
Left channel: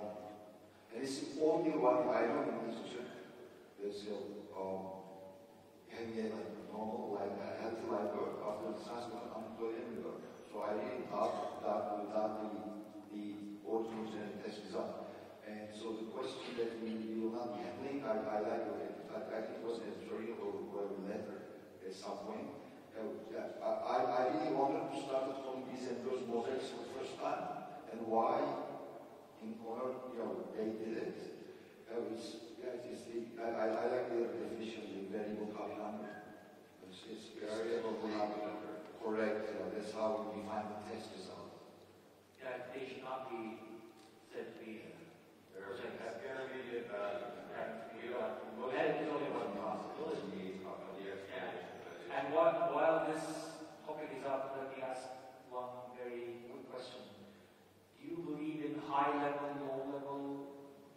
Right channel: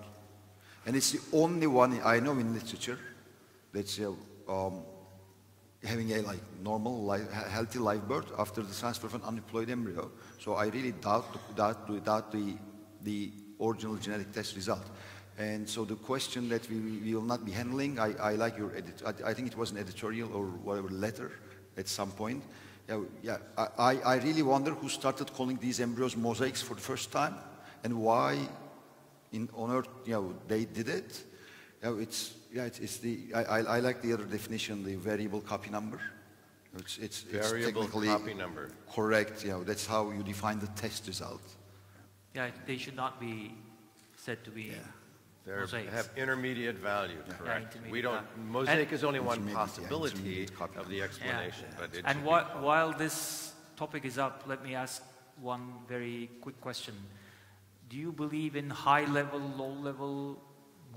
And it's the only one I know in literature that's having a normal, healthy live birth after the transfer of an unemployed embryo. So I really doubt the original genetic test result. And so the question that we will not be handling, I like your edit. I think it was an editorial or whatever letter at some point. I really wonder who started calling these embryos mosaics for the first time and why on earth they did it. I like the other definition, the variable copy number. It's variable technically copy number. Correct. That's how you define the test result. Yeah, they should not be said to be mosaics. Have intermediate value, correct. Yeah, we don't, mosaic is only one possibility of the explanation. Yeah. But and while this topic is up, let me ask one very quick question. Do you believe in high-level, low-level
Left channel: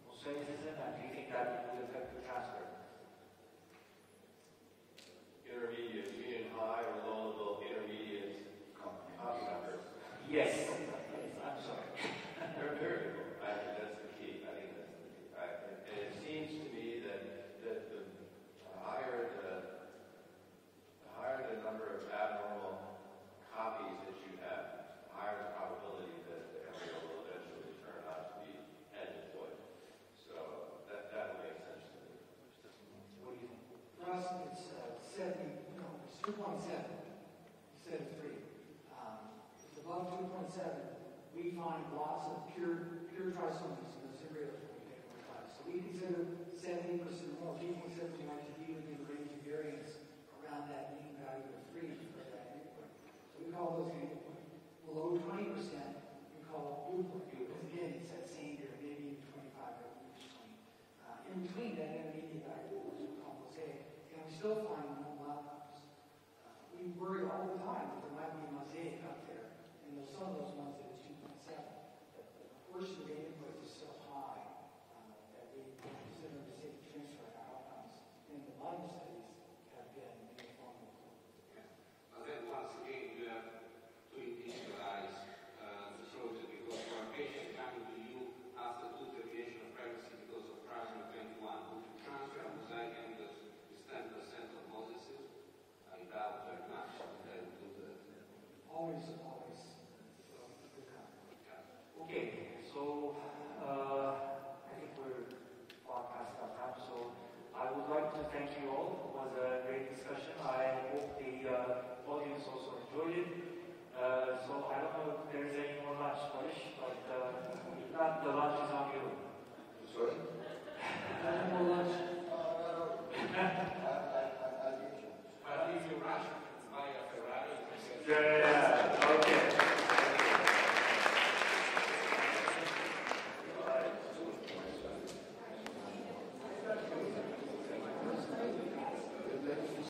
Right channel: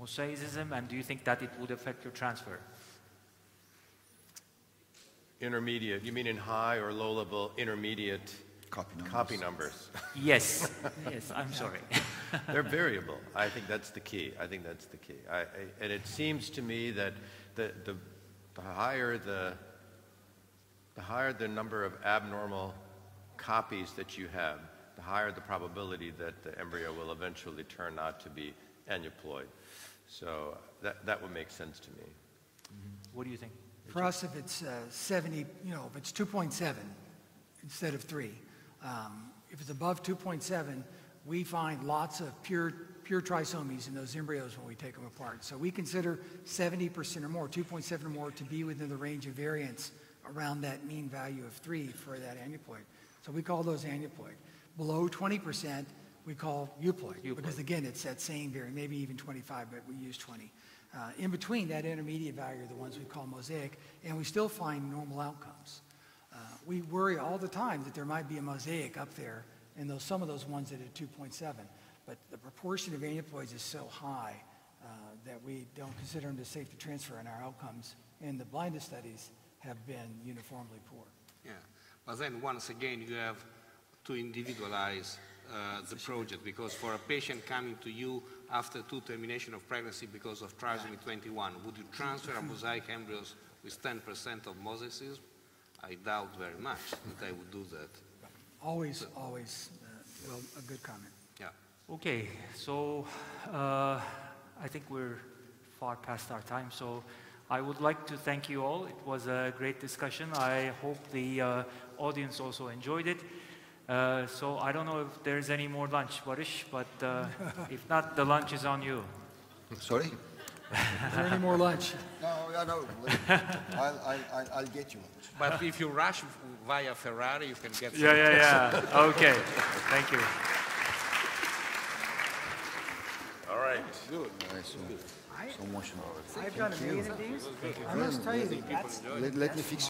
mosaicism, and do you think that it would affect your transfer? Intermediate, you mean in high or low level intermediate copy numbers? Yes, yes, I'm sorry. They're variable. I think that's the key. And it seems to me that the higher the number of abnormal copies that you have, the higher the probability that the embryo will eventually turn out to be aneuploid. So that would make sense to me. What do you think? For us, if it's 70, if it's 2.7 instead of 3, if it's above 2.7, we find lots of pure trisomies in those embryos when we take them apart. So we consider 70% or more, 2.7 or more, to be within the range of variance around that mean value of 3 for that aneuploid. So we call those aneuploid. Below 20%, we call euploid, because again, it's that same variance, maybe even 25, but we use 20. In between that intermediate value are the ones we call mosaic, and we still find normal outcomes. We worry all the time that there might be a mosaic up there in some of those ones that are 2.7, but the proportion of aneuploids is so high that we don't consider them as safe to transfer, and our outcomes in the blinded studies have been uniformly poor. Yeah, but then once again you have to individualize the project, because for a patient coming to you after 2 termination of pregnancy because of trisomy 21, would you transfer a mosaic embryos with 10% of mosaicism? I doubt very much that I would do that. Always, well, a good comment. Yeah. Okay, so I think we're far past our time, so I would like to thank you all. It was a great discussion. I hope the audience also enjoyed it. So I don't know if there's any more lunch, Barış, but if not, the lunch is on you. Sorry? Is there any more lunch? No. I'll get you lunch. But if you rush via Ferrari, you can get some. Yeah. Okay. Thank you. All right. Good. So much more. I've done amazing things. I must tell you, Let me fix